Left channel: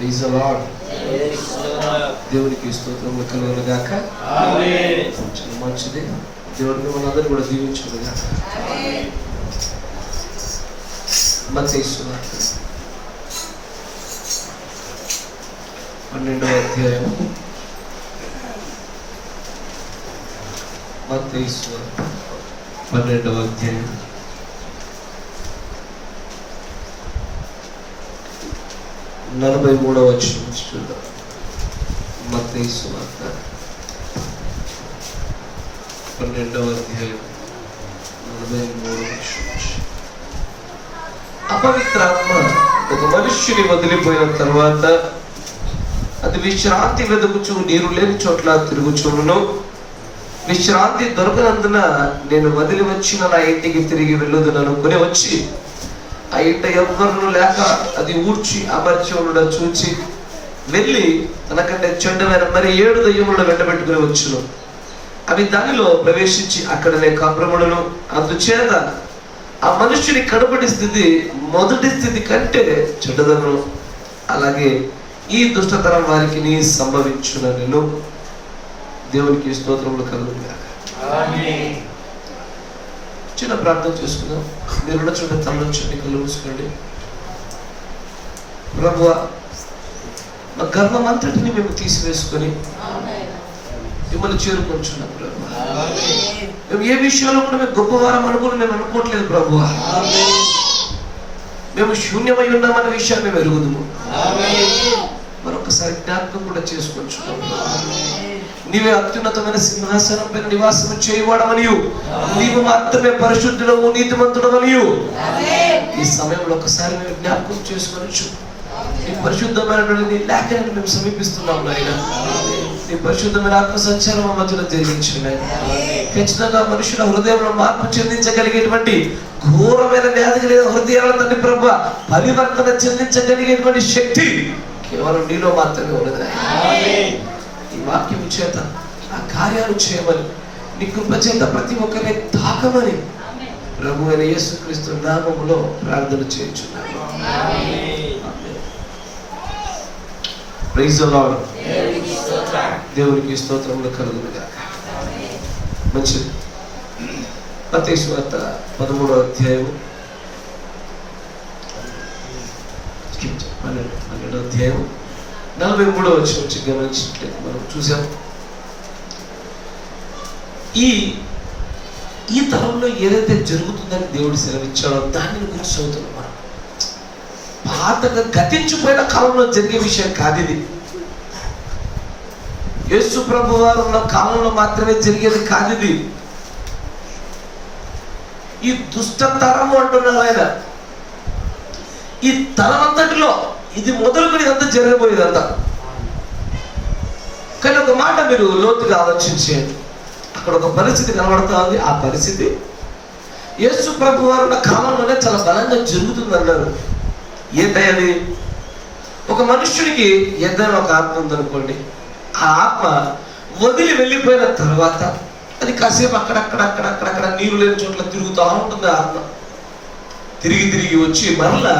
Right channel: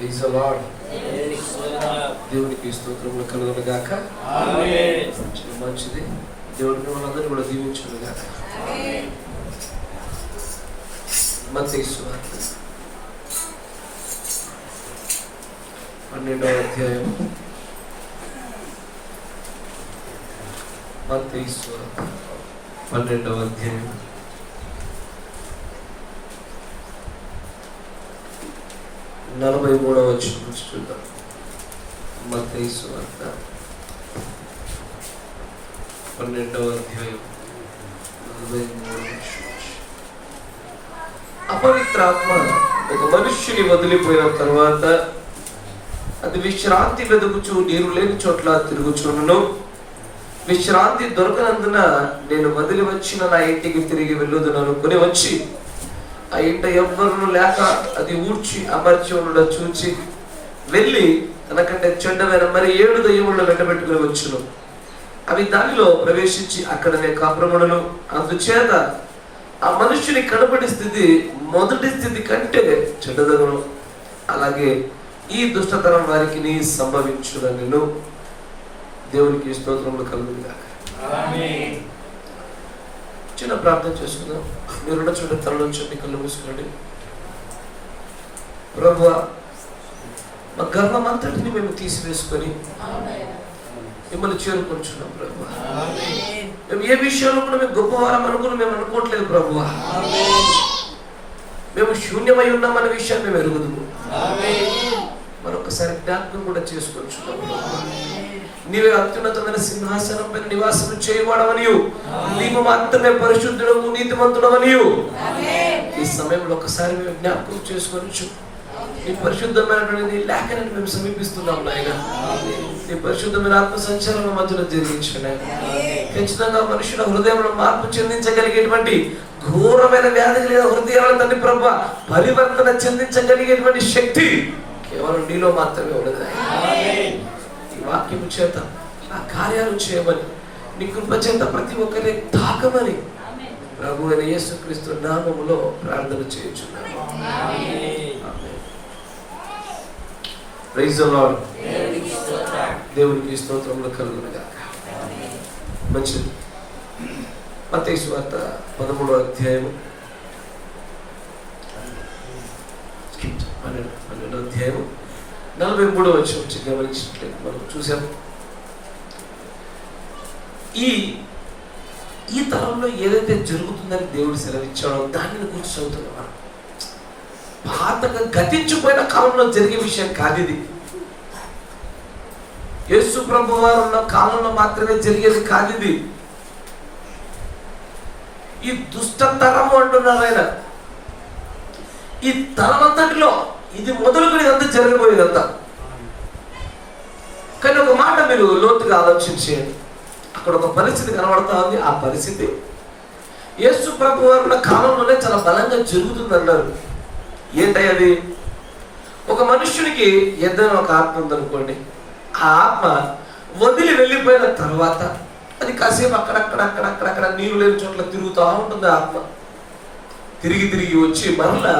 Praise the lord. దేవునికి స్తోత్రములు కలుగును గాక. ఆమేన్. మంచిది. దేవుడు మిమ్మల్ని అందరినీ కూడా దీవించును గాక. ఆమేన్. మత్తయి సువార్త 12వ అధ్యాయం. మత్తయి సువార్త 12వ అధ్యాయం 43వ వచనం నుంచి చూద్దాం. మత్తయి సువార్త 12వ అధ్యాయం 43వ వచనం. అపవిత్రాత్మ ఒక మనుష్యుని వదిలిపోయిన తర్వాత అది విశ్రాంతి వెతుకుచు నీరు లేని చోట్ల తిరుగుచును. విశ్రాంతి దొరకనందున నేను వదిలి వచ్చిన నా ఇంటికి తిరిగి వెళ్ళుదని అనుకుని వచ్చి ఆ ఇంట ఎవ్వరు లేక అది ఊడ్చి అమర్చి ఉండడం చూచి వెళ్ళి తనకంటే చెడ్డమైన మరి 7 దయ్యములను వెంటబెట్టుకుని వచ్చును. అవి దానిలో ప్రవేశించి అక్కడనే కాపురములను. అందుచేత ఆ మనుష్యుని కనబడి స్థితి మొదటి స్థితి కంటే చెడ్డదను. అలాగే ఈ దుష్టతరం వారికి సంభవించునను. దేవునికి స్తోత్రములు కలుగును గాక. ఆమేన్. చిన్న ప్రార్థన చేసుకుందాం. మీరున్న చోట తలలోంచి కళ్ళు మూసుకోండి. ప్రభువా, మా గర్వం అంతటిని మేము తీసివేసుకొని మిమ్మల్ని చేరుకొంచున్నాం ప్రభువా. మేము ఏ విషయాల్లో కూడా మేము గొప్పవారం అనుకుని మేము అనుకోవట్లేదు ప్రభువా. మేము శూన్యమై ఉన్నామన్న విషయాన్ని మేము ఎరుగుదుము. మరొకసారి జ్ఞాపకం కూడా చేసుకొంచున్నాం. నీవే అత్యున్నతమైన సింహాసనం పైన నివాసం చేయవాడవనియు, నీవు మాత్రమే పరిశుద్ధుడవు నీతిమంతుడవనియు ఈ సమయంలో ఒకసారి మేము జ్ఞాపకం చేసుకొనొచ్చు. నీ పరిశుద్ధమైనటువంటి లేఖనాన్ని మేము సమీపిస్తున్నాం నాయన. నీ పరిశుద్ధమైన ఆత్మ సంచారం మా మధ్యలో జరిగించండి. ఖచ్చితంగా మనుషుల హృదయంలో మార్పు చెందించగలిగేటువంటి ఘోరమైన వ్యాధి కలిగిన హృదయాల తండ్రి ప్రభువా, పరివర్తన చెందించగలిగేటువంటి శక్తి కేవలం నీలో మాత్రమే ఉన్నది. ఈ వాక్యం చేత ఆ కార్యాలు చేయమని, నీ కృప చేత ప్రతి ఒక్కరిని తాకమని ప్రభు అయిన యేసుక్రీస్తు నామములో ప్రార్థన చేయుచున్నాము. Praise the lord. దేవునికి స్తోత్రములు కలుగును గాక. మంచిది. మత్తయి సువార్త 13వ అధ్యాయం 43వ వచనం నుంచి గమనించినట్లయితే మనం చూసాం. ఈ తరంలో ఏదైతే జరుగుతుందని దేవుడు సెలవిచ్చాడో దానిని గురించి చదువుతున్నాం మనం. పాతగా గతించిపోయిన కాలంలో జరిగే విషయం కాదు ఇది. యేసు ప్రభు వారు ఉన్న కాలంలో మాత్రమే జరిగేది కాదు ఇది. ఈ దుష్టతరము అంటున్నారు ఆయన. ఈ తరం అంతటిలో ఇది మొదలుకొని ఇదంతా జరిగిపోయేదంతా. కానీ ఒక మాట మీరు లోతుగా ఆలోచించేయండి. అక్కడ ఒక పరిస్థితి కనబడతా ఉంది. ఆ పరిస్థితి యేసు ప్రభు వారు ఉన్న కాలంలోనే చాలా బలంగా జరుగుతుంది అన్నారు. ఏంటది? ఒక మనుష్యునికి ఏదైనా ఒక ఆత్మ ఉందనుకోండి. ఆ ఆత్మ వదిలి వెళ్ళిపోయిన తర్వాత అది కాసేపు అక్కడక్కడ నీరు లేని చోట్ల తిరుగుతూ ఉంటుంది. ఆత్మ తిరిగి వచ్చి మరలా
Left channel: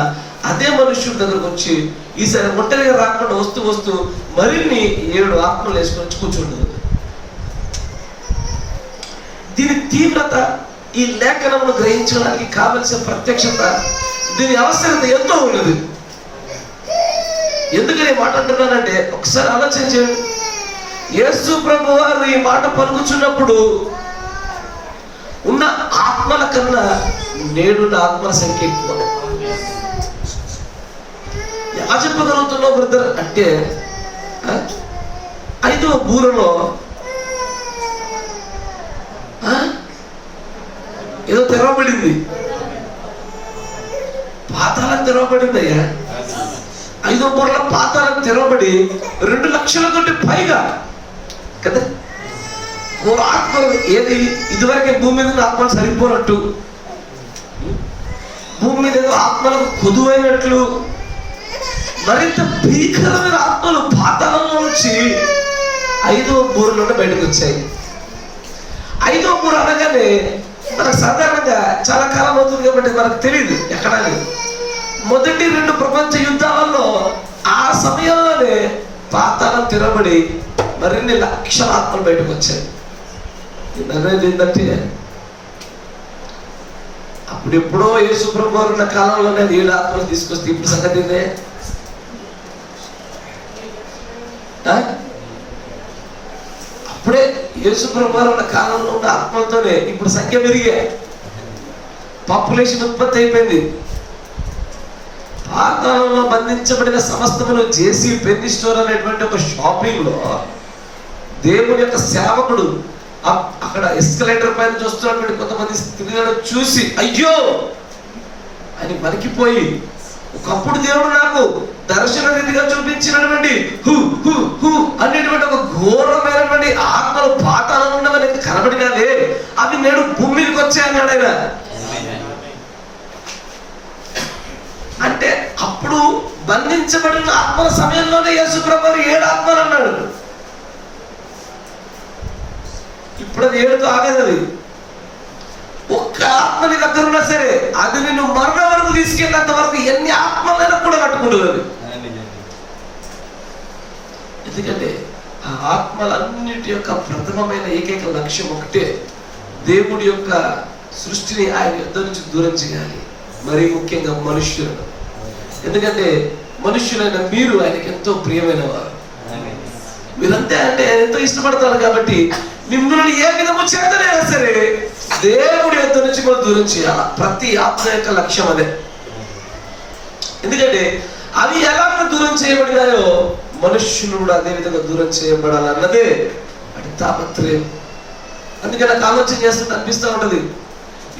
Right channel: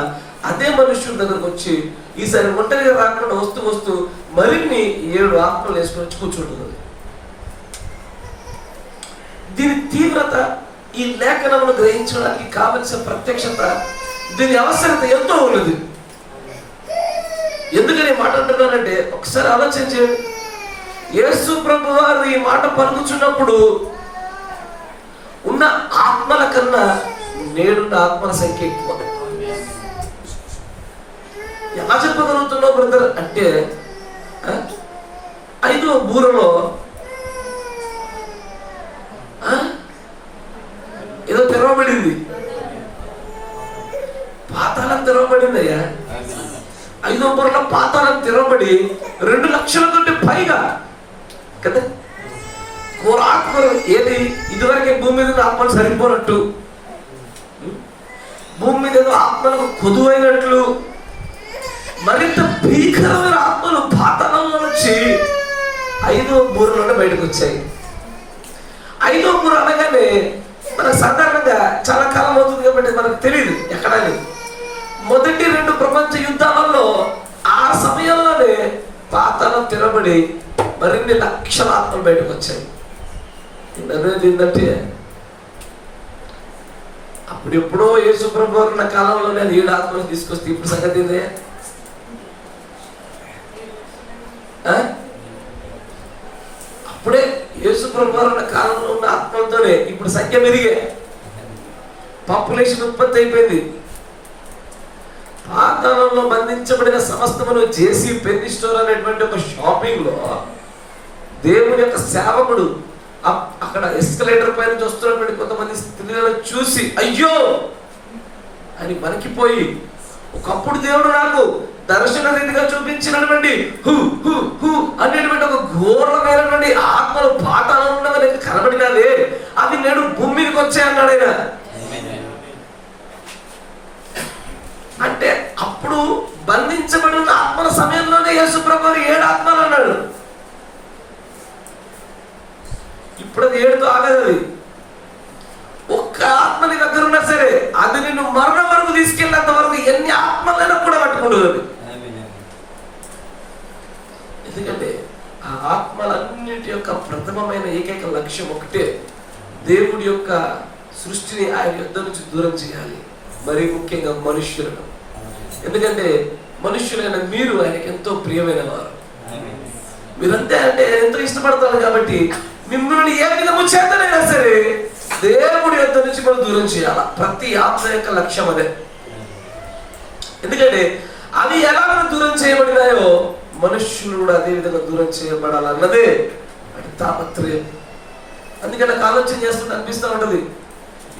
అదే మనుష్యుడి దగ్గరకు వచ్చి ఈసారి ఒంటరిగా రాకుండా వస్తూ మరిన్ని 7 ఆత్మలు వేసుకొని కూర్చుంటుంది. దీని తీవ్రత, ఈ లేఖనమును గ్రహించడానికి కావలసిన ప్రత్యక్షత, దీని అవసరత ఎంతో ఉన్నది. ఎందుకని మాట అంటున్నానంటే ఒకసారి ఆలోచన చేయండి. యేసు ప్రభు వారు ఈ మాట పలుకుచున్నప్పుడు ఉన్న ఆత్మల కన్నా నేడున్న ఆత్మల సంఖ్య ఎక్కువ. ఎలా చెప్పగలుగుతున్నావు బ్రదర్ అంటే, 5వ బూరలో ఏదో తెరవబడింది. పాతాళం తెరవబడింది అయ్యా. 5వ బూరలో పాతాళం తెరవబడి 2 లక్షల కంటే పైగా కదా ఆత్మలు. ఏది ఇదివరకే భూమి మీద ఆత్మలు సరిపోనట్టు, భూమి మీద ఏదో ఆత్మలకు కొదువైనట్లు మరింత భీకరమైన ఆత్మలు పాతాళంలో నుంచి 5వ బూరలోనే బయటకు వచ్చాయి. 5వ బూర అనగానే మనకు సాధారణంగా చాలా కాలం అవుతుంది కాబట్టి మనకు తెలియదు ఎక్కడని. మొదటి 2 ప్రపంచ యుద్ధాలలో ఆ సమయంలోనే పాతాళం తిరబడి మరిన్ని లక్షల ఆత్మలు బయటకు వచ్చాయి. ఏంటంటే అప్పుడెప్పుడో యేసు ప్రభు వారు ఉన్న కాలంలోనే 7 ఆత్మలు తీసుకొస్తే ఇప్పుడు సంగతి ఇదే. అప్పుడే యేసు ప్రభు వారు ఉన్న కాలంలో ఉన్న ఆత్మలతోనే ఇప్పుడు సంఖ్య పెరిగే, పాపులేషన్ ఉత్పత్తి అయిపోయింది. పాతాళంలో బంధించబడిన సమస్తమును జేసీ పెన్ని స్టోర్ అనేటువంటి ఒక షాపింగ్ లో దేవుని యొక్క సేవకుడు అక్కడ ఎస్కలేటర్ పైన చూస్తున్నటువంటి కొంతమంది స్త్రీలను చూసి అయ్యో అని వణికిపోయి, ఒకప్పుడు దేవుడు నాకు దర్శన రీతిగా చూపించినటువంటి హు హు హు అనేటువంటి ఒక ఘోరమైనటువంటి ఆత్మలు పాతాళంలో ఉన్నవని కనబడినదే, అవి నేడు భూమి మీదకి వచ్చాయన్నాడు ఆయన. అంటే అప్పుడు బంధించబడిన ఆత్మల సమయంలోనే యేసు ప్రభువు 7 ఆత్మలు అన్నాడు. ఇప్పుడు అది 7తో ఆగదు. అది ఒక్క ఆత్మ నీ దగ్గర ఉన్నా సరే అది నిన్ను మరణం వరకు తీసుకెళ్ళినంత వరకు ఎన్ని ఆత్మలైనా కూడా పట్టుకుంటుంది అది. ఎందుకంటే ఆ ఆత్మలన్నిటి యొక్క ప్రథమమైన ఏకైక లక్ష్యం ఒకటే, దేవుడి యొక్క సృష్టిని ఆయన యుద్ధ నుంచి దూరం చేయాలి, మరీ ముఖ్యంగా మనుష్యులను. ఎందుకంటే మనుష్యులైన మీరు ఆయనకి ఎంతో ప్రియమైన వారు, మీరంతే అంటే ఎంతో ఇష్టపడతారు. కాబట్టి మిమ్మల్ని ఏ విధము చేతనైనా సరే దేవుడి యుద్ధ నుంచి మనం దూరం చేయాలి. ప్రతి ఆత్మ యొక్క లక్ష్యం అదే. ఎందుకంటే అవి ఎలాగ దూరం చేయబడినాయో మనుష్యులు కూడా అదే విధంగా దూరం చేయబడాలన్నదే వాటి తాపత్రయం. అందుకని నాకు ఆలోచన చేస్తుంటే అనిపిస్తూ ఉంటది,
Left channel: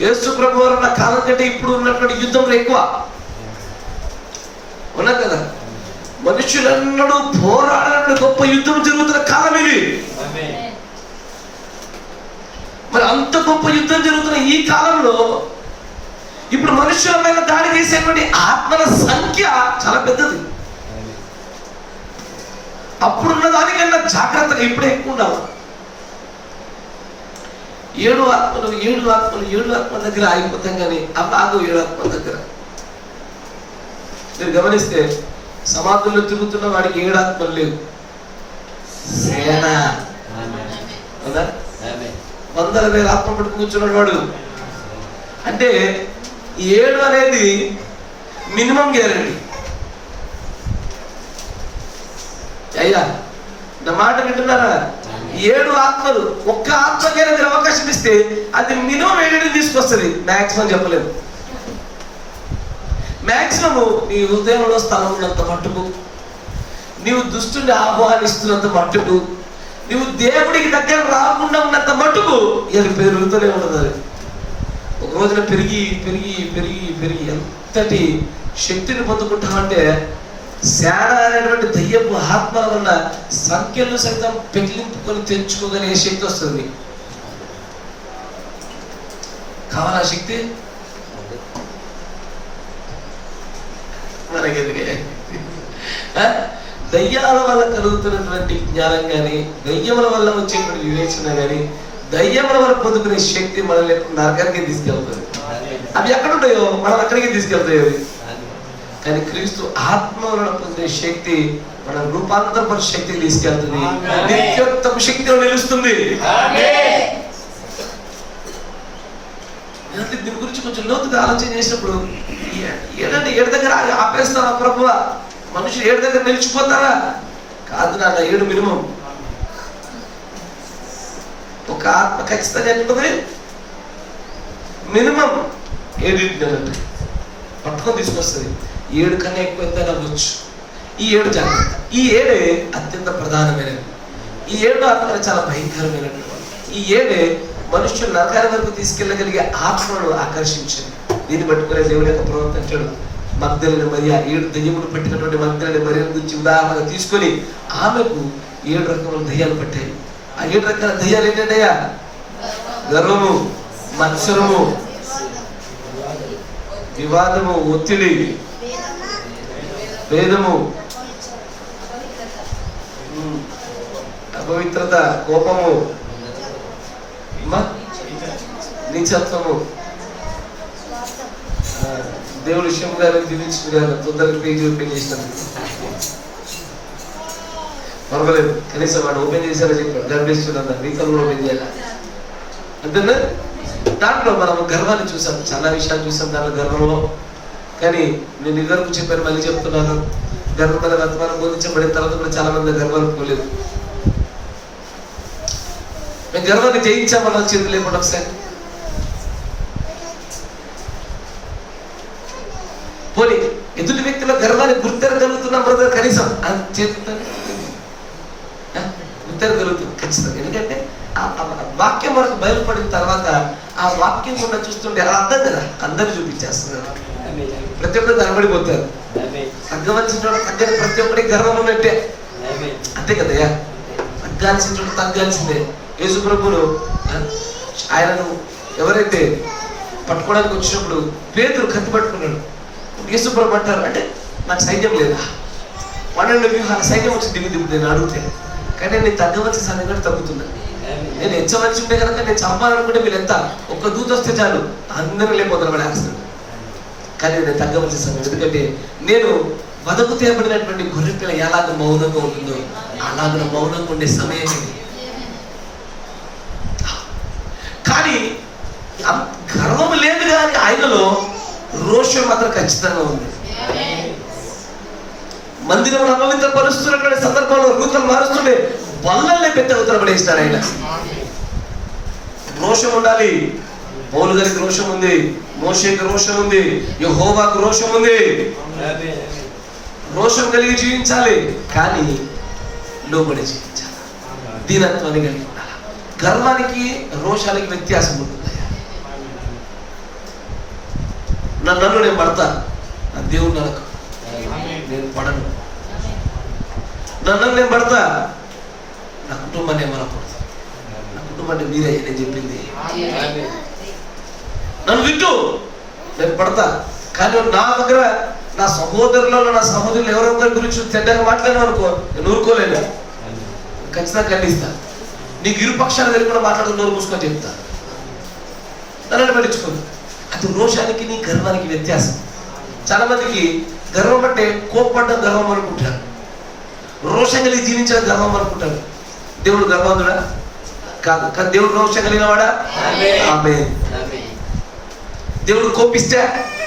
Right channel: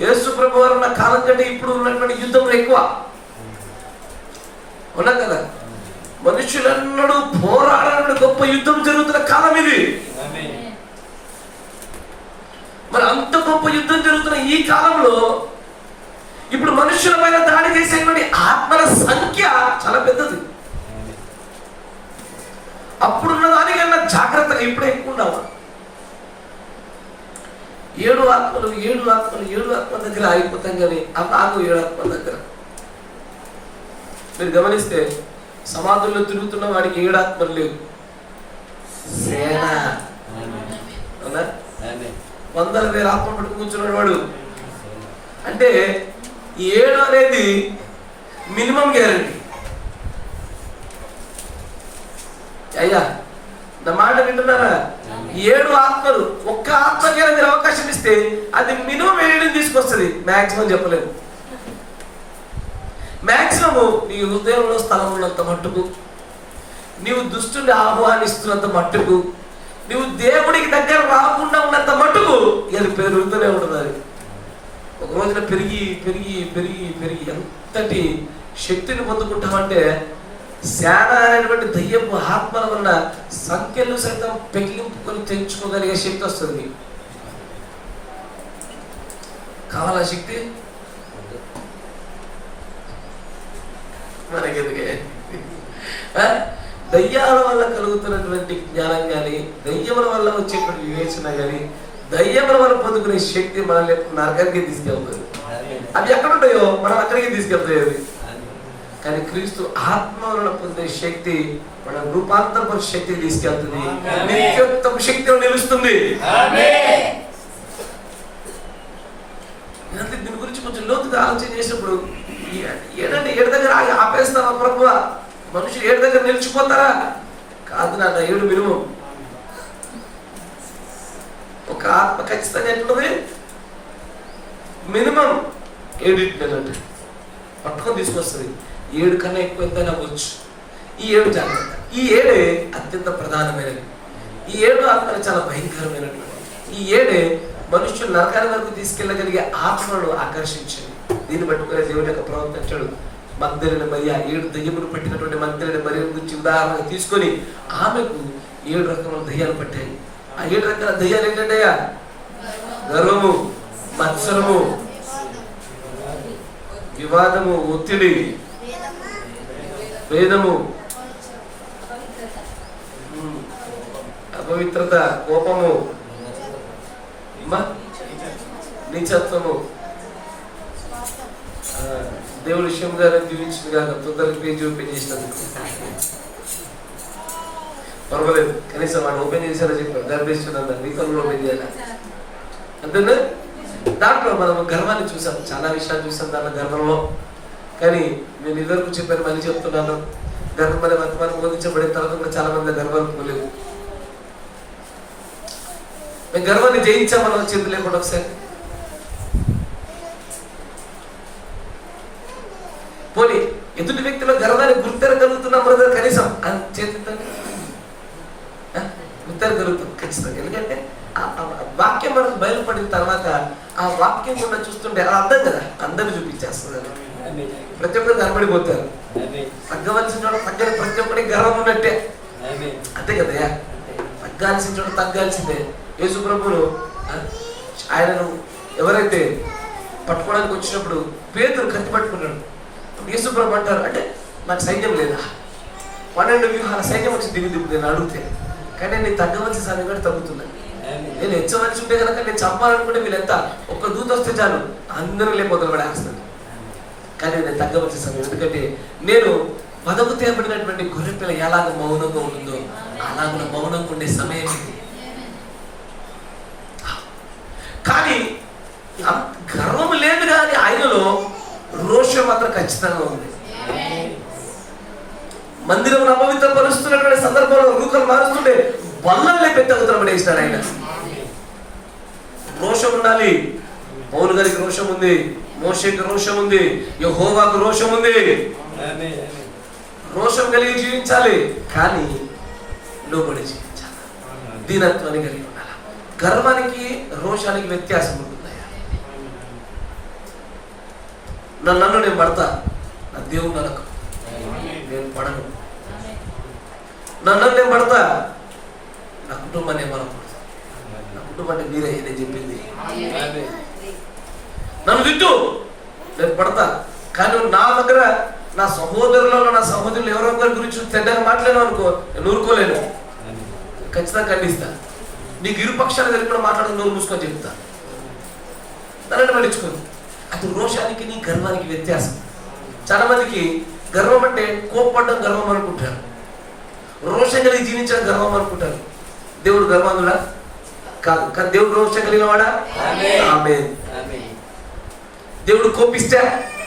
యేసు ప్రభు వారు ఉన్న కాలం కంటే ఇప్పుడు ఉన్నటువంటి యుద్ధంలో ఎక్కువ ఉన్నా కదా. మనుషులన్నడూ పోరాడే గొప్ప యుద్ధం జరుగుతున్న కాలం ఇది. మరి అంత గొప్ప యుద్ధం జరుగుతున్న ఈ కాలంలో ఇప్పుడు మనుషుల పైన దాడి చేసేటువంటి ఆత్మల సంఖ్య చాలా పెద్దది. అప్పుడున్న దానికన్నా జాగ్రత్తగా ఇప్పుడే ఎక్కువ ఉండాలి. 7 ఆత్మల దగ్గర ఆగిపోతాం కానీ అవ్వదు. 7 ఆత్మల దగ్గర మీరు గమనిస్తే సమాధుల్లో తిరుగుతున్న వాడికి 7 ఆత్మలు లేవు, సేన. 100,000 ఆత్మ పట్టుకు కూర్చున్నాడు వాడు. అంటే 7 అనేది మినిమం గ్యారంటీ. అయ్యా నా మాట వింటున్నారా? 7 ఆత్మలు ఒక్క ఆత్మకైనా మీరు అవకాశం ఇస్తే అది మినిమం 7 తీసుకొస్తుంది. మ్యాక్సిమం చెప్పలేదు. మ్యాక్సిమము నీ హృదయంలో స్థలం ఉన్నంత మట్టుకు, నీవు దుష్టుని ఆహ్వానిస్తున్నంత మట్టుకు, నువ్వు దేవుడికి దగ్గర రాకుండా ఉన్నంత మట్టుకు ఇది పెరుగుతూనే ఉండదు. ఒక రోజున పెరిగి పెరిగి పెరిగి పెరిగి ఎంతటి శక్తిని పొందుకుంటామంటే శాన అనేటువంటి దయ్యపు ఆత్మల వల్ల సంఖ్యలు సైతం పెగిలింపుకొని తెంచుకోగలిగే శక్తి వస్తుంది. కావాలా శక్తి? మనకెందుకే? దయ్యాల వల్ల కలుగుతున్నటువంటి జ్ఞానం కానీ, దయ్యముల వల్ల వచ్చేటువంటి వివేచన కానీ, దయ్యముల వల్ల పొందుకునే శక్తి మనల్ని నరకానికి తీసుకెళ్తుంది. అవి ఎక్కడుంటాయో మనం అక్కడికి తీసుకెళ్తాయి. కానీ క్రీస్తు ఆత్మ వలన పొందే శక్తి మన రూపాంతరపర శక్తికి తీసుకెళ్తుంది, నిత్యోత్తమ శక్తిలో నిలుస్తుంది. దీని గురించి కొంచెం లోతుగా ఆలోచన చేసినప్పుడు ఏడంటే 7 దగ్గర ఆపేస్తావా ప్రభువా? మనుషులు 7 దగ్గర నిలిచిపోతారా? కాదు నాన్న, 7 మినిమం. ఒక ఆత్మ ఖచ్చితంగా ఎట్లుంది? మినిమం 7 పట్టుకొని తీసుకొస్తుంది. 7 కన్నా ఎక్కువ ఎంత అవ్వచ్చు. ఈ 7 జాగ్రత్త. ఈ 7 అత్యంత ప్రధానమైనది. ఈ 7 ఆత్మలు చాలా భయంకరమైనటువంటి. ఈ 7 మనుషులు నరకాల వరకు తీసుకెళ్ళగలిగే ఆత్మను ఆకర్షించింది. దీన్ని పట్టుకునే దేవుని యొక్క ప్రవర్తించాడు. మగ్దలేని మరియ 7 దయ్యములు పట్టినటువంటి మగ్దలేని మరియ గురించి ఉదాహరణగా తీసుకొని ఆమెకు 7 రకముల దయ్యాలు పట్టాయి. ఆ 7 రకాల దయ్యాలు ఏంటంటయ్యా? గర్వము, మత్సరము, వివాదము, ఒత్తిడి, భేదము, అపవిత్రత, కోపము, నీచత్వము. దేవుడు విషయం గారు దీవించిన గారు తొందరగా పేజీ ఓపెన్ చేసినందుకు పర్వాలేదు, కనీసం వాడు ఓపెన్ చేశారో చెప్పాడు, గర్భిస్తున్నా రీకల్ ఓపెన్ చేయాలి అంతేనా. దాంట్లో మనం గర్వాన్ని చూసాం, చాలా విషయాలు చూసాం దాంట్లో గర్వంలో. కానీ నేను ఇదివరకు చెప్పాను, మళ్ళీ చెప్తున్నాను, గర్వం అనే వర్తమానం బోధించబడిన తర్వాత కూడా చాలా మంది గర్వానికి పోలేదు. మేము గర్వాన్ని జయించామన్న చేతులు లేకుండా ఒకసారి పోనీ ఎదుటి వ్యక్తిలో గర్వాన్ని గుర్తెరగలుగుతున్నాం బ్రదర్, కనీసం చేతులు గుర్తెరగలుగుతుంది ఖచ్చితంగా. ఎందుకంటే ఆ వాక్యం మనకు బయలుపడిన తర్వాత ఆ వాక్యం కూడా చూస్తుంటే అది అర్థం కదా, అందరూ చూపించేస్తున్నారు, ప్రతి ఒక్కరు కనబడిపోతారు. తగ్గవలసిన తగ్గని ప్రతి ఒక్కరికి గర్వం ఉన్నట్టే, అంతే కదయ్యా. తగ్గాల్సిన తగ్గాల్సిందే. యేసు ప్రభువును ఆయనను ఎవరైతే పట్టుకోవడానికి వచ్చినప్పుడు పేతురు కత్తి పట్టుకున్నాడు. యేసు ప్రభు అంటారు, అంటే నాకు సైన్యం లేదా, 12 వ్యూహాల సైన్యం వచ్చి దిగు నేను అడిగితే, కానీ నేను తగ్గవలసిన సమయం కూడా తగ్గుతున్నాను. నేను హెచ్చవలసి ఉంటే కనుక నేను చంపాలనుకుంటే వీళ్ళు ఎంత ఒక్క దూత వస్తే చాలు అందరూ లేకపోతారు పడేస్తాను. కానీ నేను తగ్గవలసిన సమయం, ఎందుకంటే నేను వదకు తేబడినటువంటి గొర్రె పిల్ల ఎలాగ మౌనంగా ఉంటుందో అలాగ మౌనంగా ఉండే సమయం ఇది. కానీ గర్వం లేదు, కానీ ఆయనలో రోషం మాత్రం ఖచ్చితంగా ఉంది. మందిరం అపవిత్రపరుస్తున్నటువంటి సందర్భంలో రూకలు మారుస్తుంటే బల్లల్ని పెద్ద ఉత్తరపడేసినాడు ఆయన. రోషం ఉండాలి. పౌలు గారికి రోషం ఉంది, మోషేకి రోషం ఉంది, యెహోవాకు రోషం ఉంది. రోషం కలిగి జీవించాలి, కానీ లోబడి జీవించాలి, దీనత్వాన్ని కలిగి ఉండాలి. గర్వానికి రోషానికి వ్యత్యాసం ఉంటుంది. నన్ను నేను పడతా, నా దేవుడు నరకు నేను పడను. నన్ను నేను పడతా, నా కుటుంబాన్ని ఏమనకూడదు, నా కుటుంబాన్ని మీరే నేను చెప్పింది. నన్ను విట్టు నేను పడతా, కానీ నా దగ్గర నా సహోదరులలో నా సహోదరులు ఎవరొకరి గురించి చెడ్డగా మాట్లాడినా అనుకో, నేను ఊరుకోలేను, ఖచ్చితంగా ఖండిస్తా. నీకు ఇరుపక్షాలు కలిపి కూడా మాట్లాడుతూ నోరు మూసుకొని చెప్తా, నన్ను పట్టించుకోను. అది రోషానికి నీ గర్వానికి వ్యత్యాసం. చాలా మందికి గర్వం అంటే కోప్పడ్డం గర్వం అనుకుంటారు, రోషం కలిగి జీవించడం గర్వం అనుకుంటారు. దేవుడు గర్వంతుడా కాదు, కానీ దేవుడు రోషం కలిగిన వాడా? ఆమేన్. దేవుడు కోపిస్తే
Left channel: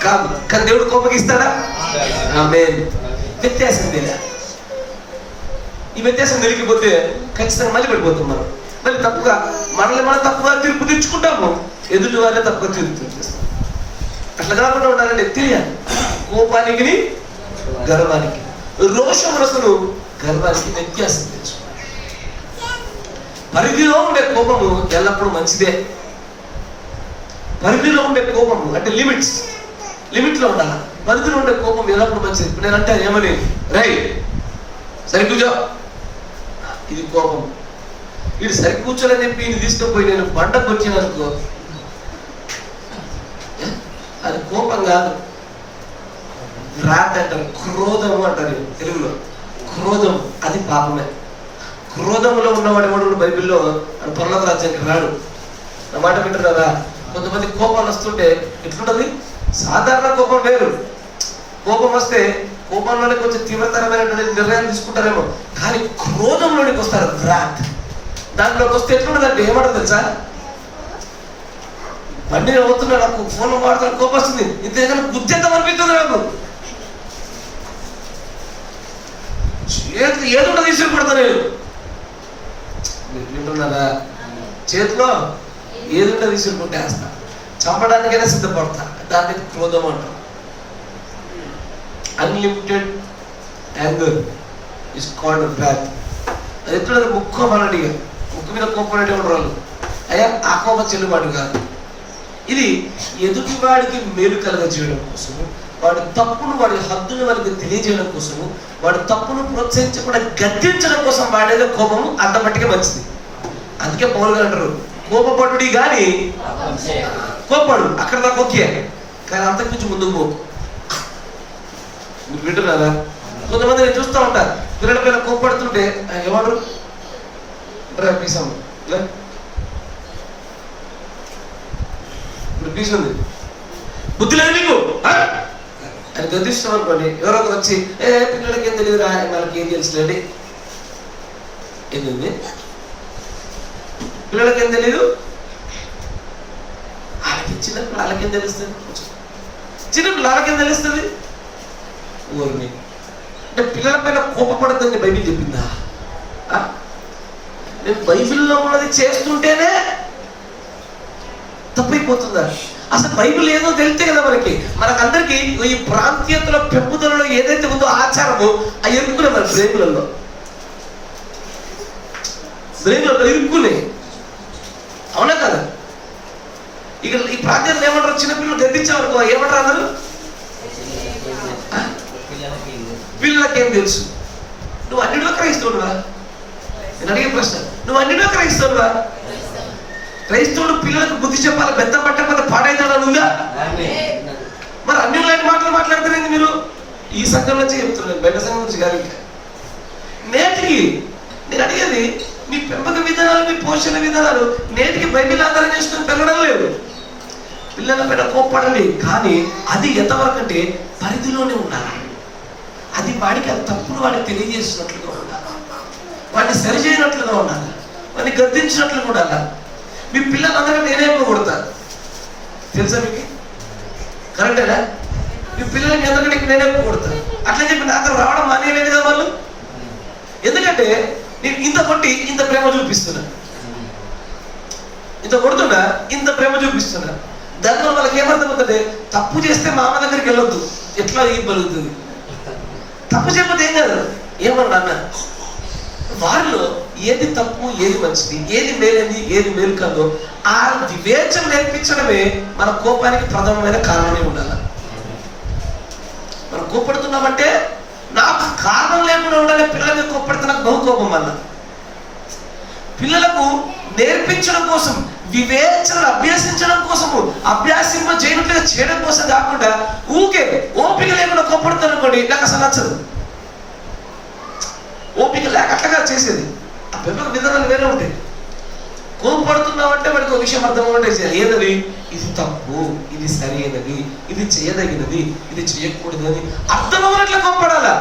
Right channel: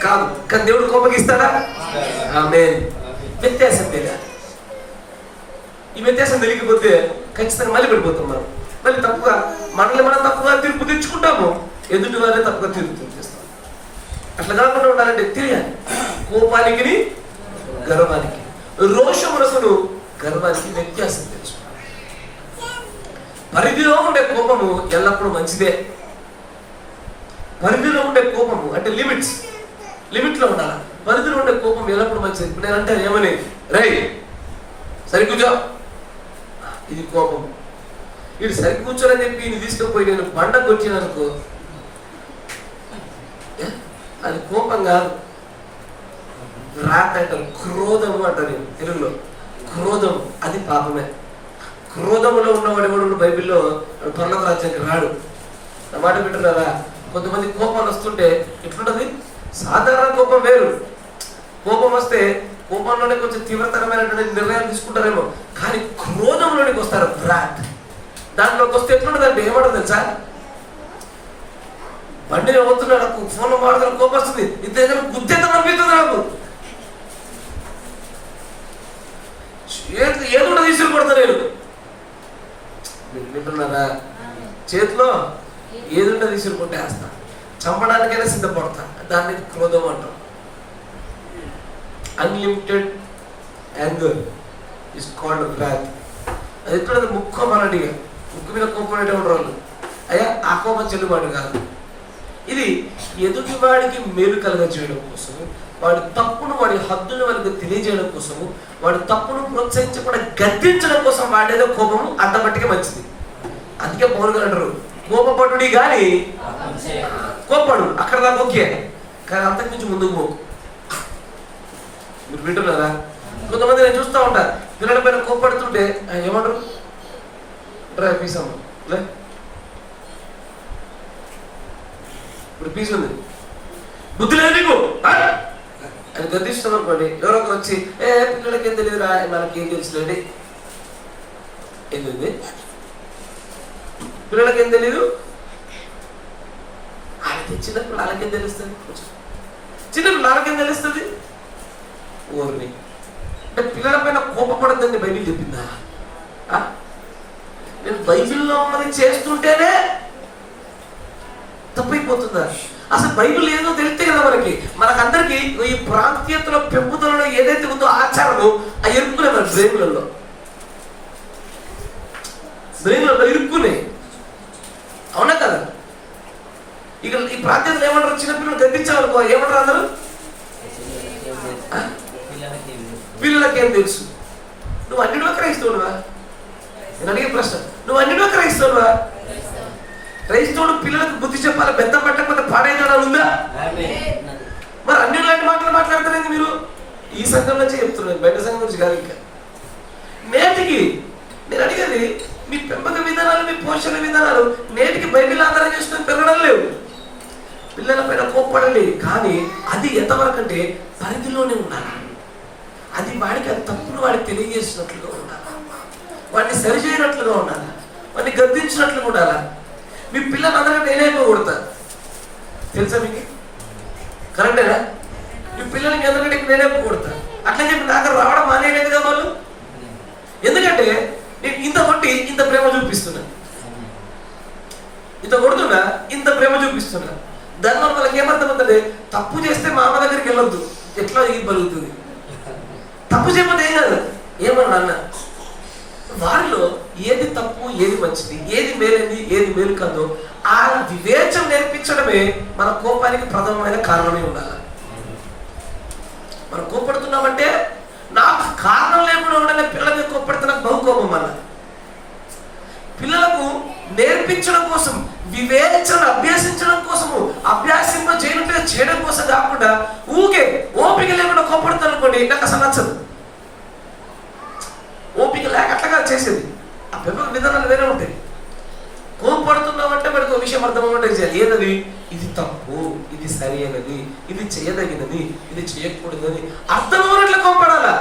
కాదు, కానీ దేవుడు కోపగిస్తాడా? ఆమేన్. వ్యత్యాసం లేదా? ఈ వ్యత్యాసం తెలియకపోతే ఖచ్చితంగా మళ్ళీ పడిపోతాం మనం. మళ్ళీ తప్పుగా మనల్ని మనం తప్పుగా తీర్పు తెచ్చుకుంటాము, ఎదుటి వాళ్ళే తప్పుగా తీర్పు తెచ్చేస్తాం. అట్లా కాకుండా ఉండాలంటే తెలియాలి. కోపానికి గర్వానికి, రోషం రసను గర్వానికి వ్యత్యాసం తెలుసు. పరిధిలో ఉండే కోపము ఎల్లప్పుడూ మంచిదే. పరిధిలో ఉండే కోపము అంటే లిమిట్లో ఉండాలి. పరిధిలో ఉండే కోపం ఎల్లప్పుడూ మంచిది. ఇప్పుడు నేను అంటే ఏమని, రై సరి కూర్చో, ఇది కోపం. ఇది సరి కూర్చోని చెప్పి ఈయన తీసుకుపోయి నేను బండకు వచ్చిననుకో, అది కోపం కాదు, రాత్ అంటారు, క్రోధము అంటారు తెలుగులో. క్రోధం అది పాపమే. క్రోధములో ఉన్నవాడు ఎవడు బైబిల్లో పరలోక రాజ్యానికి రాడు. నా మాట వింటారు కదా. కొంతమంది కోపాలు వస్తుంటే ఎట్లుంటది, సాధారణ కోపం వేరు. కోపం వస్తే కోపంలోనే కొంచెం తీవ్రతరమైనటువంటి నిర్ణయం తీసుకుంటారేమో, కానీ క్రోధంలోనికి వస్తారు, రాత్. దాంట్లోకి వస్తే ఎట్లుంటదంటే ఏమంటారు తెలుసా, బండిని అవుతున్నా నాకు ఫోన్లో మాట్లాడుతున్నా కోపం వస్తుంది, ఇంతేగానే గుర్తెంత అనిపిస్తుంది నాకు, ఏదో తీసుకుని కొడతా నేను. మీరు వింటున్నారా? చేతిలో ఏదుంటే తీసుకుని కొట్టేస్తా, చంపడానికైనా సిద్ధపడతా. దాన్ని క్రోధం అంటాం. Unlimited anger is called wrath. అది ఎక్కడ ముక్కు మనడిగా, ముక్కు మీద కోపం ఉండేవాళ్ళు వాళ్ళు. అయ్యా ఆ కోపం చెల్లుబాటు కాదు. ఇది ఎదుటివాడికి మేలు కలుగ చేయడం కోసము, వాడి తప్పును వాడి హద్దును వారికి తెలియజేయడం కోసము, వాడి తప్పును ప్రోత్సహించకుండా గద్దించడం కోసం వాడేదో కోపము అంతమట్టిగా మంచిది. అందుకే పౌలు గారు అంటారు, కోపపడుడి కానీ కోపడు, అక్కడ దాకా ఓకే, కానీ అంతకుమించి ముందుకు పో. మీరు వింటున్నారా? కొంతమంది నేను చూస్తూ ఉంటాను, పిల్లల పైన కోపడుతుంటే ఏమంటారు, పీసాము ఇప్పుడు పీస్ ఉంది, బుద్ధి లేదు నీకు అని గద్దిస్తాం అనుకోండి. ఎవరో వచ్చి పిల్లలకి ఏం తెలియదురా, మనకి ఏం తెలుసులేండి, ఏంటండి? పిల్లలకేం తెలియదు, వాళ్ళకి చిన్నప్పుడు వాళ్ళకేం తెలుస్తుంది, చిన్నప్పుడు వాళ్ళకేం తెలుస్తుంది. ఊరిని అంటే పిల్లల పైన కోపపడద్దని బైబిల్ చెప్పిందా? నేను బైబిల్లో ఉన్నది చేస్తుంటేనే తప్పైపోతుందా? అసలు బైబిల్ ఏదో తెలితే కదా మనకందరికీ ఈ ప్రాంతీయతల పెంపుదలలో ఏదైతే ఉందో ఆచారము ఆ ఎరుక్కునే మన బ్రెయిన్లలో ఇరుక్కునే, అవునా కదా? ఇక ఈ ప్రాంతీయతలు ఏమంటారు? చిన్నపిల్లలు గద్దించాలనుకో ఏమంటారు అందరూ? పిల్లలకేం తెలుసు? నువ్వు అన్నిలో క్రైస్తవుడువా? నేను అడిగే ప్రశ్న, నువ్వు అన్నిలో క్రైస్తవుడువా? క్రైస్తవుడు పిల్లలకు బుద్ధి చెప్పాలి, బెత్తం పట్టకపోతే పాడైతాడని ఉందా? మరి అన్ని లాంటి మాటలు మాట్లాడుతున్నాయి మీరు. ఈ సంఘం నుంచి చెప్తున్నాను, బయట సంఘం నుంచి కాదు. ఇంకా నేటికి నేను అడిగేది, మీ పెంపక విధానాలు, మీ పోషణ విధానాలు నేటికి బైబిల్ ఆధారం చేసుకుని పెరగడం లేవు. పిల్లల పైన కోప్పడండి, కానీ అది ఎంతవరకు అంటే పరిధిలోనే ఉండాలి. అది వాడికి అది తప్పును వాడికి తెలియజేసినట్లుగా ఉండాలి, వాడిని సరిచేయనట్లుగా ఉండాలి, వాడిని గద్దించినట్లుగా ఉండాలి. మీ పిల్లలు అందరికీ నేనే ఎక్కువ కొడతాను, తెలుసా మీకు? కరెక్టేనా? మీ పిల్లలకి ఎందుకంటే నేనే ఎక్కువ కొడతాను. అట్లా చెప్పి నాకు రావడం మానేయలేదు కదా వాళ్ళు. ఎందుకంటే నేను ఇంత కొట్టి ఇంత ప్రేమ చూపిస్తున్నా, ఇంత కొడుతున్నా ఇంత ప్రేమ చూపిస్తున్నా. దానివల్ల వాళ్ళకి ఏమర్థమవుతుంది? తప్పు చేస్తే మా అమ్మ దగ్గరికి వెళ్ళొద్దు, ఎట్లా ఇవ్వగలుగుతుంది? తప్పు చెప్పదు ఏం కాదు, ఏమన్నా అన్న వారిలో ఏది తప్పు, ఏది మంచిది, ఏది మేలేంది, ఏది మేలు కాదో ఆ వివేచన నేర్పించడమే మన కోపానికి ప్రథమమైన కారణమే ఉండాలి. మనం కోపడుతున్నామంటే నాకు కారణం లేకుండా ఉండాలి. పిల్లల మీద కోపడితే నాకు బహుకోపం వల్ల పిల్లలకు నేర్పించడం కోసం, వివేచన అభ్యసించడం కోసము, అభ్యాసింప చేయనట్లుగా చేయడం కోసం కాకుండా ఊకే ఓపిక లేకుండా కోపడుతాను అనుకోండి, నాకు అసలు నచ్చదు. ఓపిక లేక అట్లా చేసేది. ఆ పెంపక విధానాలు వేరే ఉంటాయి. కోపడుతున్నామంటే వాడికి ఒక విషయం అర్థమవుతుంటే చేయాలి. ఏదది? ఇది తప్పు, ఇది సరి అయినది, ఇది చేయదగినది, ఇది చేయకూడదు అని అర్థమవునట్లు కోపడాలా.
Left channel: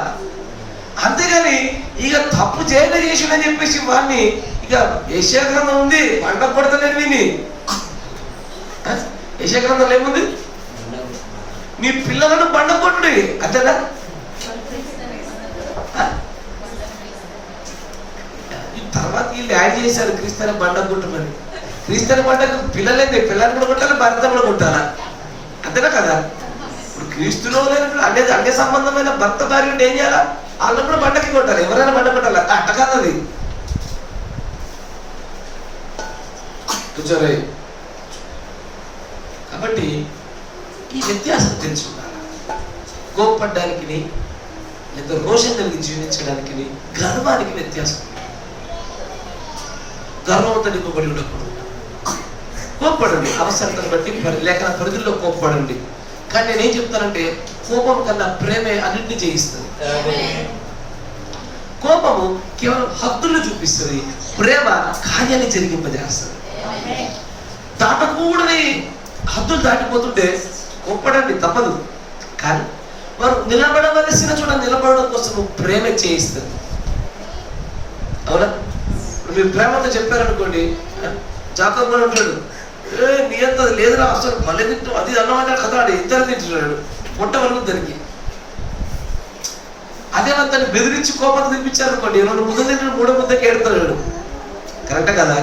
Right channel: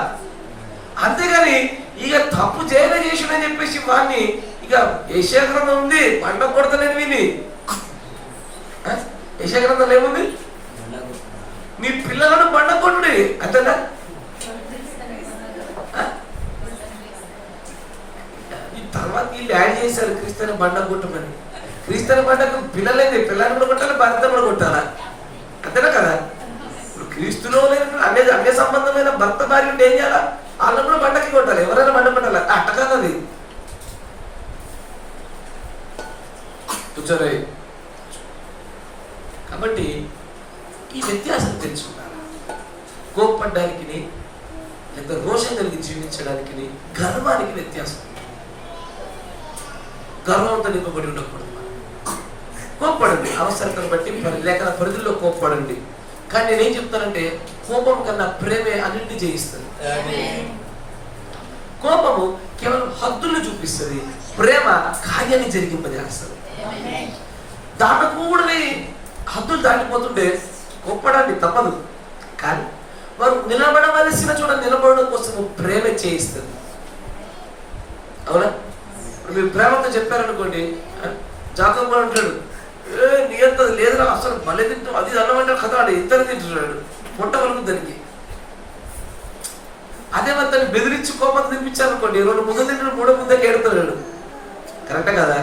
అంతేగాని ఇక తప్పు చేసిందని చెప్పేసి వాడిని ఇక యెషయా గ్రంథం ఉంది, పంట కొడతలేని విని. యెషయా గ్రంథంలో ఏముంది? మీ పిల్లలను బండ కొట్టుడి అంతేనా? తర్వాత వీళ్ళు యాడ్ చేశారు క్రీస్తుని బండ కొట్టమని. క్రీస్తుని బండకు పిల్లలేంది, పిల్లల్ని కూడా కొట్టాలి, భర్త కూడా కొట్టాలా, అంతేనా కదా? ఇప్పుడు క్రీస్తులో లేనప్పుడు అన్ని సంబంధమైన భర్త భార్య ఏం చేయాలా? వాళ్ళని కూడా బండకి కొట్టాలి, ఎవరైనా బండ కొట్టాలి. అట్ట కాదు అది. కాబట్టి ఈ వ్యత్యాసం తెలుసుకుంటారా? కోప్పడ్డానికి లేదా రోషం కలిగి జీవించడానికి, గర్వానికి వ్యత్యాసం. గర్వంతో నింపబడి ఉండకూడదు. కోప్పడండి, అవసరతను బట్టి లేఖన పరిధుల్లో కోప్పడండి. కానీ నేనేం చెప్తానంటే కోపం కన్నా ప్రేమే అన్నింటినీ జయిస్తుంది. కోపము కేవలం హద్దులు చూపిస్తుంది, ప్రేమ కార్యాన్ని జరిగింపజేస్తుంది. దాటకూడని హద్దులు దాటిపోతుంటే కోప్పడండి తప్పదు, కానీ వారు నిలబడవలసిన చోట నిలబడడం కోసం ప్రేమ చేయిస్తుంది. అవునా? మీరు ప్రేమతో చెప్పారనుకోండి, జాతకం కూడా ఉంటాడు, నీ అంత లేదురా అసలు భలే తింటాం, అది అన్నమాట కదా, ఆడు ఇద్దరు తింటున్నాడు పొట్ట వరకు దానికి. అదే దాన్ని బెదిరించి కోపం తినిపించారనుకోండి, 2 ముద్దలు తింటాడు, 3వ ముద్దకి ఏడుతున్నాడు. కరెక్టే కదా?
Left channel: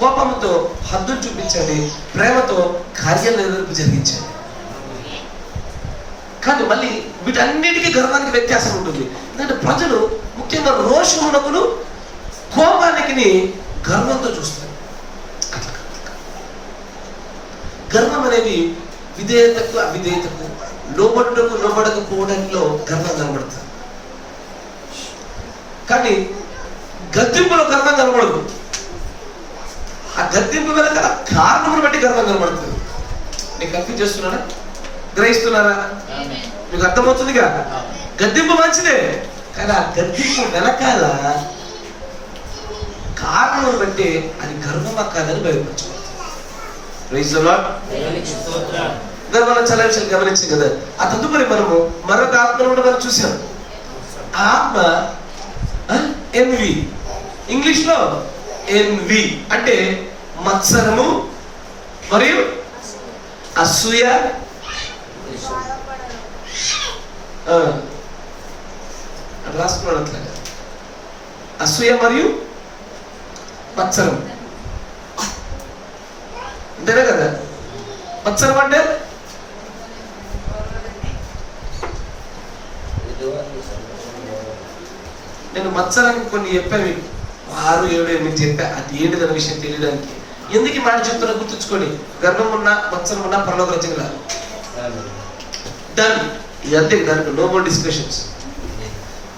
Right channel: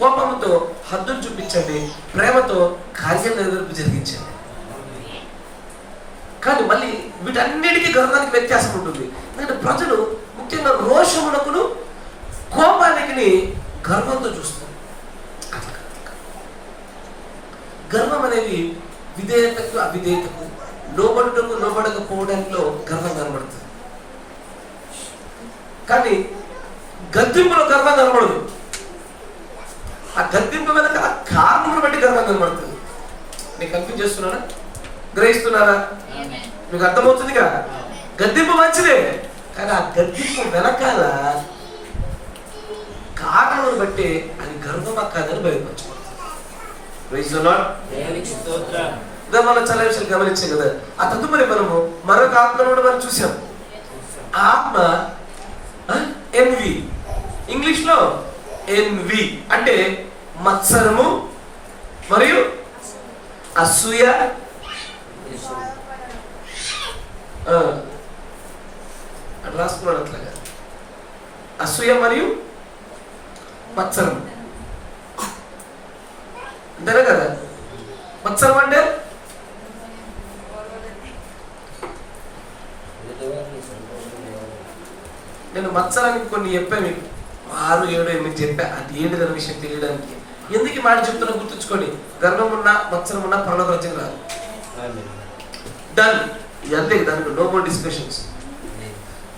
కోపంతో హద్దులు చూపించండి, ప్రేమతో కార్యాలు ఎదుర్పు జరిగించండి. కానీ మళ్ళీ వీటన్నిటికీ గర్వానికి వ్యత్యాసం ఉంటుంది. ఎందుకంటే ప్రజలు ముఖ్యంగా రోషమునకును కోపానికి గర్వంతో చూస్తారు. గర్వం అనేది విధేయతకు అవిధేయతకు, లోబడుటకు లోబడకపోవడంలో గర్వం కనబడుతుంది. కానీ గద్దింపులో గర్వం కనబడదు. ఆ గద్దింపు వెనక కారణమును బట్టి గర్వం కనబడుతుంది. మీకు కన్ఫ్యూజ్ చేస్తున్నారా? గ్రహిస్తున్నారా? మీకు అర్థమవుతుందిగా? గద్దింపు మంచిదే, కానీ ఆ గద్దింపు వెనకాల కారణం బట్టి అది గర్వమా కాదని బయలుపరచబడుతుంది. మనం చాలా విషయాలు గమనించాం కదా. ఆ తదుపరి మనము మరొక ఆత్మను కూడా మనం చూసాం. ఆ ఆత్మ ఎన్వి, ఇంగ్లీష్లో ఎన్వి అంటే మత్సరము మరియు అసూయ, రాసుకున్నాడు అట్లాగా. అసూయ మరియు మత్సరం అంతేనే కదా. మత్సరం అంటే నేను మత్సరానికి కొన్ని చెప్పాను, 6, 7, 8 చెప్పా. అది ఏంటిదన్న విషయం తెలియడానికి. ఎందుకు ఈ మాట చెప్తున్నా గుర్తుంచుకోండి. గర్వం ఉన్నా మత్సరం ఉన్నా పరలోక రాజ్యం రాదు. డన్. ఇదంతే, దానికి నో మోర్ డిస్కషన్స్.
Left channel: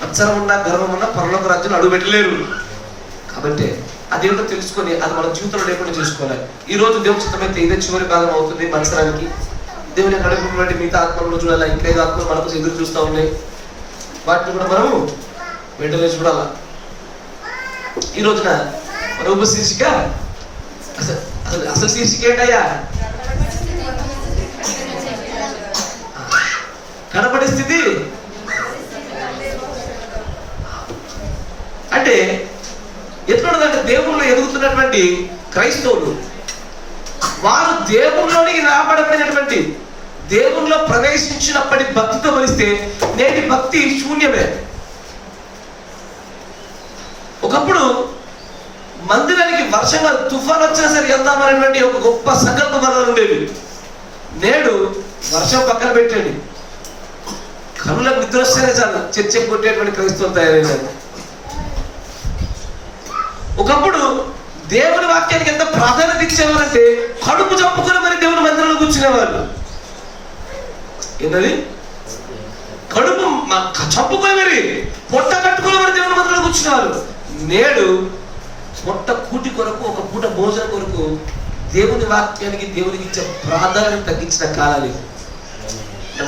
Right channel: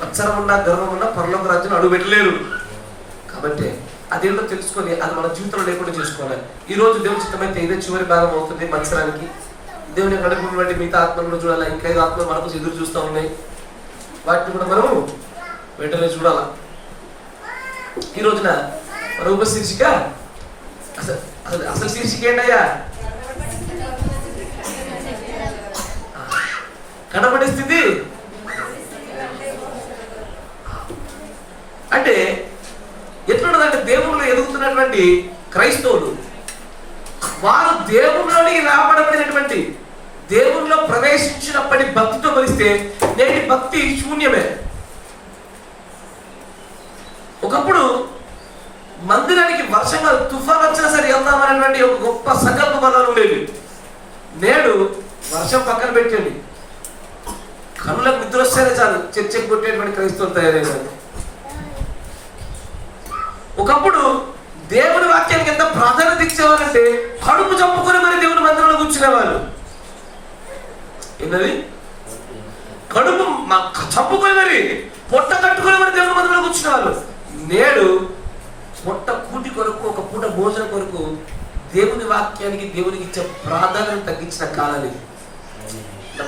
మత్సరం ఉన్నా గర్వం ఉన్నా పరలోక రాజ్యం అడుగు పెట్టలేరు. కాబట్టి అదేంటో తెలుసుకొని అది మన జీవితంలో లేకుండా చేసుకోవాలి. ఈ రోజు దేవుని చిత్తమైతే ఇదే చివరి భాగం అవుతుంది మత్సరానికి. దేవుని నడుపును బట్టి మిగతా ఆత్మలు చూడాలి. ఇంకా 5 ఆత్మలు మనకు ఎదురు చూస్తూ ఉన్నాయి. వాటిని కూడా మనము వెంటనే చూడాలా. ఈ రోజున మన ఉపశీర్షిక అసలు శీర్షిక ఏంటయ్యా? కనబడే స్థితి. అంటే ఎట్లున్నదంటే దేవుళ్ళు ఎదుగుతున్నటువంటి క్రైస్తవులు వారు దేవుళ్ళలోనికి రాబడబడినటువంటి దేవుళ్ళలో ప్రవేశించినప్పటి భక్తితో పోలిస్తే నేటి భక్తి శూన్యమే. ఒకప్పుడు మందిరానికి వర్షంగా తుఫాన్ వచ్చినా సరే వెళ్దామనేటువంటి ఒక గొప్ప సంకల్ప బలం ఉండేది. నేడు వర్షం పక్కన పెట్టండి, కనులకు నిద్ర వస్తేనే చాలు చర్చ కొట్టేటువంటి క్రైస్తవులు తయారైనారు. ఒకప్పుడు దేవుని వాక్యానికి ఎంత ప్రాధాన్యత ఇచ్చేవారంటే కడుపు చంపుకొని మరి దేవుని మందిరంలో కూర్చునేవాళ్ళు. ఏంటది? కడుపు చంపుకొని మరి పొట్ట కట్టుకొని మరి దేవుని మందిరంలో కూర్చునేవాళ్ళు. నేడు పొట్ట కూటి కొరకు, ఒక పూట భోజనం కొరకు దేవుని వాక్యానికి దేవునికి ఇచ్చే ప్రాధాన్యత తగ్గించిన కాలాలు.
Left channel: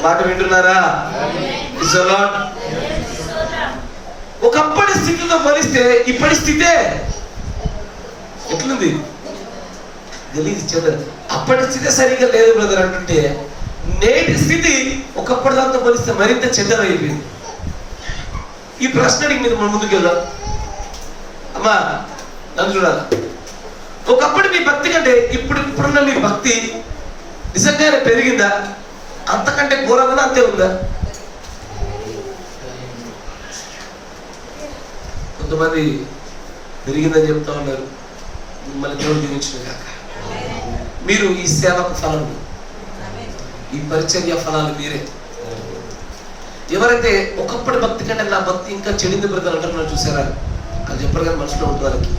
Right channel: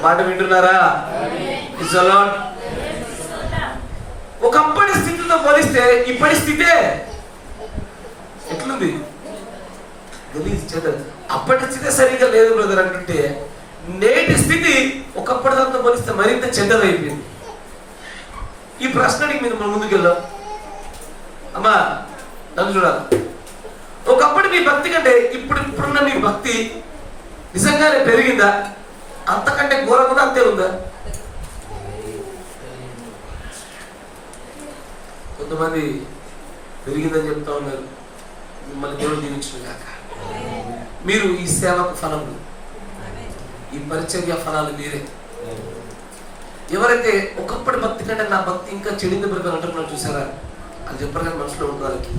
మాట వింటున్నారా? ఒకప్పటి స్థితితో పోలిస్తే ఇప్పటి స్థితే ఎట్లుంది తెలియదు. అప్పటి స్థితి సరిగ్గా లేదు బ్రదర్ అంటుంటే, నేటి స్థితి ఒకప్పటి దాంతో పోలిస్తే మరింత చెడ్డదైపోయింది. ఈ ప్రశ్నకి మీరు ముందుకు వెళ్దాం. అమ్మా నన్ను చూడాలి. ఒకప్పటి మీ భక్తి కంటే ఇప్పుడున్న మీ భక్తి నిజంగానే పెరిగిందా? అంతకంటే ఘోరంగా అంతే ఉందా? కొంతమంది పెరిగిందని చెప్తా ఉన్నారు. మిమ్మల్ని దేవుడు దీవించిన కాక. మీరు ఈ సేవకు ఫలాలు, ఈ పరిచర్య ఫలాలు మీరే. ఎవరైతే ఒకప్పటి భక్తి కంటే నా భక్తి ఇంకా చెడింది బ్రదర్ అంటున్నారు చూసారా, అది చెప్పరు కానీ మనసులో ఉంటుంది వాళ్ళకి.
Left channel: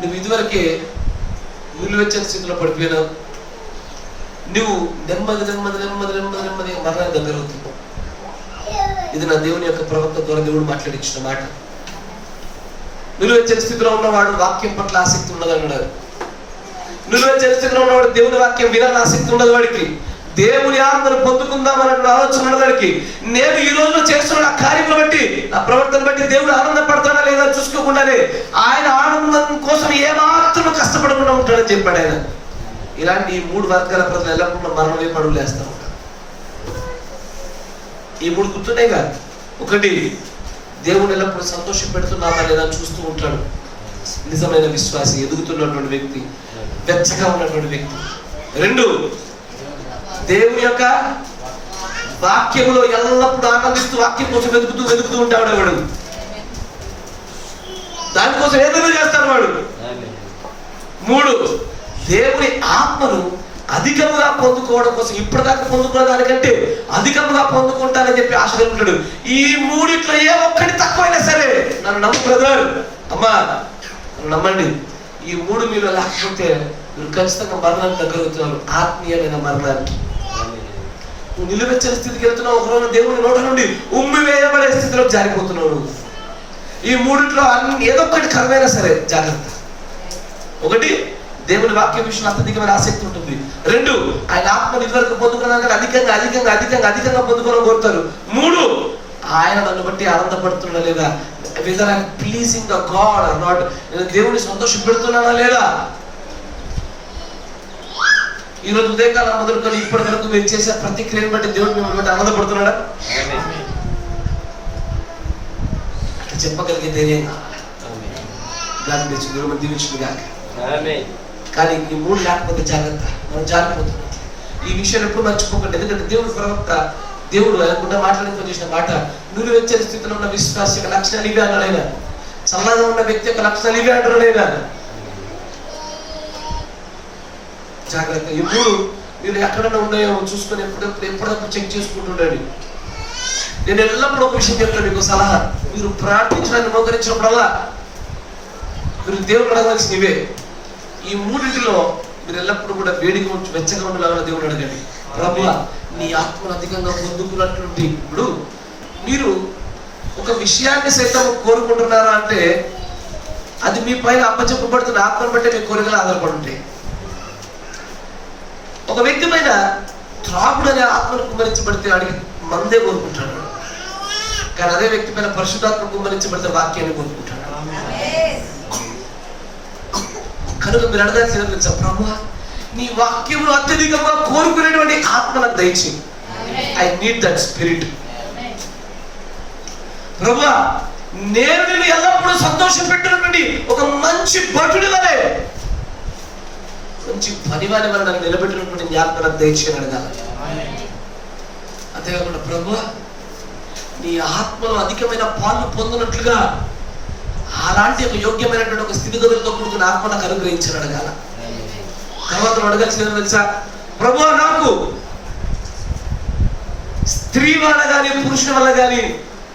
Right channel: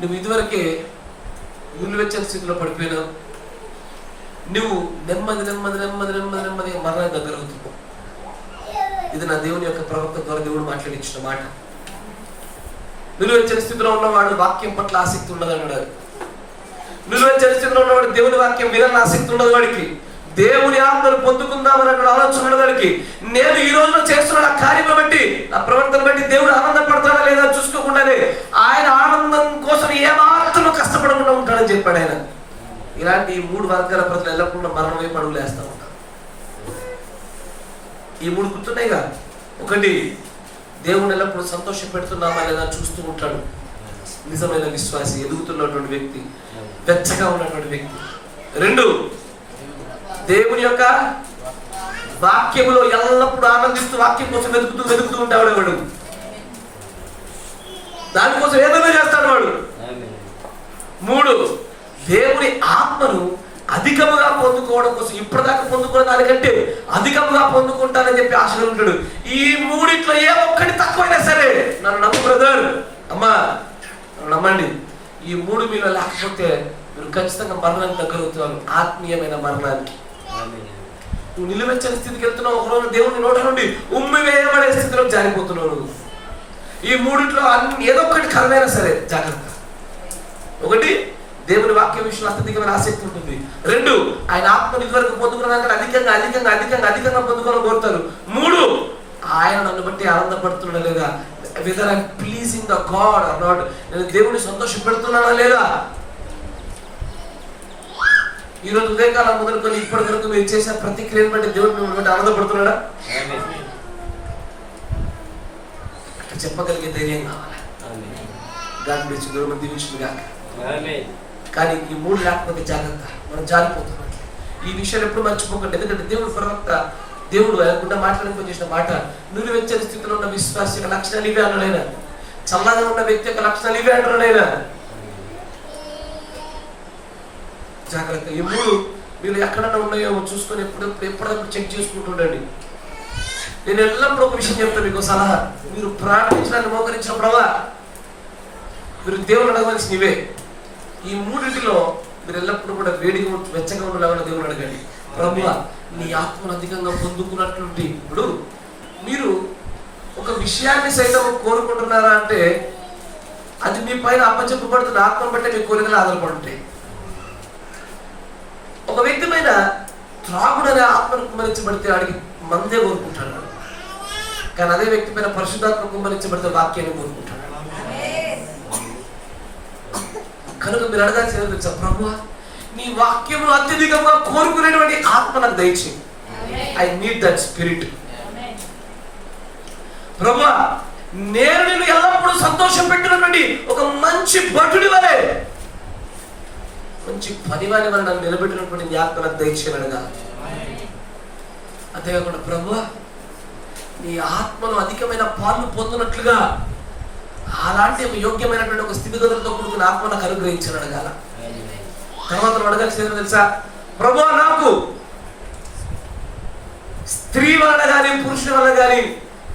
నువ్వు ఇదివరకే నిలువెచ్చని స్థితిలో పడిపోయినావు. నువ్వు నెమ్మది నెమ్మది నెమ్మది నెమ్మది నెమ్మది మరణానికి దగ్గర అవుతున్నావు. ఇది నా దేవుని యొక్క ప్రవక్త ద్వారా దేవుడు మాట్లాడించిన మాట. నిలువెచ్చని స్థితిలో ఉన్నవాడు వాక్యం పట్ల ఆసక్తి ఉండదు అన్నాడు. నిలువెచ్చని స్థితిలో ఉన్నవాడు దేవుని వాక్యం వినాలని ఆసక్తి ఉండదు. వాడికి దేవుని ఆత్మను పొందుకుందామని ఆలోచన ఉన్నదానికి నేను ఈ రోజు చేస్తున్న ఆ కార్యములు బట్టి, నా ప్రవర్తన బట్టి దేవుడు ఆనందపడతాడా లేదా చూసుకోకుండానే ఆయన ఆనందం కోసం ఏమాత్రం కష్టపడకుండా ఉంటాడని చెప్పాడు ఆయన. ఇలాంటి 3 వర్గాల ప్రజలు ఎల్లప్పుడూ మరణం వైపు అడుగులు వేస్తా ఉంటారు. ఈ 3 గుర్తున్నాయి కదా. ఒకటి, దేవుడు ఎల్లప్పుడూ సంతోష పెడుతున్నామా లేదా చూస్తూ ఉంటాడు. నిజమైన విశ్వాసి, ఎదుగుతున్నటువంటి వ్యక్తి, వెచ్చగా ఉన్నటువంటి వ్యక్తి. 2, దేవుని యొక్క వాక్యములో ఎల్లప్పుడూ ఆనందిస్తూ వాక్యం కోసం వెతుకుతూ ఉంటాడు వాడు. దానికోసం ఏదైనా చేస్తాడు వాడు. 3, దేవుని ఆత్మను అధికముగా పొందుకోవడం కోసం, ఇప్పటిదాకా పొందుకున్న దానికంటే అధికముగా పొందుకుంటానని చెప్పి ఆశగా ఉంటాడు. ఈ 3 ఏ ఒక్కటి తక్కువైనా సరే నన్ను నమ్ము బ్రదర్, అమ్మా నమ్మండి, ఈ 3 మీలో లేకపోతే మీరు ఖచ్చితంగా మరణానికి దగ్గర అవుతున్నారు. ఆత్మీయమైన మరణానికి. నువ్వు నిలువెచ్చని స్థితికి వెళ్తున్నావు. ఒకరోజు దేవుని నోట నుండి ఉమ్మి వేయబడే స్థితిలో జారిపోతున్నావు. ఈ 3 అన్ని ఏదో ఒకటి కరమైనా సరే జాగ్రత్త. 1, దేవుని వాక్యం విషయంలో అత్యధికమైన ఆసక్తి ఉంటుంది. 2, ఆయన ఆత్మను ఇదివరకు పొందుకున్నాక అధికంగా అధికంగా అధికంగా అధికంగా పొందుకోవాలని కోరుతారు. 3, ఆయన నన్ను బట్టి ఆనందపడుతున్నా లేదా, whether I'm pleasing the God or not, నేను దేవుని సంతోష పెడుతున్నానా లేదా. ఈ రోజు ఉదయకాలం మొదలుకొని ఇప్పటి వరకు మీరు చేసే ప్రతి క్రియను బట్టి దేవుడు మిమ్మల్ని బట్టి ఆనందపడుతున్నాడా? చెప్పగలిగే ధైర్యం కావాలి. God bless you. దేవుడు దీవించును గాక. కానీ ఈ 3 లేకపోతే జాగ్రత్త, మనం జారిపోతున్నాం. ఈ విషయాలు ఎప్పుడు మర్చిపోకండి. ఎందుకంటే దేవుడు ప్రవక్త, దేవుడు అనుకుంటా మాట్లాడుతూ చేసిన మాట, నువ్వు వెచ్చని స్థితిలో ఉన్న విశ్వాస యొక్క లక్షణాలు ఇవే అన్నాడైనా, చల్లగా ఉన్న వ్యక్తి యొక్క లక్షణాలు ఇవే అంటున్నాడైనా. జాగ్రత్త. ఈ 3 మీరు ఎక్కడన్నా ఉన్నాయో చూసుకొని ఎప్పుడప్పుడు చెక్ చేసుకుంటుండండి. నేను ఎల్లప్పుడూ ఒక విషయం చెప్తాను, మీకు సలహా. మీరు ప్రార్థించడానికి మోకరించినప్పుడల్లా మీరు దేవుడు అడగాల్సిన ఇవే. ఈ 3 మీరు ఎల్లప్పుడూ కూడా వేడిగా వెచ్చగా ఉండేలాగా దేవుడు అడగండి. ప్రభువా, నీ ఆత్మను అధికంగా పొందుకున్నట్లుంది. ఇప్పుడు మీరు ఒక విషయాన్ని సైతం కోరుకుంటున్నారా అంటే అది మీ పైన అప్పచెప్పబడుతున్న ఆత్మను బట్టే మీ కోరికలు ఆధారపడి ఉంటాయి. ఒక వ్యక్తి పైన త్రాగుడు అనే ఆత్మను కుమ్మరించబడితే వాడికి మందే కోరుకుంటాడు. కానీ అదే వ్యక్తి పైన పరిశుద్ధాత్మ కుమ్మరించబడితే వాక్యాన్ని కోరుకుంటాడు. కనుక మీరు అడగాల్సిన ప్రభువా, నీ వాక్యమును అత్యధికంగా కోరుకునేటువంటి ఆత్మ నాకు దయచేయి. I need that spirit. ప్రభువా, నేను నిన్ను ఎల్లప్పుడూ సంతోషం పెట్టినటువంటి ఒక మంచి భటుడి వలె, మంచి పని వారి వల్ల నాకు నిలబెట్టినటువంటి జ్ఞాపకం నాకు దయచేయని అడగాలి. అంతేకాకుండా ప్రభువా, నీ ఆత్మలో అధికమైన పాలు పొందినట్లుగా అలాంటి ఒక యోగ్యమైనటువంటి ఒక స్థితిగతులతో కూడుకున్న ఆత్మ నాకు అనుగ్రహించని అడగాల. తర్వాత అడగాల్సింది తెలుసా, ప్రభువా, నాకు స్త్రీ వల్ల కానీ పురుషుల వల్ల కానీ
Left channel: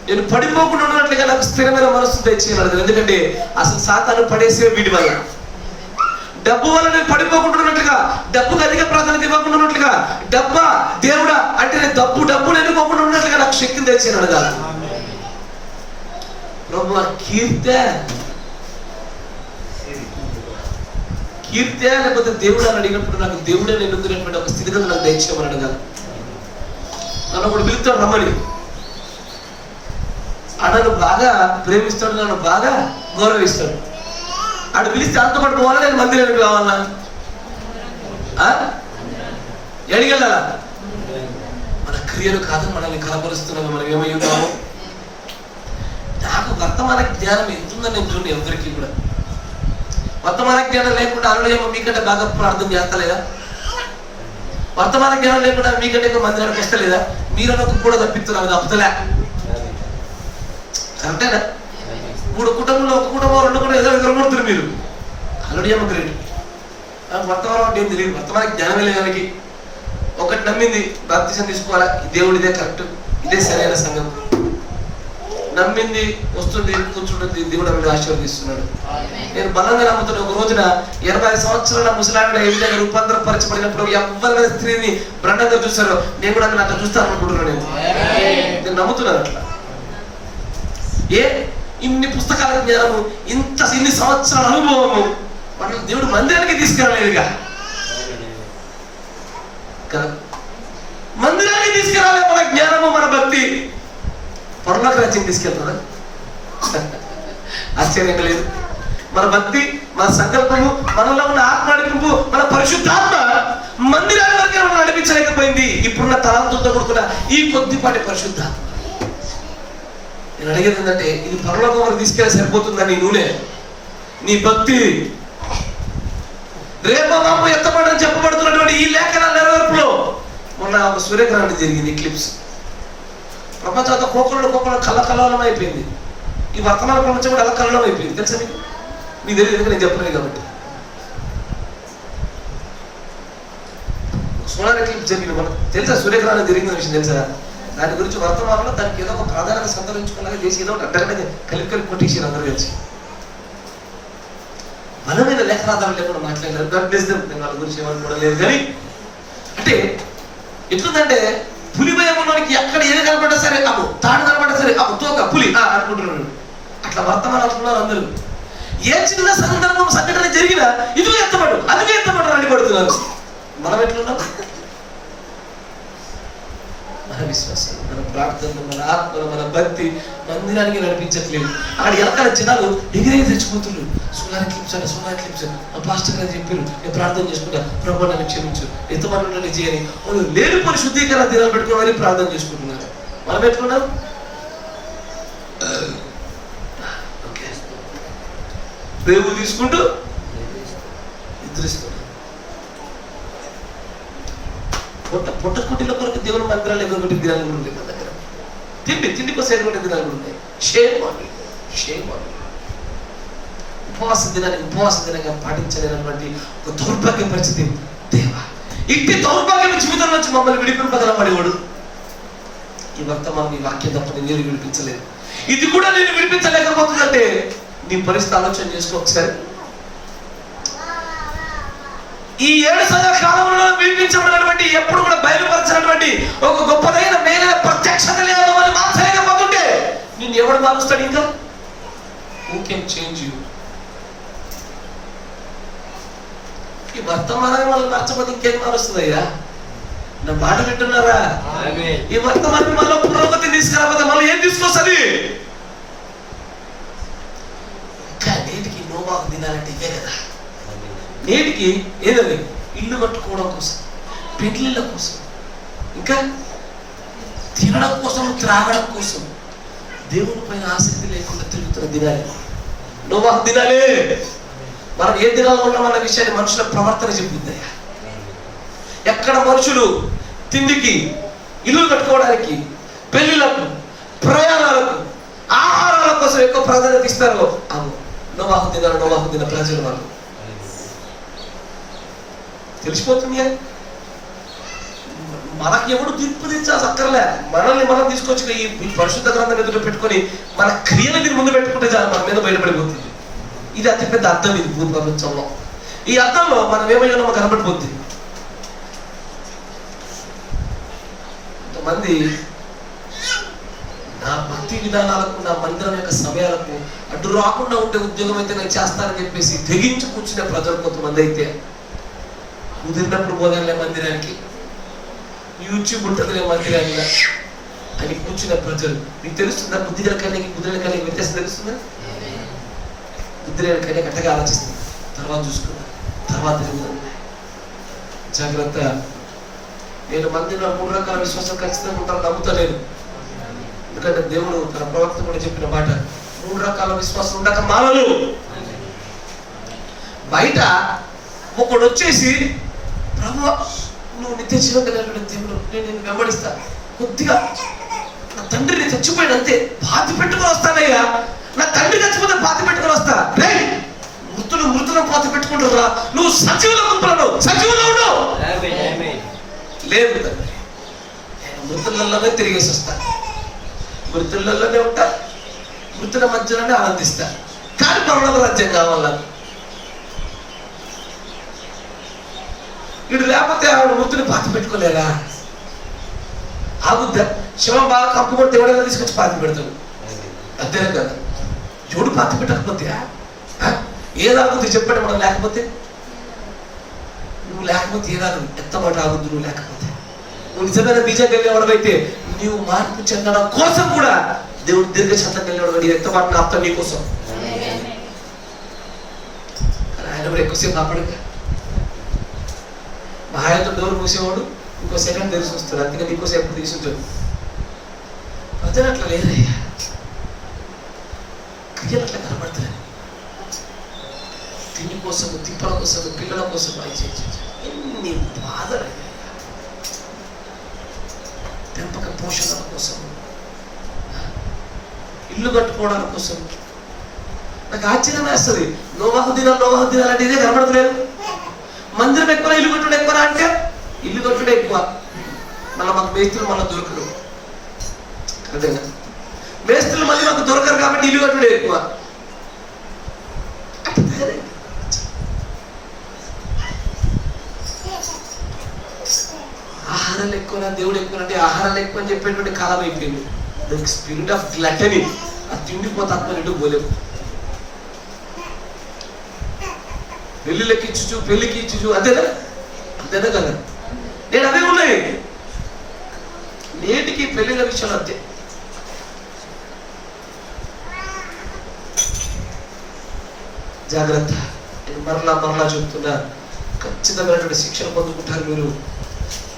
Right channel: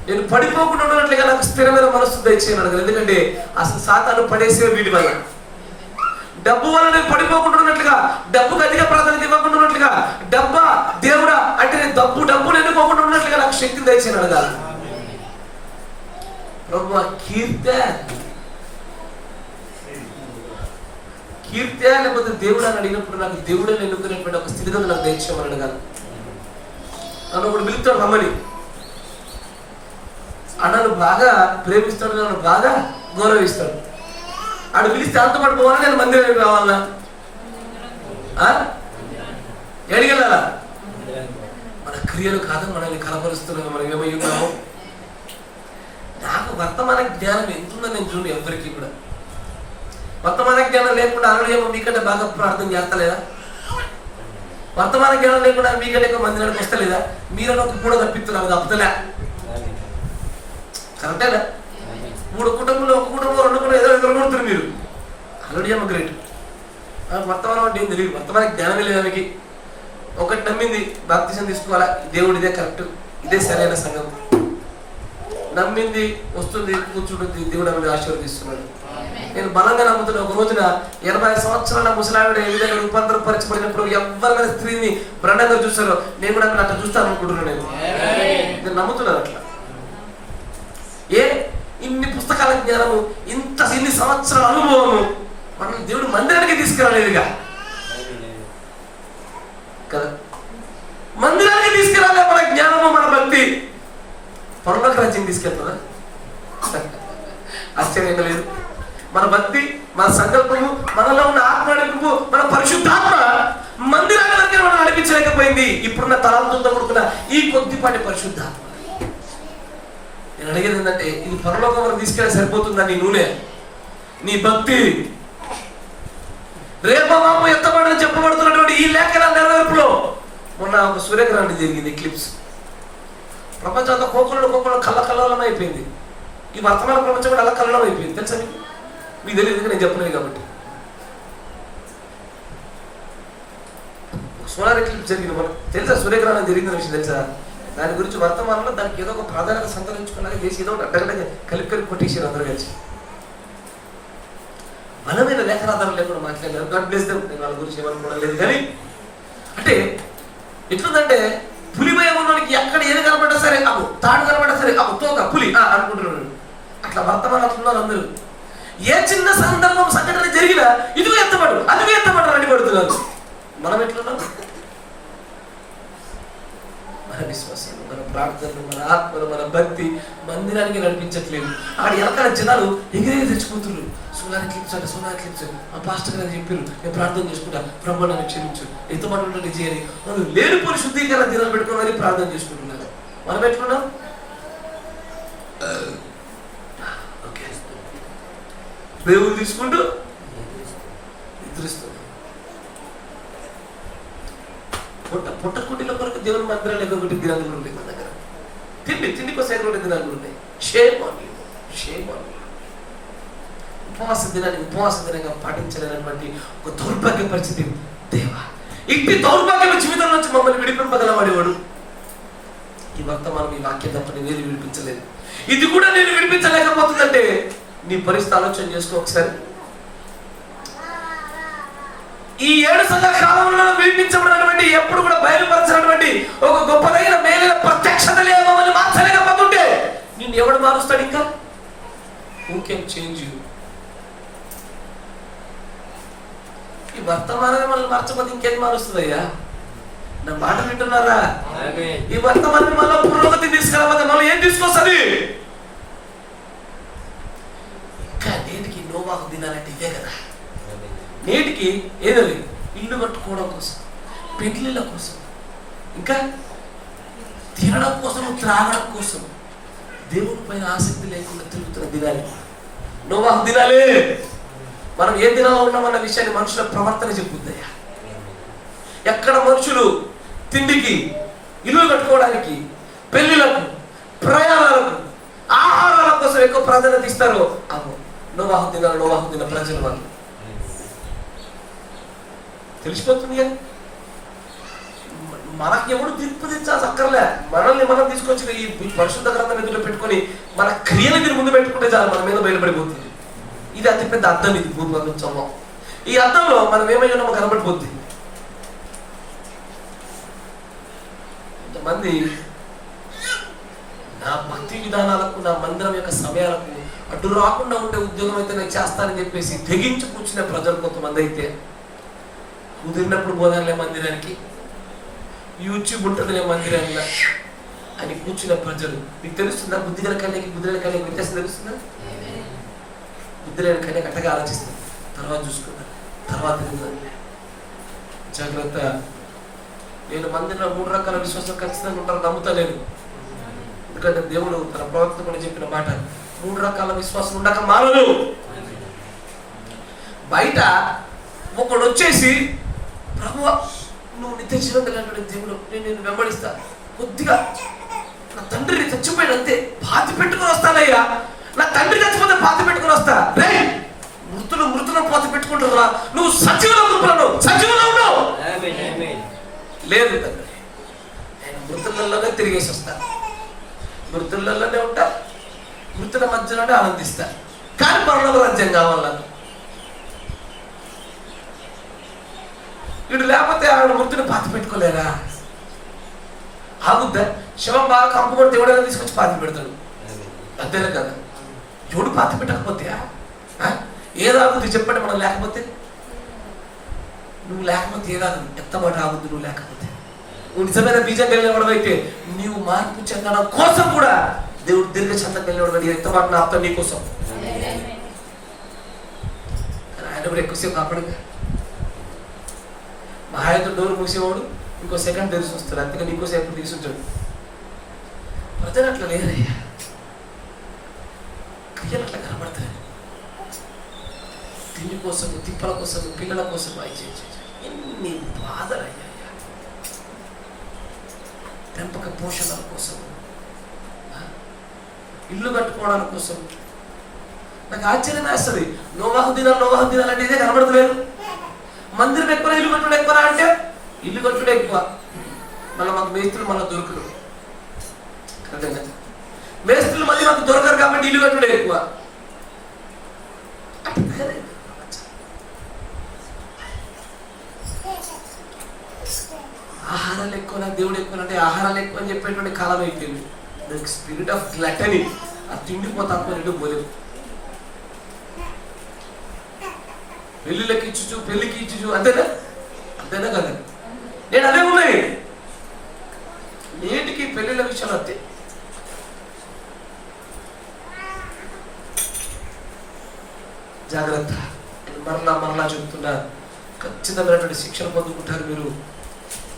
నేను పడిపోకుండా ఉన్నట్లుగా నాకు స్థిరమైన మనస్సు దయచేయని అడగాలి. ఎందుకంటే అసలు సాతాను పడేసే వీడి వల్ల. డబ్బు వల్ల నేను పడిపోకుండా ఉన్నట్లుగా, డబ్బుకు అధిక ప్రాధాన్యత ఇవ్వకుండా ఉన్నట్లుగా, డబ్బా దేవుడా అంటే నేను డబ్బును ఎన్నుకోకుండా ఉన్నట్లుగా నాకు శక్తిని దయచేయని అడగాలి. ప్రభువా, కీర్తే లేకపోతే దేవుడు అని అడిగినప్పుడు నాకు దేవుడే ఎన్నుకునేటువంటి ఒక స్థితిగతి నాకు దయచేయమని అడగాలి. నన్ను ఒకడు పిలుస్తాడు రమ్మని, నన్ను బాగా ప్రేమిస్తాడు, నన్ను బాగా గౌరవిస్తాడు. ఆడు పిలిస్తే అంత పాటు పోవాలా, నేను మందిరానికి రావాలా? ఎడిగెళ్ళాలా? మన క్రియలు కాదు మనల్ని కనపరుస్తున్నాము. మనం ఏమయ్యున్నాము? నాకు వర్తమాన జ్ఞానం ఎంతుందని నేను చూడండి. ఎవరికి కూడా వర్తమాన జ్ఞానం లేకుండా అరుణేమో మీకంటే బాగా ప్రార్థన చేస్తలేదా? వర్తమాన జ్ఞానం లేకుండా మీకంటే ఎక్కువ మందిరానికి వస్తలేదా? మీరు ఒక కూడా తప్పిస్తున్నారు, అది అప్పుతలే. కరెక్టేనా? 3 కుటుంబంలో ఒక కుటుంబం 2 కుటుంబం ఏదో ఎదుర్కొంటారు మీరు. అల్లుడేమో గ్రేట్. వర్తమానం అంటే ఏం తెలియదు, వర్తమాన జ్ఞానమే లేదు దానికి. ఒకటి నమ్మింది, బాప్తిసం తీసుకోవాలా, దేవుడు ఇదే కరెక్ట్, ఇదే సరైన సంఘం. నమ్మింది, వస్తుంది, కూర్చుంటుంది, దేవుడు ఆమెను ఆశీర్వదిస్తున్నాడు. నేను బలంగా నమ్ముతున్నా. ఒక రోజున 80 సంవత్సరాల ముసలావిడ ఏ విధంగా రూపాంతరపరచబడినప్పుడు ఎవరైనా స్త్రీని బ్రహ్మంగా చూస్తారో నేను కూడా అట్లా చూస్తాను అనుకుంటున్నాను. నేను నమ్ముతున్నాను అట్లా. ఇన్ని పుస్తకాల జ్ఞానము, ఇన్ని సంవత్సరాల అనుభవము మన దేవుడు మందిరానికి తీసుకురాలేదుగా కదా. మందిరానికి తీసుకురాలే మన జ్ఞానము, మన భక్తి. పరలోక రాజ్యం తీసుకెళ్తారా? ఆశ్చర్యంగా లేదు. మన భక్తి, మన సంకల్పము, మనలో ఉన్న ఆత్మ నడిపింపు, మన పరిశుద్ధాత్మ మందిరాల వరకే మనం నడిపించలేకపోయింది. ఇప్పుడున్న తలాంతులతో కూడుకున్న ఈ కొద్దిపాటి పరిశుద్ధాత్మ. నేను అడిగేది ఏంటంటే, ఇది పరలోకం వరకు తీసుకెళ్ళి సరిపోతుందా నీ నూనె, నీ భక్తి? రేపమాప ఎత్తబడని చెప్పబడుతున్నటువంటి ఈ లేఖనాల నెరవేర్పులో మొన్న ఒక సూర్యగ్రహణం జరిగింది, క్లిప్స్. ప్రపంచం అంతా కోకళ్ళు కళ్ళకల్లోలం అయిపోయింది. ఈ వర్తమాన ప్రపంచం కూడా అలా కల్లోలం అయిపోయింది. తెలుసా మీకు? మీకు తెలియదు, నేను చెప్పలేదు కాబట్టి. సోలార్ ఎక్లిప్స్ జరిగింది మనకు తెలుసా? సూర్యగ్రహణం జరిగింది విషయం తెలుసా? దాని గురించి వర్తమానంలో దానికి ఏదో ఒక ప్రాధాన్యత సంతరించుకున్నాక చేసి ఏదో అడ్డగడ్డ కలిపి కొట్టేసారు అందరు కలిసి. బలమైన లేఖనాధారం లేకుండా మాట్లాడారు. నేను వాళ్ళ గురించి ఏమనుకోవడం లేదు. కానీ అంటే ఎట్లుందంటే, పులి భయం ఉన్నవానికి ఎక్కడ ఏది కనపడ్డా సరే అప్పు, తాడు కనపడ్డా సరే అప్పు, తోక పులి అనుకుంటున్నాడు. అట్లా వర్తమానం అంటున్నారు అందరూ. ఏ చిన్న సందర్భం సంఘటన జరిగినా ఇదిగో ఎత్తబడు, అదిగో ఎత్తబడు అని పడుతున్నారు. మనం ఎట్లున్నాం? మన విశ్వాసం, మన ప్రార్థనలు, మన ఆత్మలు, మన భక్తి మందిరానికి నడిపించట్లేదు. అక్కడ ఎలకాల జనాలు ఎగిరే తెచ్చుకుంటున్నారు. సోలార్ క్లిప్స్ ఆ పాస్టర్ గారు చెప్పారు, నేను ప్రార్థన చేసుకుంటా, ప్రభు నన్ను క్షమించు, ఎత్తుబడి చేయని వాళ్ళు లేనిపోని శుద్ధీకరణ దినాలు పెట్టుకోవాలి ప్రార్థన చేసుకుంటున్నారు. మనం ఎట్లున్నాం? రేవులు తీసుకుంటూ నిద్రిస్తున్నాం. పుట్టకుటిల కొరకు దేవుని మందిరాలు ఎదురుకొట్టి దినాలు కూడా ఉన్నాయి మన దగ్గర. తిండి కోసం ఎదురుకొట్టే దినాలు కూడా ఉన్నాయి. షేమ్ ఉపవాస దినంగా పాటించలేనటువంటి ఒక దౌర్భాగ్య పరిస్థితి. దేవా, ఇంటి దౌర్భాగ్య జీవితం నుంచి మమ్మల్ని విడిపింపగలవాడేవాడు. ఈ వర్తమానం ఈ వాక్యం తప్ప నేను విడిపించలేదు. ఇది కూడా నేను విడిపించలేకపోతుందంటే నీ పరిస్థితి ఆలోచన చేసుకో ఒకసారి. ఈ 7 సంవత్సరాల కాలంలో విడిపించబడినటువంటి, ఎప్పుడు కూడా బయలుపరచినటువంటి ఒక గొప్పదైన మేలైన ప్రత్యక్షత లేదు అని మార్చలేకపోతుంటే నిన్ను ఎవడు మారుస్తాడు? ఇంకా హూ కెన్ చేంజ్ యూ? ఈ వర్తమానాన్ని వాళ్ళు మార్చకపోతే ఇంకేం మారుస్తుందయ్యా? నా మాట వింటున్నారా? ఈ వర్తమానం మళ్ళీ పురోగతి తీసుకురాకపోతే మళ్ళీ ఏం తీసుకొస్తుంది? ఇంకా నేటికి నోవాహు దినాలంటే ఇవే కదా. నేటికి ఏదవి ఇల్లు కట్టుకోవడం కోసం, పెళ్లిళ్ళ కోసం, ఇంకా తినడం కోసం, త్రాగడం కోసం దేవుని పైన ఆసక్తి లేకుండా తిరుగుతున్న దినాలే నోవాహు దినాలే. మనం ఏ దినాల్లో ఉన్నామన్న విషయాన్ని మనుషుల ప్రవర్తన చెప్తుందయ్యా. ఎక్కడ మనుషులు తిండికి, ఇల్లు కట్టుకోవడానికి, పెళ్లిళ్లకు, ప్రయాణాలకు, ఆహారాల కోసం ఎక్కువ ప్రాధాన్యత ఇస్తారో అవును నోవాహు దిన ప్రజలు వాళ్ళు తెలిసిపోతుంది. మనకి ఎవడు తీర్పు తెచ్చాల్సి అక్కర్లే. మనల్ని మనం తీసుకొచ్చి ఈ పరిశుద్ధ గ్రంథం ఎదుట పెట్టుకొని మన క్రియలు మీరు ముందు పెట్టుకుంటే చాలు, మన మీద బయటపడిపోతుంది. ఇది అతిపెద్ద అర్థం. ఇది భూప్రపంచంలో ఈ అర్థంలో మనం ఏమైనా మాకు కనబడిపోతుంది. కొంతమంది నా భక్తి విధానాలకు, నా మందిరం యొక్క సమయాలకు అడ్డు రాకుండా ఉండే ఉద్యోగం అయితే నేను చేస్తానని చెప్పేసి తెగించి కూర్చునే ప్రజలు కొంతమంది అయితే, కుదిరినప్పుడు పోదాంలే మందిరానికి, యూట్యూబ్ ఉంటుందిలే మందిరానికి అని కూర్చున్న ప్రజలు. మీకు తెలుస్తుందా? బుద్ధిగల కన్యకి బుద్ధిగల కన్యకి వ్యత్యాసం తెలుస్తుందా? బుద్ధిగల కన్యక అట్టగా ఆలోచిస్తుంది, తర్వాత చూసుకున్నాను, తర్వాత జాగ్రత్త. నేను మందిలో 3 రకాల విశ్వాసం ఖచ్చితంగా ఉంటారు నమ్ముతలేదు. ఎందుకంటే దేవుడు తన ప్రవక్త కూడా చెప్పిన మాట, 3 రకాల విశ్వాసం ఉండక మానలు. బయట ఒకడు వచ్చేసి, ప్రభువా నువ్వు నిత్య జీవం కలిగినటువంటి దేవుడు, నేను నిన్ను వెంబడిస్తా, కొద్దిగా నా తండ్రిని చచ్చిపోయిన అంతే బాధ పెట్టుకుని వస్తానయ్యా, నా తండ్రి చచ్చిపోతే బాధ పెట్టుకుని వస్తా. రే మృతులను బాధ పెట్టుకుంటున్నా, నువ్వు సజీవుల గుంపులను సజీవులు ఉండవు. లేదు తండ్రి, నేను మృతులలోనే తిరిగేసి వస్తా, మృతులలోనే ఉంటా, మృతుల మధ్యలోనే ఆనందిస్తా, కానీ పరలోక రాజ్యం కావాలా. వీడు లేకపోతే ఆవిడ మృతుని పాతి పెట్టుకోలేరా? ఆగుద్దా? శవం బాగా కంపు కొడితే ఎవడైనా తీసుకొచ్చి పాతి పెడతాడు, అంతేనే కదా. ఎవడు పాతి పెట్టకపోతే ఏదాగుద్ది చెప్పండి? మనం లేకపోతే, నువ్వు లేకపోతే ఏదాగుద్ది? ఎంత మాట ఆగుద్దు నువ్వు లేకపోతే? నువ్వు నిజమైన బీజం వెళ్ళేవాడమైతే నీవు మార్పు చెందడం కోసం కూడా దేవుడు దీర్ఘశాంతం వెళ్ళేవాడు. నీ ఎంత మాట ఆపుతాడు నీ కోసం. ఆయన కూడా ఎక్కువసేపు కాపాడు. మహాయతో డోర్ మూసేవాడు ఇంకో సెకండ్ తెలిసి వస్తాడు, అందుకని ఇంకోసేపు తీసుంటాడు. ప్రజలు అట్లా లేదయ్యా, క్రియలు అట్లా కనబడతాయి. తిండి కోసం, తిప్పల కోసం, పిల్లల కోసం ఎన్ని బాధలయ్యా. పెంపక పోషణల కోసం, ఇల్లు కట్టుకోవడాల కోసం. నాకు ఆశ్చర్యం వేస్తుంది. నోవాహు దినాలు అంటే ఇదే కనబడతలేదు. మందిరం ఎక్కువ, ఇల్లు కట్టుడు ఎక్కువ అంటే ఇల్లు కట్టుడే ఎక్కువ. మళ్ళీ మాకు మేస్త్రులు మళ్ళీ దొరకరు, అదేనా? మేస్త్రులు మళ్ళీ మాకు దొరకరు కాబట్టి ఇల్లు కట్టుడే ఎక్కువ. ఆహారాలు ఎక్కువ, దేవుడు ఎక్కువ అంటే ఆహారాలు ఎక్కువ అని చెప్పేటువంటి కాలం అయిపోయింది. దానికి స్పిరిట్ ఆఫ్ గ్లటనీ, ఆ తిండిపోతే తప్ప రెండు పోలేము. పెళ్ళిళ్ళకి ఇచ్చు, పెళ్ళికి ఇచ్చు, అంతేనా? అంతేనా కదా? నేను అదే ఉన్నాయి నేటికి పెళ్ళిళ్ళ విషయాలు అంతే. జాగ్రత్త. నేను మరలా చెప్తున్నా, ఖచ్చితమైనటువంటి శిక్షణ పొందుకుంటారు మీరు.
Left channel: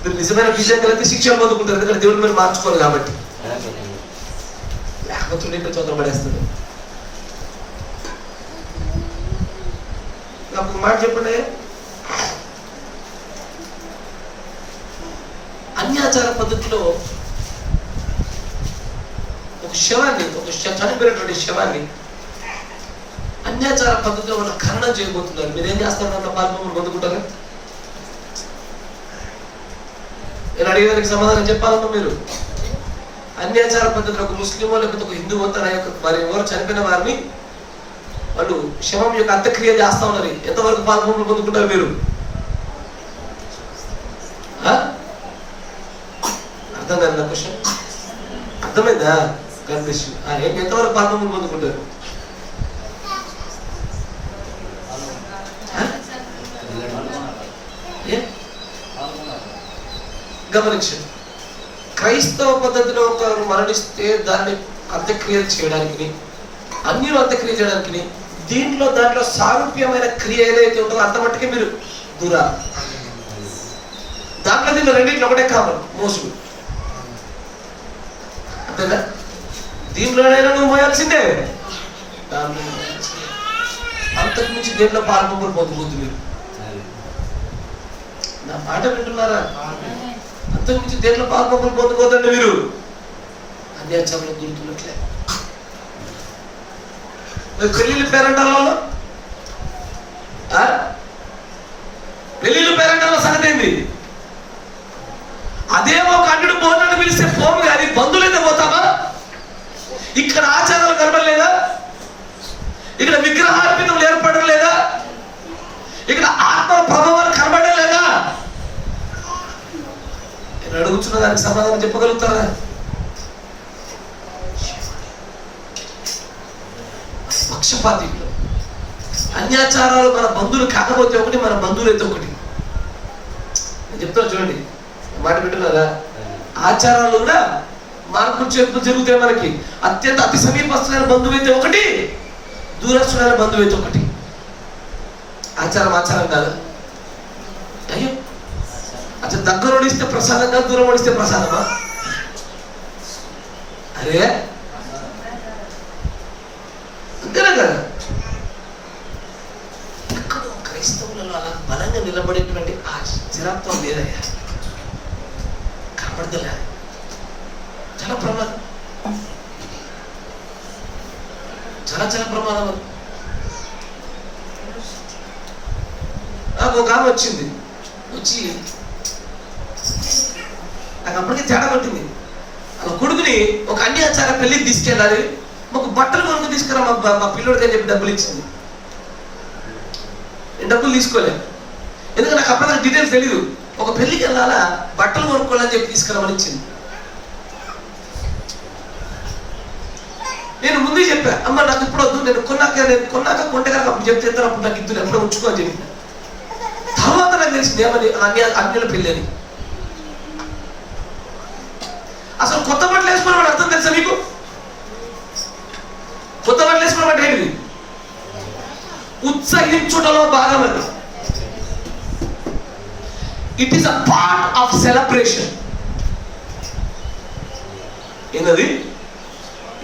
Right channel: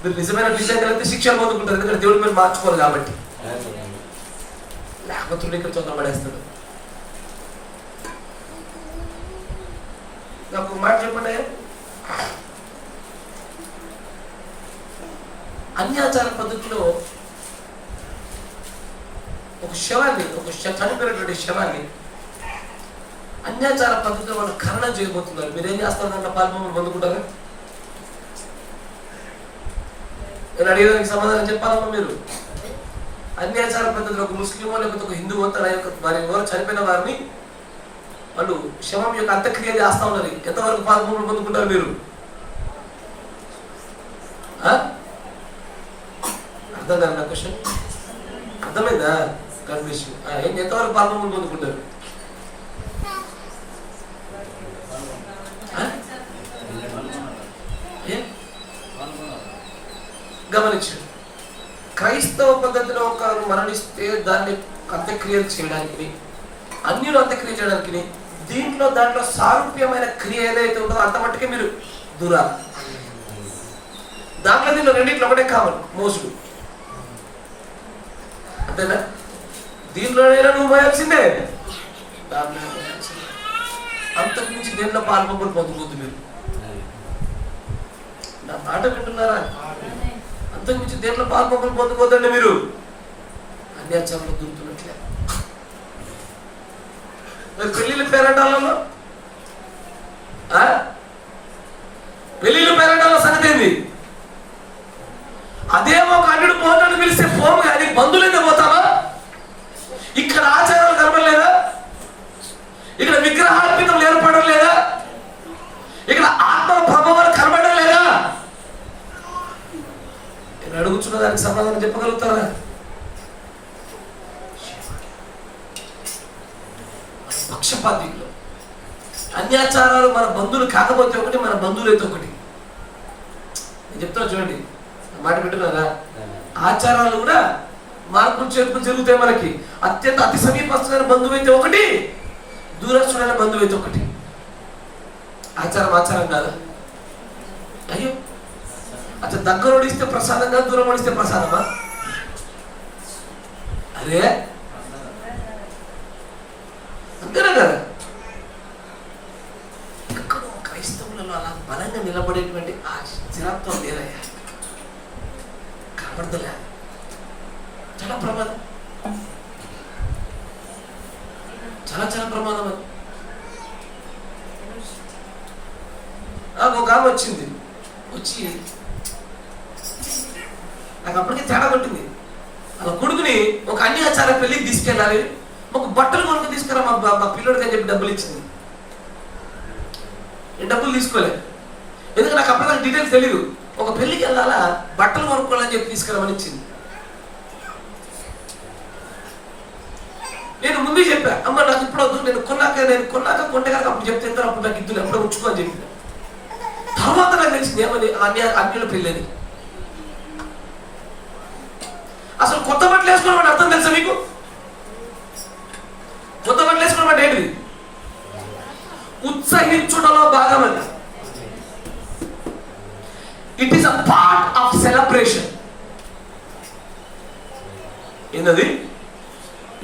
మీరు నిజమైన విషయం కలిగితే శిక్షణ పొందుకుంటారు, ఎందుకంటే దేవుడు మీరు మార్చుకోవాలి కాబట్టి. లేకపోతే ఇక్కడ తొందరపడేస్తాడు. నాకు మాట చెప్పండి. అన్యాచార పద్ధతిలో ఒక శవాన్ని, చనిపోయినటువంటి శవాన్ని అన్యాచార పద్ధతిలో వాళ్ళు ఖననం చేయబోతున్నారు. మీరేం చేస్తారు? అన్న పాల్పొంగులు పొందుకుంటారు. నేను అడిగేదానికి సమాధానం చెప్పాలన్నా మీరు అన్యాచార పద్ధతిలో ఒక ముస్లిమో లేకపోతే ఒక హిందువో తన యొక్క వారి ఎవరు చనిపోయిన వారిని వాళ్ళు శవం యొక్క అంత్యక్రియ చేస్తా ఉన్నారు. ఎంతవరకు పాల్పొంగులు పొందుకుంటారు మీరు? అర్థం కాదు క్వశ్చన్? అర్థమైందా? కనిపిస్తు ఎంతవరకు పాల్పొంగులు పొందుకుంటారు? గమనించండి, క్రైస్తవ పద్ధతిలో ఒకరు మరణిస్తే దాన్ని అంత్యక్రియలు చేయడానికి, అన్యులు అంత్యక్రియ చేయడానికి, దాంట్లో సారూప్యమైన క్రియ ఏదైతే ఉంటుందో అంత మట్టుకే మీరు దూరాలి. దీంట్లో రెండింటిలో ఒకటే కావాలి, మోసుడు. అంతేనా? దీంట్లోనైనా నువ్వు మోయాల్సిందే, అంతకు మించి దేంట్లో పాల్పొంగులు పొందుకోవద్దు. మీరు నా మాట వింటున్నారా? అంతకు మించి దేంట్లో పాల్పొంగులు పొందుకోవద్దండి. మీరు అన్యాచారంలో దూరుతున్నట్లే. పెళ్లిళ్ళు పేరంటాలలో సంగతి ఏంది? అదేమో కన్నుడు పోనని పిలిస్తే పోము, కానీ బంధువులైతే పోతామా? ఇక్కడ ఆచారాలు కనబడలేదా? ఇక్కడ విగ్రహార్పితం ఏర్పడడం లేదా? ఇక్కడ ఆత్మ ప్రభావాలు కనబడడం లేదా? నేను అడుగుతున్న దానికి సమాధానం చెప్పగలుగుతారా? పక్షపాతిలో అన్యాచారాలు మన బంధువులు కాకపోతే ఒకటి, మన బంధువులు అయితే ఒకటి. నేను చెప్తాను చూడండి, మాట పెట్టున్నారా? ఆచారాలు కూడా మార్పులు చేర్పులు జరుగుతాయి. మనకి అతి సమీపస్తులైన బంధువు అయితే ఒకటి, దూరస్తుడైన బంధువు అయితే ఒకటి. ఆచారం కాదు. అయ్యో, అసలు దగ్గర ఓడిస్తే ప్రసాదంగా, దూరం ఓడిస్తే ప్రసాదమా? అరే అంతేనా కదా? ఎక్కడో క్రైస్తవులలో అలా బలంగా నిలబడేటువంటి ఆ స్థిరత్వం లేదయ్యా, కనబడదలే. చాలా ప్రమాదం, చాలా ప్రమాదం. నాకు ఒక ఆమె వచ్చి నాకు అప్పటికే తేడా పట్టింది. ఆ కొడుకుని ఒక అన్యాచార పెళ్లికి తీసుకెళ్ళాలి, మాకు బట్టలు కొనుక్కు తీసుకురా మా పిల్లోడికి అని చెప్పి డబ్బులు ఇచ్చింది. నేను డబ్బులు తీసుకోలేదు, ఎందుకంటే నాకు అప్పుడు నాకు డీటెయిల్స్ తెలీదు. ఒక పెళ్లికి వెళ్ళాలా, బట్టలు కొనుక్కోవాలని చెప్పి తీసుకురామని ఇచ్చింది. నేను ముందే చెప్పా, అమ్మ నాకు ఇప్పుడు వద్దు, నేను కొన్నాక కొంటే కనుక అప్పుడు చెప్తే అప్పుడు నాకు ఇద్దు, ఎప్పుడో ఉంచుకో అని చెప్పి. తర్వాత నాకు తెలిసింది ఏమని, అన్యుల పెళ్ళని. అసలు కొత్త బట్టలు వేసుకోవడం అర్థం తెలుసా మీకు? కొత్త బట్టలు వేసుకోవడం అంటే ఏంటిది? ఉత్సహించుటలో భాగం అది. It is a part of celebration. ఏంటది?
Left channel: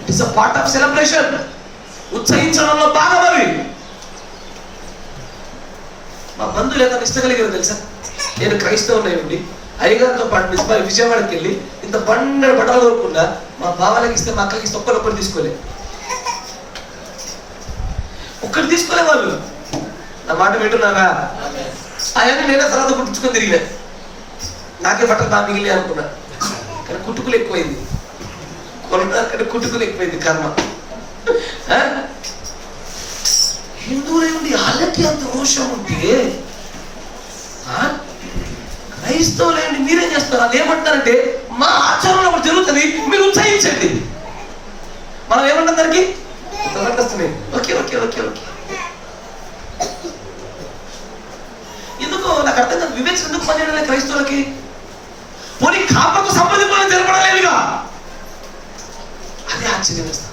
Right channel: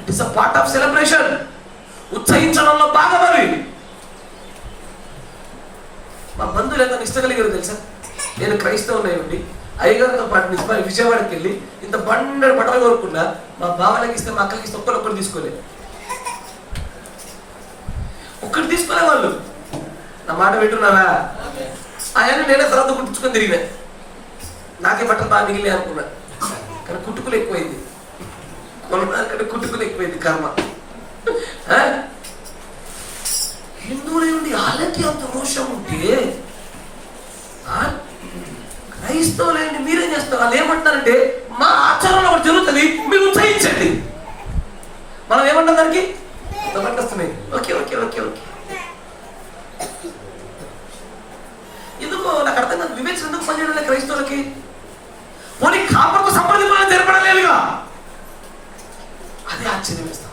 It is a part of celebration. ఉత్సహించడంలో భాగం అవి. మా బంధువులు ఎంత నిష్టగలిగారు తెలుసా? నేను క్రైస్తవుని అయ్యగారితో పాటు విజయవాడకి వెళ్ళి ఇంత బండ బట్టలు కొనుక్కున్నా, మా బావలకి ఇస్తే, మా అక్కలకి ఇస్తే ఒక్కరు తీసుకోలేదు. ఒక్కరు తీసుకోలే వాళ్ళు. నా మాట వింటున్నారా? అవన్నీ నేనే తర్వాత కుట్టించుకొని తిరిగినా. నాకే బట్టలు బాగా మిగిలి అనుకున్నా, కానీ కుట్టుకులు ఎక్కువైంది. కొనుక్కంటే కుట్టుకులు ఎక్కువైంది కర్మ. హిందువులై ఉండి వాళ్ళకి అంత రోషం ఉంటే క్రైస్తవులైండి మీరేం చేస్తారు? అదేమంటారంటే మా ఆచారంలో ఒకటి జరుగుతుంది, మీరు ఉత్సహించండి. మనం ఏమంటాం దానికి? వస్తున్నాయి. ఓకే ఓకే ఓకే ఓకే ఎందుకో నాకు అర్థం కాదు. వివేచన ఎందుకు పనిచేయడం క్రైస్తవులకి? పోనీ కాపకు సంప్రదింపులను తెలపడలేదుగా, అదే ఆశ్చర్యం వేస్తాం.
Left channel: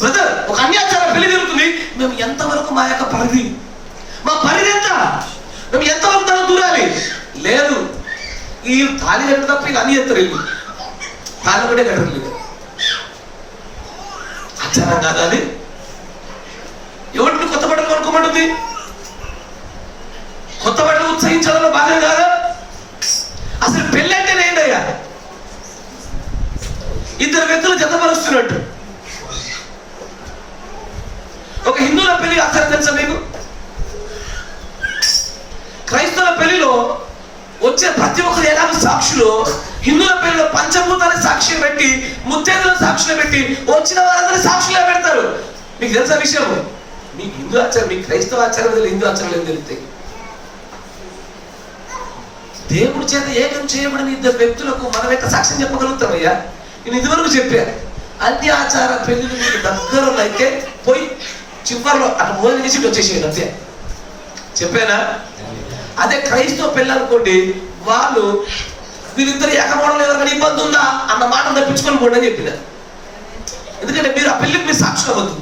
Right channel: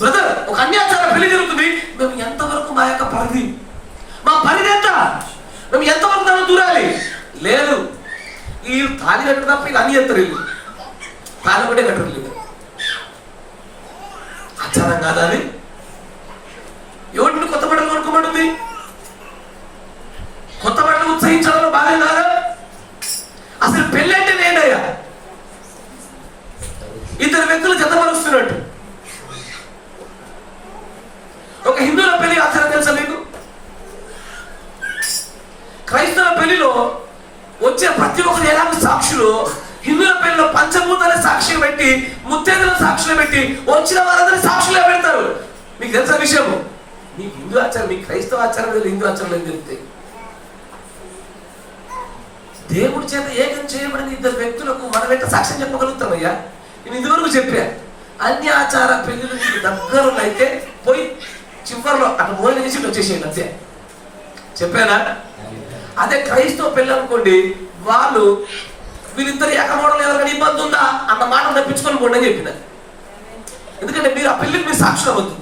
బ్రదర్, ఒక అన్యాచార పెళ్లి జరుగుతుంది, మేము ఎంతవరకు మా యొక్క పరిధి, మా పరిధి ఎంత, మేము ఎంతవరకు దాన్ని దూరాలి? లేదు, ఈ తాళి కట్టు తప్ప ఇక అన్ని ఎత్తరు. ఇల్లు తాళి ఒకటే కట్టలేదు. ఆచారం కాదా అది? ఎవరిని కొత్త బట్టలు కొనుక్కోమంటుంది? ఉత్సహించడంలో భాగం కాదు. అసలు పెళ్ళి అంటే ఏంటయ్యా? ఇద్దరు వ్యక్తులు జతపరుస్తున్నట్టు. ఒక హిందువుల పెళ్లి ఆచారం తెలుసా మీకు? క్రైస్తవ పెళ్లిలో వచ్చే ప్రతి ఒక్కరు ఎలాగో సాక్షులు, హిందువుల పెళ్లిలో పంచభూతాల సాక్షులు పెట్టి, ముత్తైదుల సాక్షులు పెట్టి, వచ్చిన వారందరూ సాక్షులే పెడతారు. మీకు తెలుసా విషయం? మీకు హిందూ ఆచారం, మీకు క్రైస్తవ ఆచారం తెలియదు, హిందూ ఆచారం ఏం తెలుస్తాయి? దేవుడి చేత ఏకం చేయబడిన ఇద్దరు వ్యక్తులకు మనం ఎంత సాక్ష్యం చెప్పగలుగుతామయ్యా? నేను ఇదివరకు చెప్పా, అన్ని ఆచార పెళ్లిలు మీకు దగ్గరనైతే పోయి చివరిలో అటు మోయిన నుంచి వచ్చేసేయండి అంతే. చెప్పానా? అదే క్రైస్తవ పెళ్ళి అనుకోండి, వాళ్ళు వీరిద్దరు ఏకమవడం లేదా కానీ ఇబ్బంది ఉందా అన్న మాట తప్పించుకొని పోండి అని చెప్పిన. ఎందుకంటే మీరు ఆ పెళ్లికి మీరు సాక్షులు అవ్వద్దు.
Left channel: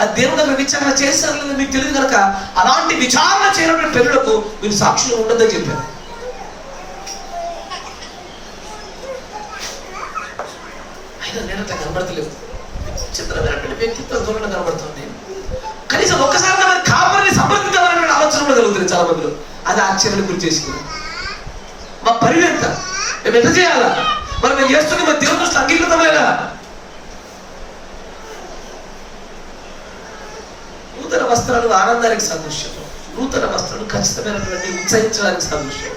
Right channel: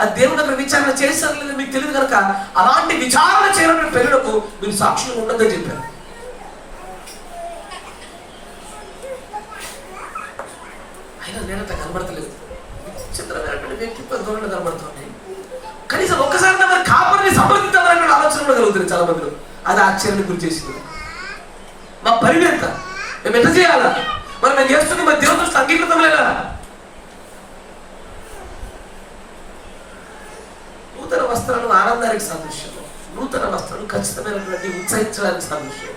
ఆ దేవుని దగ్గర విచారణ చేశారు లేదా మీకు తెలియదు కనుక అలాంటి విచారణ చేయడం పెళ్ళిలకు మీరు సాక్షులు ఉండదని చెప్పారు. అయినా నేను అట్లా కనబడతలేదు. చిత్రమైనటువంటి వ్యక్తిత్వం ధోరణి కనబడుతుంది. కనీసం ఒక్కసారి మరి కాపరిని సంప్రదించాలనే ఆలోచన కూడా కలుగుతుంది చాలా మందిలో. అది ఆశ్చర్యానికి గురి చేసింది. మా పరిధి ఎంత? మేము ఎంత చేయాలా? మరి మేము చేస్తుంది మరి దేవుని దృష్టిలో అంగీకృతం లేదా? నూతన వస్త్రాలు ఆనందానికి సాదృశ్యం, నూతన వస్త్రాలు ఖచ్చితమైనటువంటి ఉత్సహించడానికి సాదృశ్యం.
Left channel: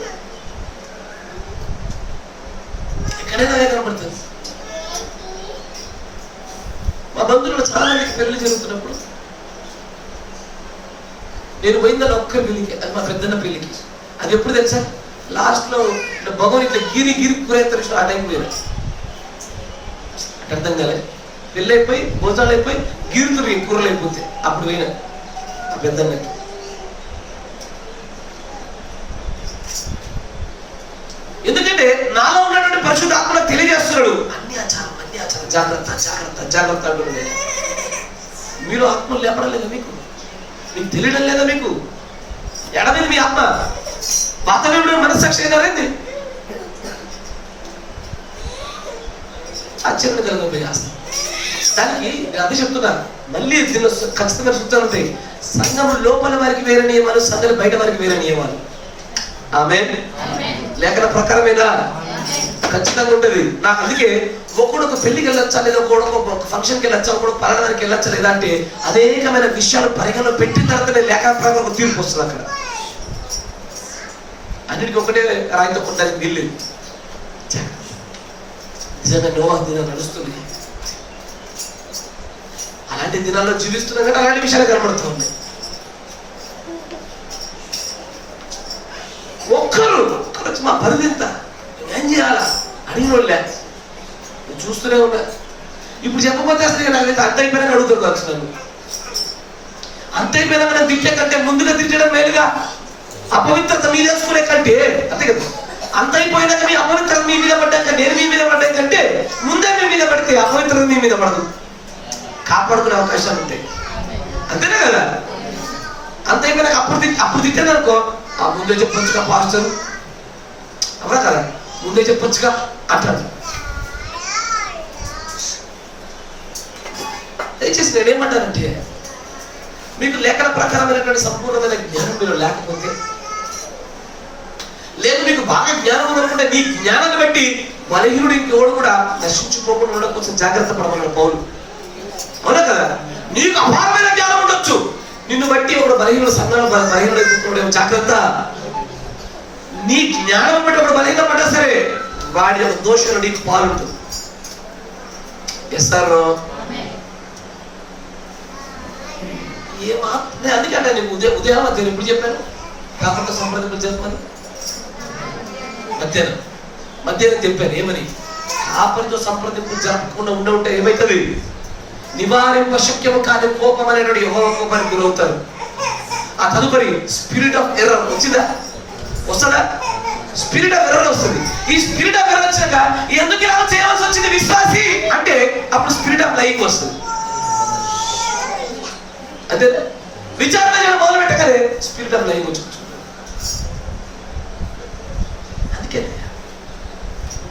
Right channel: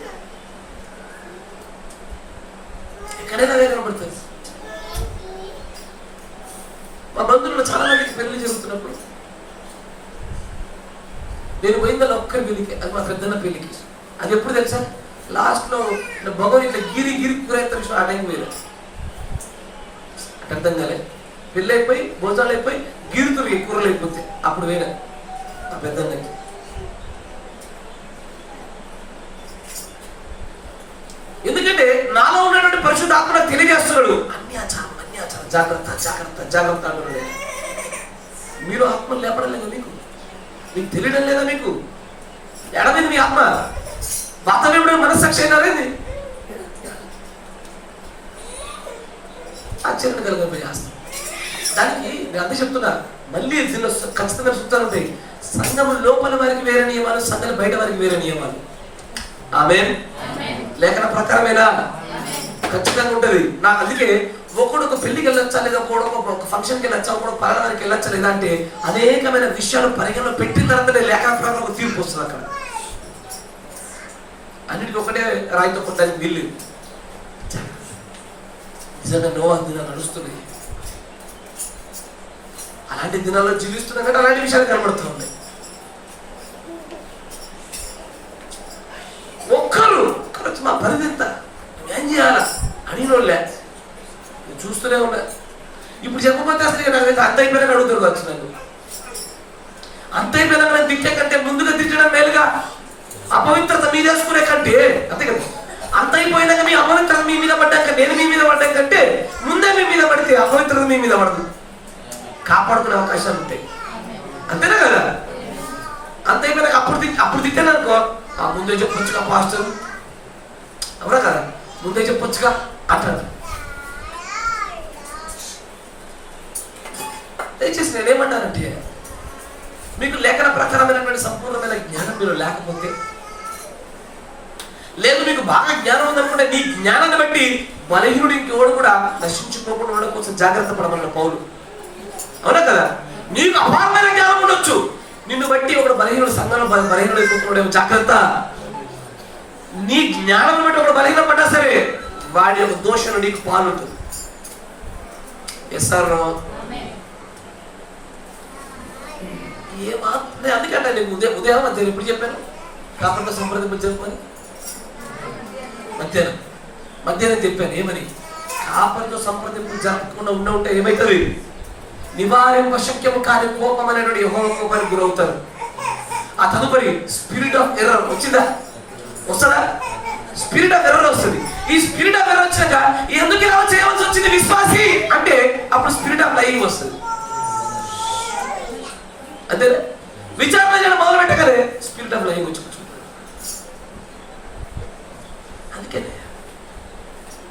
ఎక్కడైనా కనబడుతుంది. మా బంధువులు చాలా మందికి పెళ్లి జరుగుతున్నప్పుడు నేను పోయిందని ఒక్కరి పెళ్లికి, అది మా పెద్దన్న పెళ్లికి. అది ఎప్పుడు తెలుసా? లాస్ట్లో భగవాన్ ఇట్లా గిరి కూరేస్తారు, ఆ టైం పోయినా అర్థం కాలే. పెళ్ళి అయిపోయి భోజనాలు అయిపోయి గిరుతురు కూరలు అయిపోతే అప్పుడు పోయినా ఆ పెద్దన్నకి. ఎందుకంటే నాలో ఉన్నటువంటి పరిశుద్ధ ఆత్మ తెలియజేస్తున్నాడు, అన్ని ఆచారం జాగ్రత్త జాగ్రత్త జాగ్రత్త అంటున్నాడు. మీరు ఆత్మలు లేపడం లేదా? మీకు తెలియడం లేదా? మీకు ఎడమైంది మీ ఆత్మ? వాతావరణం మనస్సాక్షి అయినారేంది? ఆశ్చర్యం కలుగుతుంది ఆస్తి. దానికి నేను అదే చెప్తున్నా, మళ్ళీ దీనిలో ఖచ్చితంగా సూచనలు ఉంటాయి. సంఘం లోపల వారికి వేరే నియమాలు, సంఘం బయట వారికి వేరే నియమాలు. ఆమేన్. లేఖన ప్రకారమేనా? ఖచ్చితంగా ఉంటది. నాకు అందుకే ఒకడు ఒక పెళ్లికి వెళ్ళొచ్చా లేదా, ఒక ఫంక్షన్కి వెళ్ళొచ్చా, ఒకడు పలానానికి వెళ్ళొచ్చా లేదా అంటే అనేకమైన విషయాలు పరిగణలో పెట్టిన తర్వాతనే లేఖన ప్రకారం ఒక తీర్పు వస్తుంది. అక్కడ అన్నిటికీ ఒకటే రాయితో కొట్టడానికి వీళ్ళు. నిజంగా నోవా దినాలు నడుస్తుంది. అలాంటి దినాల్లో జీవిస్తున్నాం కంటే అలాంటి విషయాలు కనబడుతూ ఉన్నాయి. ఒక్కరు మా పరిధి ఎంత, ఏం చేయాలా అడిగిన వాళ్ళే చూస్తూనే ఉన్నా. ఇప్పుడు చెప్పకపోతే అసలు నాకైతే అంత అయిపోయినా అడుగుతారు కావచ్చు నన్ను. అంత అయిపోయినా నేను తిట్టే కంటే ముందుగా తిట్టడం మేలుగా. అపవిత్రత మీదేసుకునే కంటే, అంతే కదా, అంత అయిపోయినాక మీ అపవిత్రత మీ మీద పడ్డాక నేను మీ మీద పడ్డా కంటే ముందే మీ మీద పడితే అపవిత్రత మీ మీద పడదు, కాపాడుకునే అవకాశాలు ఉంటాయి. అంతేనా కదా? అంత అయిపోయినాక అప్పుడు తిట్టాను అనుకో, ముందే చెప్పొచ్చుగా పాస్టర్, అవునా కదా, ముందే చెప్పొచ్చుగా అంటారు. దయచేసి నేనేమంటానంటే, మీకు లేఖన ప్రకారమైనటువంటి సంపూర్ణమైన జ్ఞానం మీరు లేకపోతే, లేదు మీకు బాగా జ్ఞానం ఉందనుకుంటే నీ జ్ఞానాన్ని బట్టి బలహీనుడు ఇంకెవడు కూడా నశించుకోకుండా ఉండడం కోసం జాగ్రత్త పడమన్నాడు పౌలు. అవునా కదా? నీకు అపారమైన జ్ఞానం ఉండొచ్చు, నిన్ను బట్టి ఒకడు బలహీనుడు సంఘాలు బలహీనుడు అయిపోతున్నాడేమో జాగ్రత్త. నీ జ్ఞానం బట్టి ఒకడు బలహీన పడ్డా సరే వాడి యొక్క దోషంలో నీకు పాలుంటుంది. ఎస్ఆర్ ఏమాత్రం అందుకంటే నీకు ఉదయం మధ్యాహ్నం ఇప్పుడు చెప్పాను కాపరితో సంప్రదింపులు చెప్పమని. మధ్యాహ్నం చెప్పాను ఏమని, కాపరితో సంప్రదింపులు జరపకుండా ఉంటే ఏమవుతుంది? నివారింప శక్యము కాని కోపం అనేటువంటి యెహోవా కోపానికి గురవుతారు. ఆ తదుపరి స్పిరిట్ ఆఫ్ ఎర్రర్ వచ్చిందా? వస్తుందా? స్పిరిట్ ఆఫ్ ఎర్రర్ వస్తుంది. ఈ స్పిరిట్ ఆఫ్ ఎర్రర్ వచ్చాక ఎందుకు ఇలా చేయవలసి వచ్చింది విశ్వాసి అంటే అప్పుడు స్పిరిట్ ఆఫ్ లైయింగ్ వస్తుంది. అదే విచారణ చేయడం మొదలు పెట్టగానే స్పిరిట్ ఆఫ్ లైయింగ్ వచ్చి అందుకే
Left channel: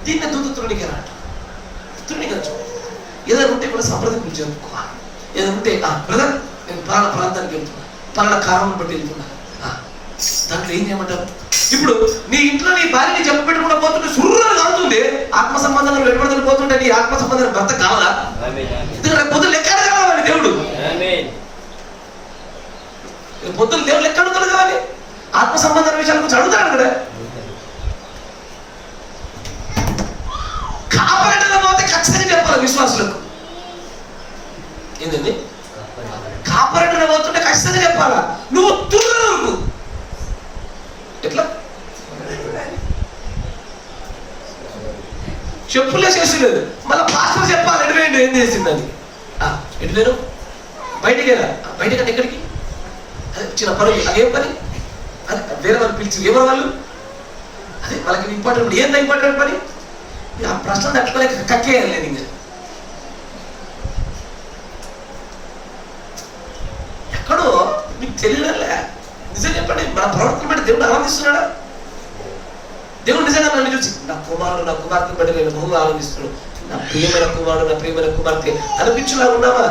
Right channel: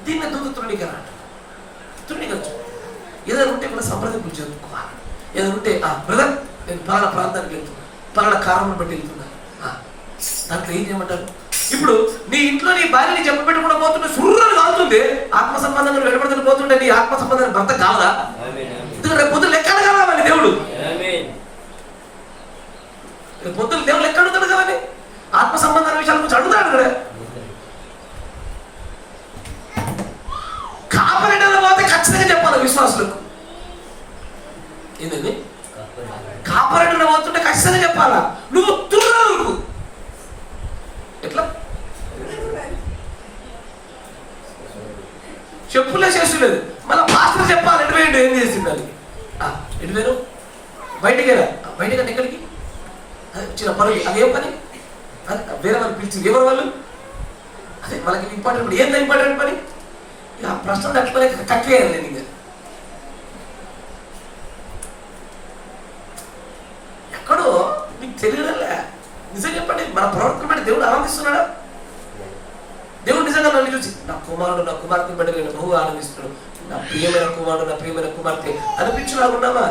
దీన్ని దూత తృణీకరించు. ఏదైనా ఉంటే కూడా సంప్రదింపులు జరుపుకోవాలి. ఏదైనా ఉంటే బ్రదర్ నేను పలానా ప్రాంతానికి వెళ్తున్నా, పలానా కారణం బట్టి వెళ్తున్నా, దాంట్లో ఏం చేయమంటారు? ఇప్పుడు నీ ఇంట్లో నీ భార్యని చెప్ప పెట్టుకుండా పోతుంటే సుర్రని కాలుతుంది, ఆత్మ సంబంధంలో వెలువడుతూ పోతుంటే నీ ఆత్మ సంబంధం భర్త కావాలా? ఎందుకంటే పొద్దులు లెక్కడు కావాలి దేవుడు, పొద్దులు దేవుడు లెక్క అడుగుతాడు కావాలి, ఆత్మ సంబంధం విషయాల గురించి అడుగుతాడు కదా. కాపరేటలో పోతే ఖచ్చితంగా చెప్పాలి విశ్వాసులకు. ఏంటండి? కాపరేటలో పోతుంటే ఖచ్చితంగా చెప్పాలా, నువ్వు తుర్రకు ఎట్లా చెప్పులే చేసలేదు, మళ్ళీ పాస్టర్ చెప్పాలి ఎటువేయండి ఏం చేసిందని. ఎటువేరు బయటికి వెళ్ళా, బయటకంటే ఎక్కడికి చిన్న పనులు, అదేం పని? అది వేరే వాళ్ళు పిలిచి ఎవరు వాళ్ళు? అదే వాళ్ళకి ఇంపార్టెంట్, ఏందా ఇంపార్టెంట్ పని? ఆ ప్రశ్న తట్టుకోలేక కక్కేయాలి లేదు. ఇంకా ఎక్కడో మీకు తెలియడంలే. నిజం చెప్పండి, మన ప్రవర్తన బట్టి దేవుడు ఆనందిస్తున్నాడా? దేవుడు నిజంగా నన్ను చూసి నా కుమారుడు నా కుమార్తె బట్టి నేను బహుగా ఆనందిస్తున్నాడు, నా ప్రియమైన కుమారుడు నా ప్రియమైన కుమార్తె అనిపించులాగా ఉన్నావా?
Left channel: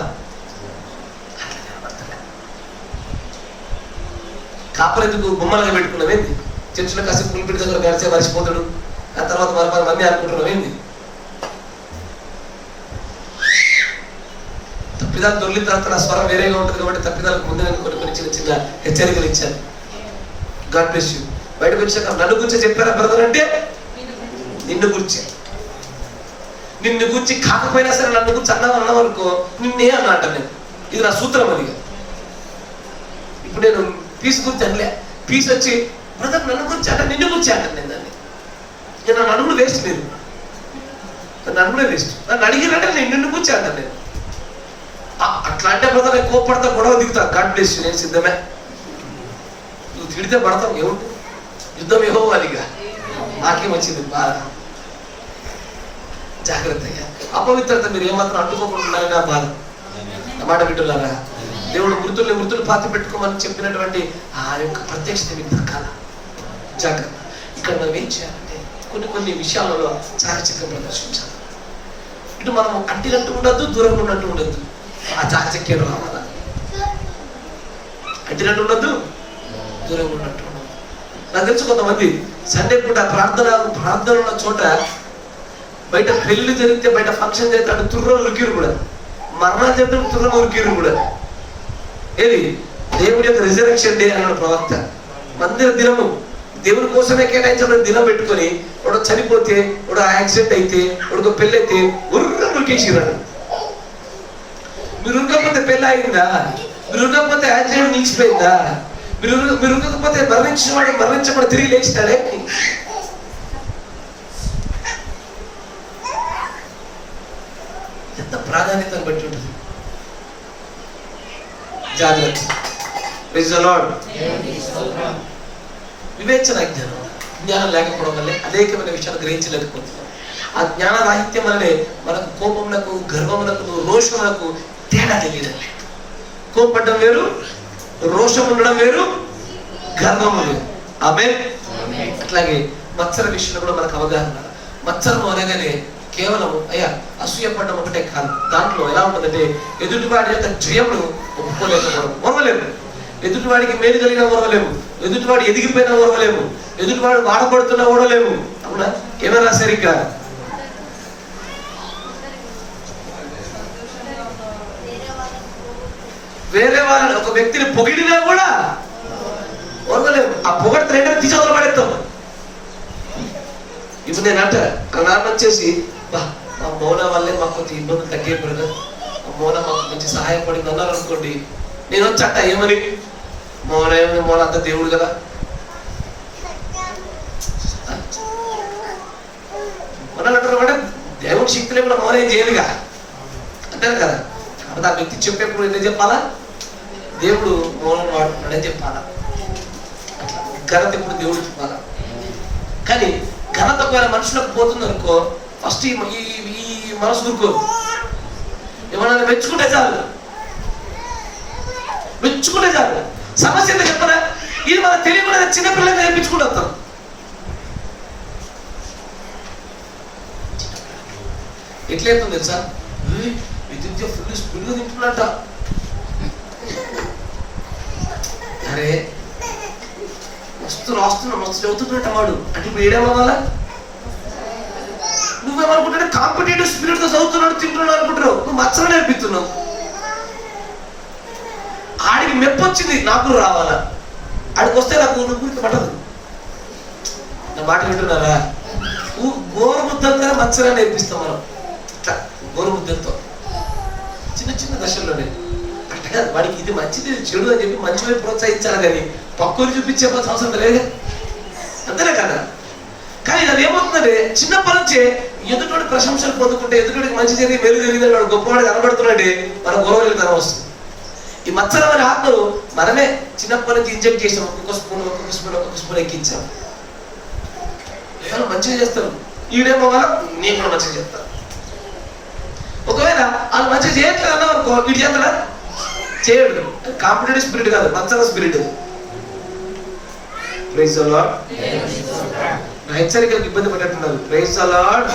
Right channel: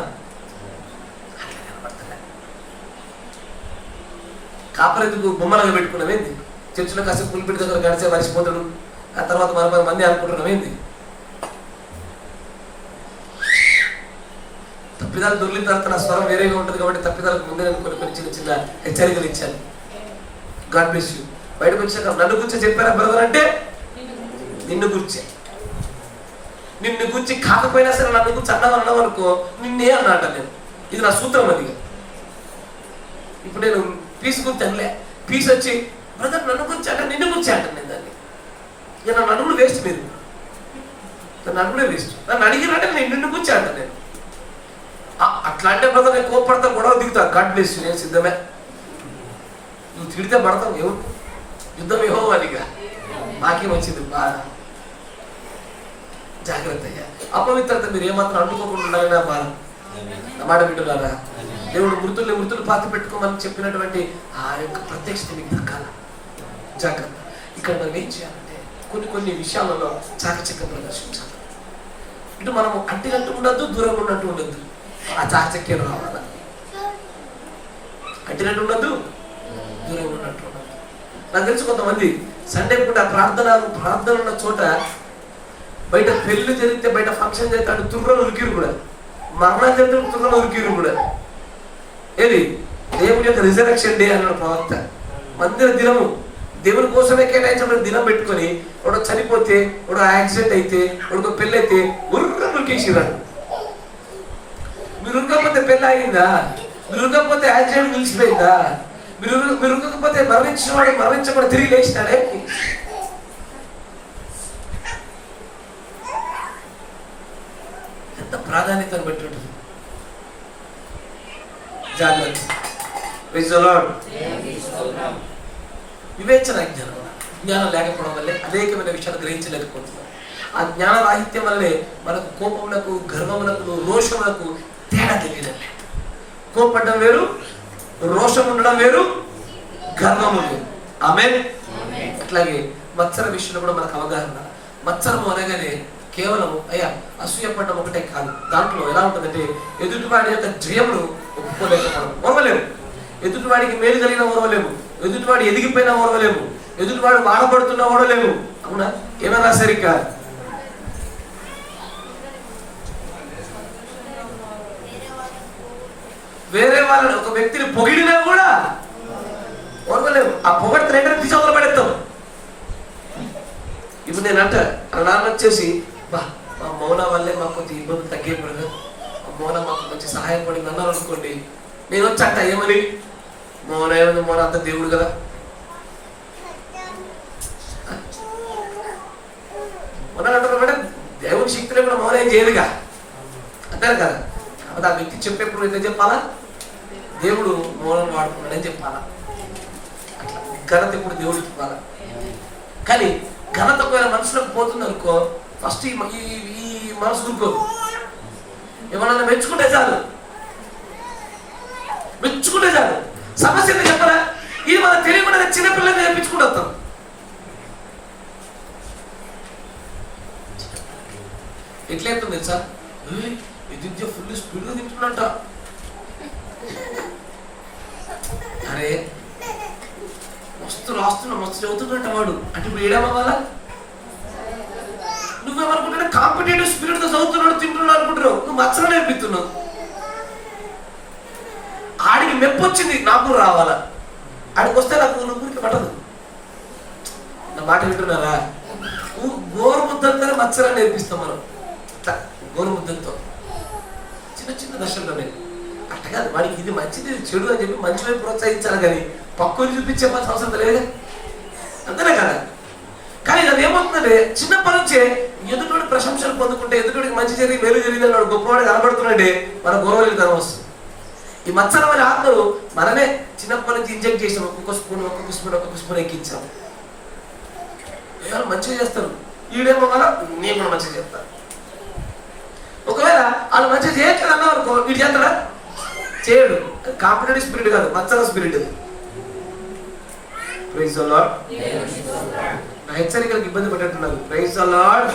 కాపరెందుకు బొమ్మలుగా పెట్టుకున్నావేంది? చర్చిలో కాసేపు పులిపిడి దగ్గర గడిచే మరిచిపోతాడు, ఆ తర్వాత మరొక మంది అనుకుంటున్నావేంది? తప్పిదాలు దొరికిన తర్వాత నా స్వరం వేరేగా ఉంటుంది కాబట్టి తప్పిదాలకు ముందే కొన్ని చిన్న చిన్న హెచ్చరికలు ఇచ్చాను. God bless you. బయటకు వచ్చాక నన్ను గురించి చెప్పారా బ్రదర్ అంటే నిన్ను గురించి, నిన్ను గురించి కాకపోయినా సరే నన్ను గురించి అన్నావు అనుకో, నిన్నే అన్నట నేను. ఇది నా సూత్రం. అది ఇప్పుడు నేను పీస్ గురించి అనలే, పీస్ వచ్చి బ్రదర్ నన్ను గురించి అంటే నిన్ను గురించి అంటాను నేను దాన్ని. ఇక నన్ను అడుగుడు వేస్ట్, మీరు నన్ను అడుగుడే వేస్ట్. నన్ను అడిగినట్టే నేను నిన్ను గురించి అంటాను నేను. అట్లా అంటే బ్రదర్ నేను కోపడతా, గొడవ దిగుతా. గాడ్ బ్లెస్ యూ, నేను సిద్ధమే. నువ్వు తిడితే పడతావు, ఎవరు యుద్ధం ఏవో అదిగా నాకేం వచ్చింది బాధ. జాగ్రత్తగా అపవిత్రత మీరు ఏమాత్రం అంటుకోకుండా నా బాధ. మాట వింటున్నారా? దేవుడు మృతులు పాతి పెట్టుకోమని చెప్పినటువంటి ఆ యొక్క ప్రత్యక్షత మీకు దక్కాల. జాగ్రత్త. ఇక్కడ మనం ఏం చేయాలంటే కొన్ని విషయాలలో చాకచక్యం ప్రదర్శించాలి. ఇటు మనం అంటినట్టు ఉండద్దు, దూరంగా ఉన్నట్టు ఉండద్దు. ఆ చాకచక్యం రావాలా? అంటినట్టు ఉండద్దు, దూరంగా ఉన్నట్టు ఉండదు. నాకు తెలుసు కొంతమంది సండే పూట ప్రార్థన ఉన్న చోట బయట పెళ్లి జరిగితే, బయట ఫంక్షన్ జరిగితే అటు తుర్రం ఉరికిరు కూడా, మరణం జరిగితే తుర్రం ఉరికిరు కూడా. ఏది? దేవుడి యొక్క రిజరెక్షన్ డే అన్నాడు ప్రవక్త. మందిర దినము దేవుని కోసమే కేటాయించబడిన దినం పెట్టుకొని వాడు చనిపోతే, వాడు యాక్సిడెంట్ అయితే, వాడికి పెళ్ళి అయితే ఉరికేసిరాడు. మీరు ఉరకపోతే పెళ్ళి ఆగిందా? మీరు ఉరకపోతే యాక్సిడెంట్ నిలిచిపోయిందా? మీరు ఉరకపోతే మరణించకుండా తిరిగి లేచినాడే? ఎంత ప్రాధాన్యతను బట్టి ఉంటుంది. జాగ్రత్త. Praise the Lord. వివేచన జ్ఞానం లేకపోవడం వల్లే అనేకమైన విషయాలు గ్రహించలేకపోతున్నాం. ఆ జ్ఞాన రాహిత్యం వల్లనే మనకు కోపములకు, గర్వములకు, రోషములకు తేడా తెలియదండి. కోపడడం వేరు, రోషం ఉండడం వేరు, గర్వము వేరు. ఆమేన్. అట్లాగే మత్సర విషయంలో కూడా మనకు అవగాహన. మత్సరము అనగానే కేవలం అసూయపడడం ఒకటే కాదు. దాంట్లో ఎలా ఉంటుందంటే ఎదుటివాడి యొక్క జయమును ఒప్పుకోలేకపోవడం, ఓర్వలేము. ఎదుటివాడికి మేలు కలిగిన ఓర్వలేము, ఎదుటివాడు ఎదిగిపోయినా ఓర్వలేము, ఎదుటివాడు వాడబడుతున్నా ఓడలేము. అవునా? ఏమైనా సరిగ్గా వేరే వాళ్ళని, ఒక వ్యక్తిని పొగిడినా కూడా ఓర్వలేము. ఆ పొగడితే రెండో తీసవతల పడేస్తాం. ఇప్పుడు నేను అంట ఆ నాన్న వచ్చేసి మా మౌన వల్లే మాకు కొంచెం ఇబ్బందులు తగ్గిపోయినా, ఆ మౌన మాకు మంచి సహాయపడింది అన్నారు అనుకోండి. నేను వచ్చట ఏమని, మౌన అంత దేవుడు కదా, అంటారు మేడం. దేవుడి శక్తిలో కూడా మౌనం ఏం చేయదుగా అంటారు కదా. కాబట్టి ఆ వ్యక్తి చెప్పేప్పుడు ఏం చెప్పాలా? దేవుడు మౌనం వాడుతున్నాడని చెప్పాలా. అట్లా ఘనత ఇప్పుడు దేవుడు చెప్పాలా. కానీ ఘనత ఒకవేళ మనుషులకు పోతుంది అనుకో, ఫస్ట్ ఈ మనసు దూరుకోదు. ఏమన్నా మెచ్చుకుంటే చాలు, మెచ్చుకుంటే చాలు. సమస్య ఎంత చెప్పరా? ఇది మనం తెలియకుండా చిన్నపిల్లలు నేర్పించుకుంటూ వస్తాం. ఎట్లయితుంది తెలుసా? విద్యుత్ ఫుల్ స్పీడ్గా తింటున్నట్ట. అరే మస్తు చదువుతుందంట వాడు. అంటే ఇప్పుడు ఏడేమవ్వాలా? నువ్వేమనుకుంటున్నా కాంపిటేటివ్ స్పిరిట్ తో చదువుతున్నాడు, తింటున్నాడు అనుకుంటున్నావు. నువ్వు మచ్చలు నేర్పిస్తున్నావు. ఆడికి మెప్పు వచ్చింది, నాకు రావాలా. ఆడికి వస్తే నాకు నువ్వు పట్టదు. నా మాట వింటున్నారా? గోరుముద్దంతో మచ్చలా నేర్పిస్తాం మనం. ఇట్లా గోరుముద్దంతో చిన్న దశల్లోనే. అట్లా కాదు, వాడికి ఇది మంచిది ఇది చెడు అని చెప్పి మంచి వైపు ప్రోత్సహించాలి, కానీ పక్కని చూపించే అవసరం లేదు. అంతేనే కదా? కానీ అది ఏమవుతుందంటే చిన్నప్పటి నుంచే ఎదుటోడి ప్రశంసలు పొందుకుంటే, ఎదుటోడికి మంచి జరిగి మేలు జరిగిందని వాడు గొప్పవాడు కనబడుతున్నాడే, మన గౌరవతనం వస్తుంది. ఈ మత్సరమైన ఆత్మను మనమే చిన్నప్పటి నుంచి ఇంజెక్ట్ చేసాం. ఒక్కొక్క స్పూన్ ఎక్కించాం. ఎవరు మంచిగా చేస్తారు, ఈడేమో మనం నేను కూడా మంచిగా చేస్తాను. ఒకవేళ వాళ్ళు మంచిగా చేయట్లేదు అన్నావు అనుకో, వీడు చేస్తాడా? చేయడు. కాంపిటేటివ్ స్పిరిట్ కాదు, మత్సర స్పిరిట్. Praise the Lord. నా హెచ్చరికలకు ఇబ్బంది పడ్డట్టున్నారు. Praise the lord.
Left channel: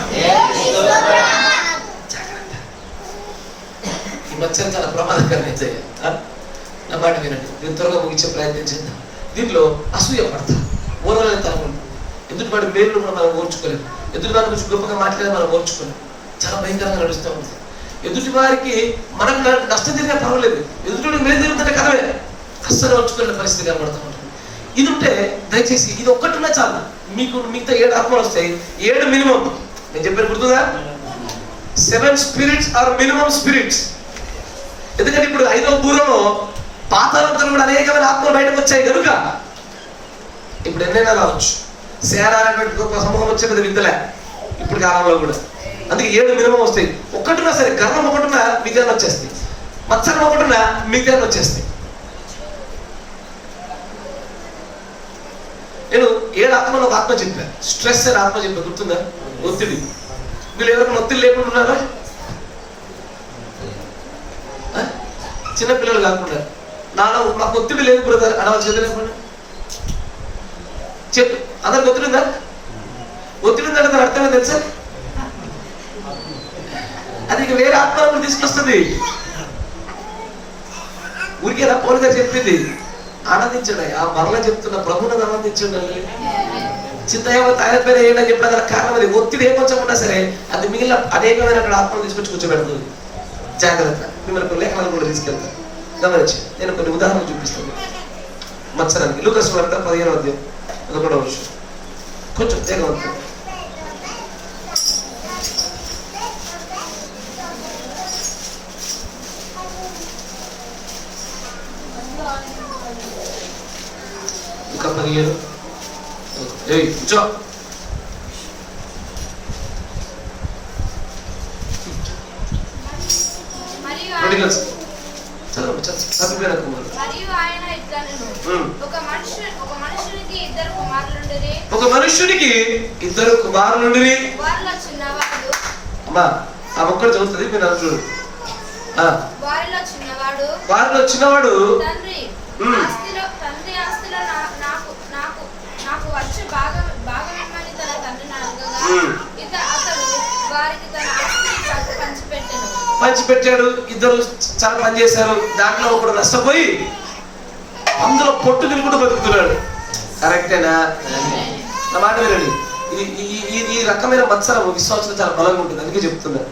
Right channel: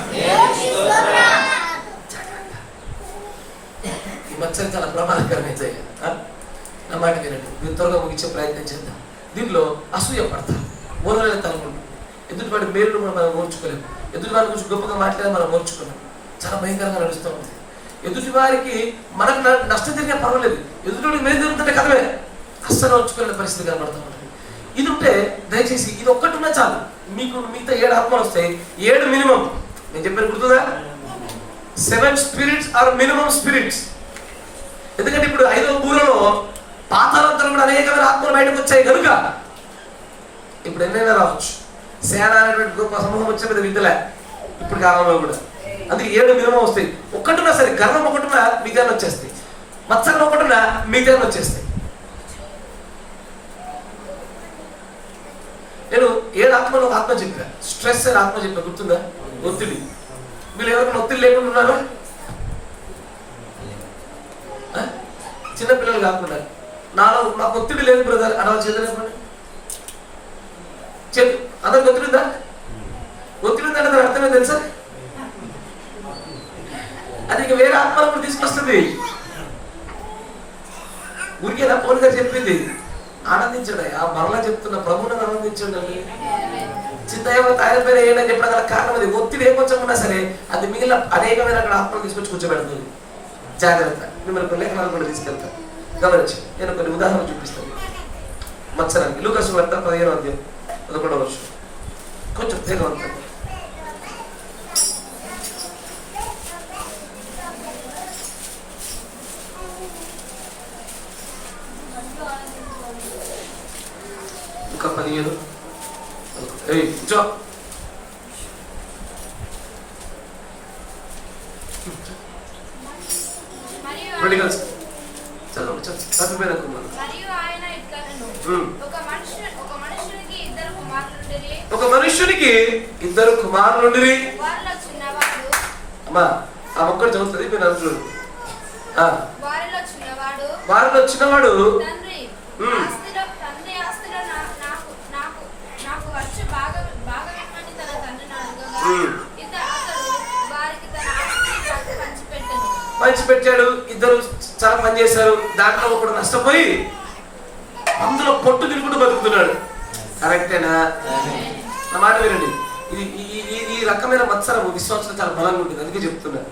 ఈ మత్సరం చాలా ప్రమాదకరమైతే. నా మాట వినండి, దీన్ని త్వరగా ముగించే ప్రయత్నం చేద్దాం. దీంట్లో అసూయ పడతాం, ఓర్వలేని తనకుండా. ఎదుటివాడి మేలు మనం ఓర్చుకోలేము, ఎదుటివారి గురించి గొప్పగా మాట్లాడేది మనం ఓర్చుకోలేము. చాలా భయంకరంగా నడుస్తూ ఉంది. ఎదుటి వారికి మనకు నష్టం జరిగినా పర్వాలేదు, ఎదుటివాడికి మేలు జరుగుతుంటే కథమే. అస్సలు ఓర్చుకోలేని పరిస్థితి కనబడుతూ ఉంటుంది. ఇది ఉంటే దయచేసి ఇది ఒక్కటి ఉన్నా చాలు, మీకు మిగతా 7 ఆత్మలు వస్తాయి. 7 మినిమం. నేను చెప్పాను గుర్తుందా? 7 స్పిరిట్స్ ఆర్ మినిమం స్పిరిట్స్. ఎందుకంటే ఇప్పుడు 5వ బూరలో పాతాళంతో కూడా అనేకమైన ఆత్మలు బయటకు వచ్చాయి కనుక ఇప్పుడు ఎన్నైనా రావచ్చు. సేన అనేటువంటి గొప్ప సమూహం వచ్చేది విద్యలే ఇప్పుడు కాలంలో కూడా. అందుకే 7 మినిమం వస్తాయి. ఒక్కటున్నా సరే, గర్వం ఒకటిన్నా మిగతా వచ్చేస్తాయి, మత్సరం ఒకటిన్నా మిగతా వచ్చేస్తాయి. నేను 7 ఆత్మలో ఒక ఆత్మ చెప్పా, స్ట్రెస్ అని ఆత్మ చెప్పా, గుర్తుందా? ఒత్తిడి. వీళ్ళు ఎవరైనా ఒత్తిడి లేకుండా ఉన్నారు? చిన్నపిల్లలు కాకుండా నాకు ఒత్తిడి లేదు బ్రదర్ అనవాలి. చేతులు చెప్పు, అందరికి ఒత్తిడి ఉందా? ఒత్తిడి ఉందంటే దాని అర్థమే తెలుసా? అది ఇక వేరే ఆత్మ కూడా తీసుకొస్తుంది. ఊరికే నా పౌలు గారు చెప్పింది, ఆనందించండి. ఆ మరలా చెప్తున్న ప్రభువుని ఆనందించండి. చింత ఆయన పేరు ఏంటని చెప్పిన గల కారణం అది. ఒత్తిడి ఏ కొంచెం ఉన్నా సరే అది మిగిలిన అనేకమైన ఆత్మలు తీసుకొచ్చి కూర్చోబెడుతుంది. జాగ్రత్త. మిమ్మల్ని లేఖనాలు కూడా తీసుకెళ్తాను. గమనించి నేను కొన్ని ఉదాహరణలు చూపిస్తాను మత్సరానికి. లూకా సువార్త 15వ అధ్యాయం 11వ వచనం. కొంచెం వేగవంతం. లూకా 15. కూర్చో. ఒక మనుషునికి 2 కుమారులుండిరి. అమ్మా ఆ ఒక్కడు చదువుతుంది, మీరు చూడు. వారిలో చిన్నవాడు పంచిపెట్టాడు. 2 చాలా పని చేశారు. దాంట్లో ఒకడు నష్టపోయి అందులో పొట్టు తిరుగుతూ బతుకుతున్నాడు. కరెక్టేనా? నా మాట వినండి. ఇది ఈ రకమైన మత్సరం విశ్వాసంలో చాలా బలంగా ఉంటుంది. అందుకే చెప్తున్నా.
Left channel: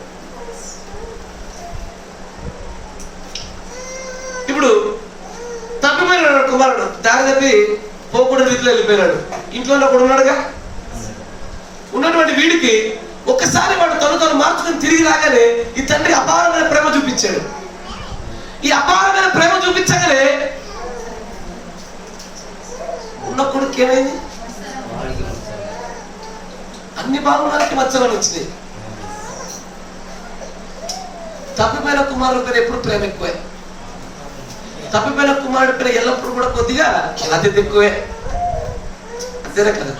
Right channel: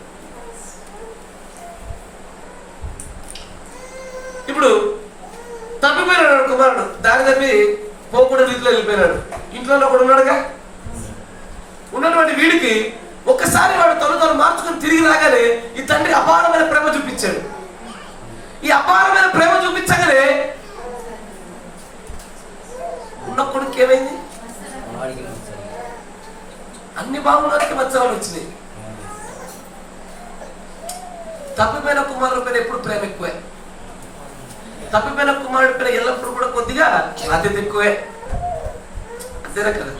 ఇప్పుడు తప్పిపోయినాడు కుమారుడు, దారి తప్పి పోకూడదు రీతిలో వెళ్ళిపోయినాడు. ఇంట్లో కూడా ఉన్నాడుగా. ఉన్నటువంటి వీడికి ఒక్కసారి వాడు తను మార్చుకొని తిరిగి రాగానే ఈ తండ్రి అపారమైన ప్రేమ చూపించాడు. ఈ అపారమైన ప్రేమ చూపించగానే ఉన్న కొడుకు ఏమైంది? అన్ని బాగున్నానికి మత్సరాలు వచ్చినాయి. తప్పిపోయిన కుమారుడి పైన ఎప్పుడు ప్రేమ ఎక్కువే. తప్పిపోయిన కుమారుడి పైన ఎల్లప్పుడూ కూడా కొద్దిగా బాధ్యత ఎక్కువే. అంతేనా కదా?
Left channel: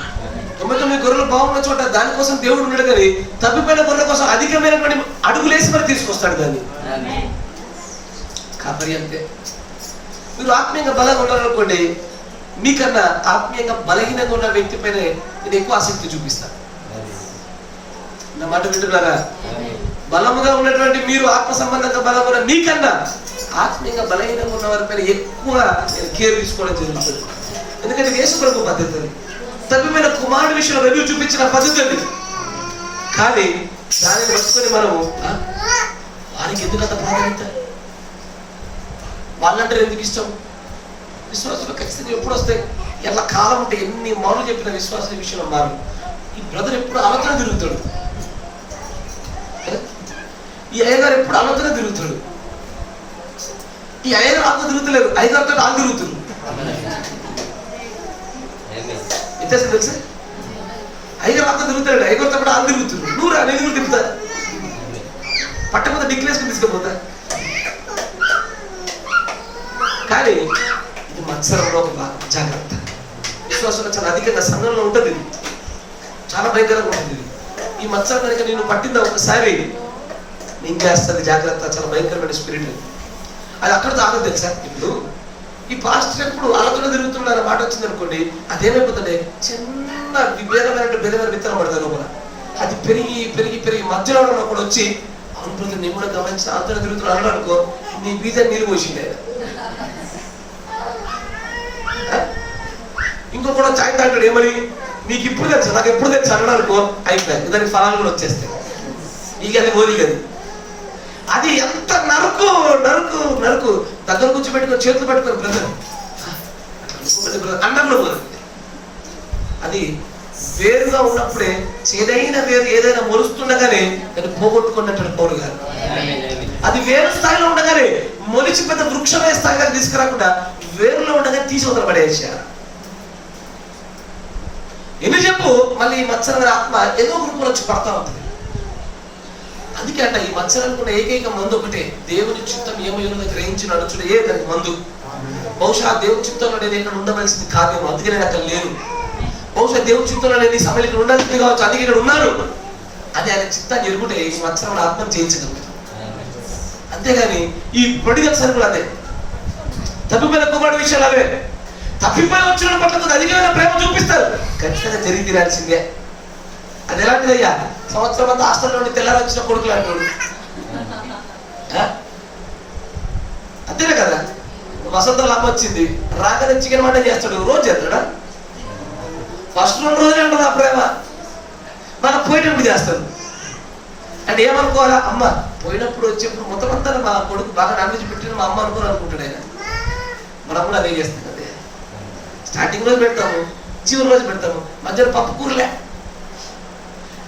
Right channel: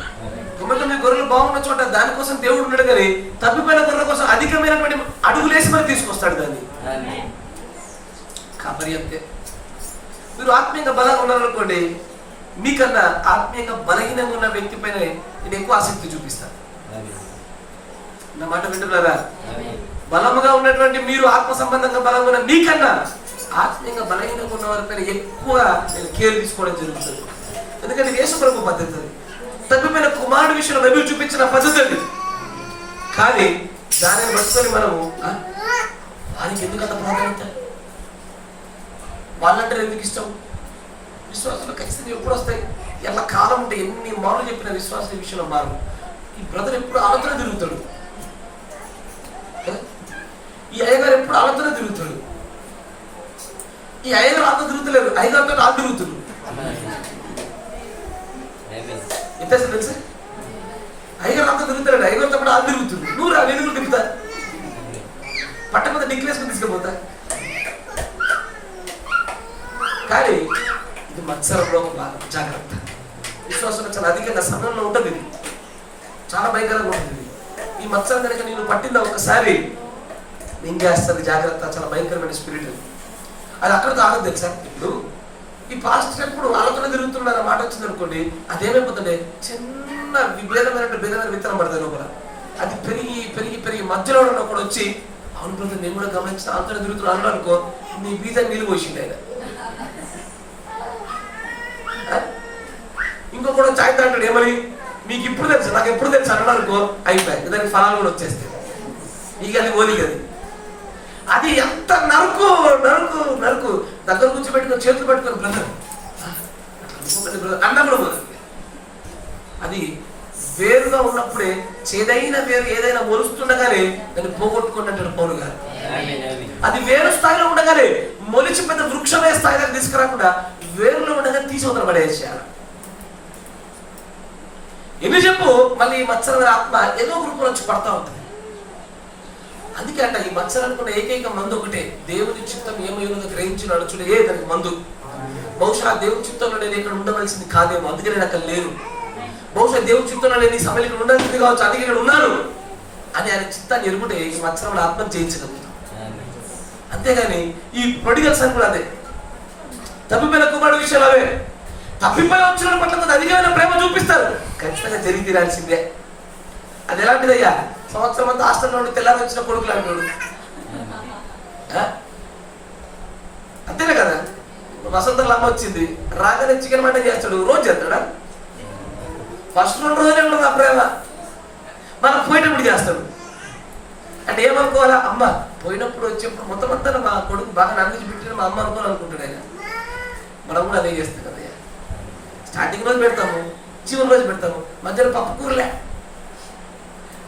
99 గొర్రెలు బాగున్న చోట దానికోసం దేవుడు ఉన్నాడు, కానీ తప్పిపోయిన గొర్రెల కోసం అధికమైనటువంటి అడుగులేసి మరి తీసుకొస్తాడు దాన్ని. కాబట్టి అంతే. మీరు ఆత్మీయంగా బలంగా ఉన్నారనుకోండి, మీకన్నా ఆత్మీయంగా బలహీనంగా ఉన్న వ్యక్తి పైన నేను ఎక్కువ ఆసక్తి చూపిస్తాను. నా మాట వింటున్నారా? బలముగా ఉన్నటువంటి మీరు, ఆత్మ సంబంధంగా బలంగా ఉన్న మీకన్నా ఆత్మీయంగా బలహీనంగా ఉన్న వారి పైన ఎక్కువ నేను కేర్ తీసుకోవడం జరుగుతుంది. ఎందుకంటే యేసు ప్రభు పద్ధతి అది. తప్పిపోయిన కుమారుడు విషయంలో బైబిల్ చూపించిన పద్ధతి అది. కానీ దానిని పట్టుకొని మనము వారికి ఎందుకు అంత ప్రాధాన్యత, వాళ్ళంటే ఎందుకు ఇష్టం? విశ్వాసులు ఖచ్చితంగా ఎప్పుడు వస్తాయి, ఎలా కాలం ఉంటే ఎన్ని మార్లు చెప్పిన విశ్వాస విషయంలో మారు. ఈ బ్రదర్ ఎప్పుడు ఆలోచన తిరుగుతాడు, ఈ అయ్యగారు ఎప్పుడు ఆలోచన తిరుగుతాడు. ఈ అయ్యగారు ఆత్మ తిరుగుతలేరు, అయ్యగారితో ఆలు తిరుగుతున్నారు. వ్యత్యాసం తెలుసు? అయ్యగారు ఆత్మ తిరుగుతాడు, అయ్యగారితో కూడా ఆలు తిరుగుతున్నారు. నువ్వు రా, నేను తిరుగుతా, పట్టకపోతే డిక్లేసుకుని తీసుకుపోతా. కానీ ఇది మత్సరంలో ఒక భాగం. జాగ్రత్త. విశ్వాసంలో చాలా అధికంగా సంఘంలో ఉంటుంది, చాలా భయంకరంగా ఉంటుంది. ఈ మత్సరం కనుక నేను పట్టిందా ఒకసారి నేను చేస్తుంది, జాగ్రత్త. చాలా భయంకరమైన స్పిరిట్ అది. అక్కడితో ఆగదు తెలుసా? ఇప్పుడు ఈ పాస్టర్ ఎప్పుడు ఆలోచన తిరుగుతున్నారన్న మాట వచ్చింది అనుకోండి, అదేమైపోతుంది, చిన్న భేదమైన విత్తనం పడుతుంది లోపల. అది పెరిగి పెరిగి పెరిగి మధ్యలో ఒకడు వచ్చి, అవును బ్రదర్ నేను కూడా గమనించిన ఆలోచన తిరుగుతున్నా అన్నాడు అనుకో, నీ బీజాన్ని నీళ్ళు పోసిండే. ఇంకొకడు చాయ్ తాగాడు, ఏమని నీకు ఇప్పుడు తెలుసు, నాకు ఎప్పుడు తెలుసు అన్నాడు అనుకో, అయిపోయాయి, దానికి ఫలాలు కూడా వచ్చేస్తాయి. నీకు అది పోలి కదా. అది ఎంత నరుకు నరుకు నరుకు దగ్గర కూర్చోబెట్టుకొని చేతులు పెట్టుకొని బ్రదర్ అన్నం కూడా పోతుంది. అది వేరుగా ఉన్నప్పుడే చేదైన వేరు ఏదైనా మొలుస్తుండగానే దాన్ని పోగొట్టుకున్నట్టు పోరు కాదు. అది వేరు స్థాయిలో ఉండగానే మొలిచి పెద్ద వృక్షమే స్థాయిగా తీసుకురాకుండా వేరులో ఉండగానే తీసి వదల పడేసేయాలి. ఎందుకు చెప్పు, మళ్ళీ ఈ మత్సర ఆత్మ ఏదో గ్రూపులో వచ్చి పడతా ఉంటుంది. అందుకే అంట ఈ మత్సరానికి ఏకైక మందు ఒకటే, దేవుని చిత్తం ఏమైనా గ్రహించి నడుచుడే దానికి మందు. బహుశా దేవుని చిత్తంలో నేను ఇక్కడ ఉండవలసింది కాదేమో, అందుకే నేను అక్కడ లేను. బహుశా దేవుని చిత్తంలో నేను ఈ సమయంలో ఇక్కడ ఉండాల్సింది కావచ్చు, అందుకే ఇక్కడ ఉన్నాను అని ఆయన చిత్తాన్ని ఎరుగుంటే ఈ మత్సరం ఆత్మను జయించగలుగుతాం. అంతేగాని ఈ ప్రొడిగల్స్ అని కూడా అదే, తప్పిపోయిన కుమారుడు విషయాలు అవే. తప్పిపోయి వచ్చిన పట్ల కొంత అధికమైన ప్రేమ చూపిస్తారు, ఖచ్చితంగా జరిగి తీరాల్సిందే. అది ఎలాంటిదయ్యా, సంవత్సరం అంతా హాస్టల్లో ఉండి తెల్లారి వచ్చిన కొడుకులు అంటాడు. అంతేనే కదా. వసంతలో అమ్మ వచ్చింది, రాగానే చికెన్ మటన్ చేస్తాడు, రోజు చేస్తాడా? ఫస్ట్ 2 రోజులు ఉంటుంది ఆ ప్రేమ, మనం పోయేటప్పుడు చేస్తాడు. అంటే ఏమనుకోవాలా, అమ్మ పోయినప్పుడు వచ్చేప్పుడు మొత్తం అంతా మా కొడుకు బాగా నాన్ వెజ్ పెట్టిన మా అమ్మ అనుకుంటాడు ఆయన. మనం కూడా అదే చేస్తాం అదే. స్టార్టింగ్ రోజు పెడతాము, చివరి రోజు పెడతాము, మధ్యలో పప్పు కూరలే.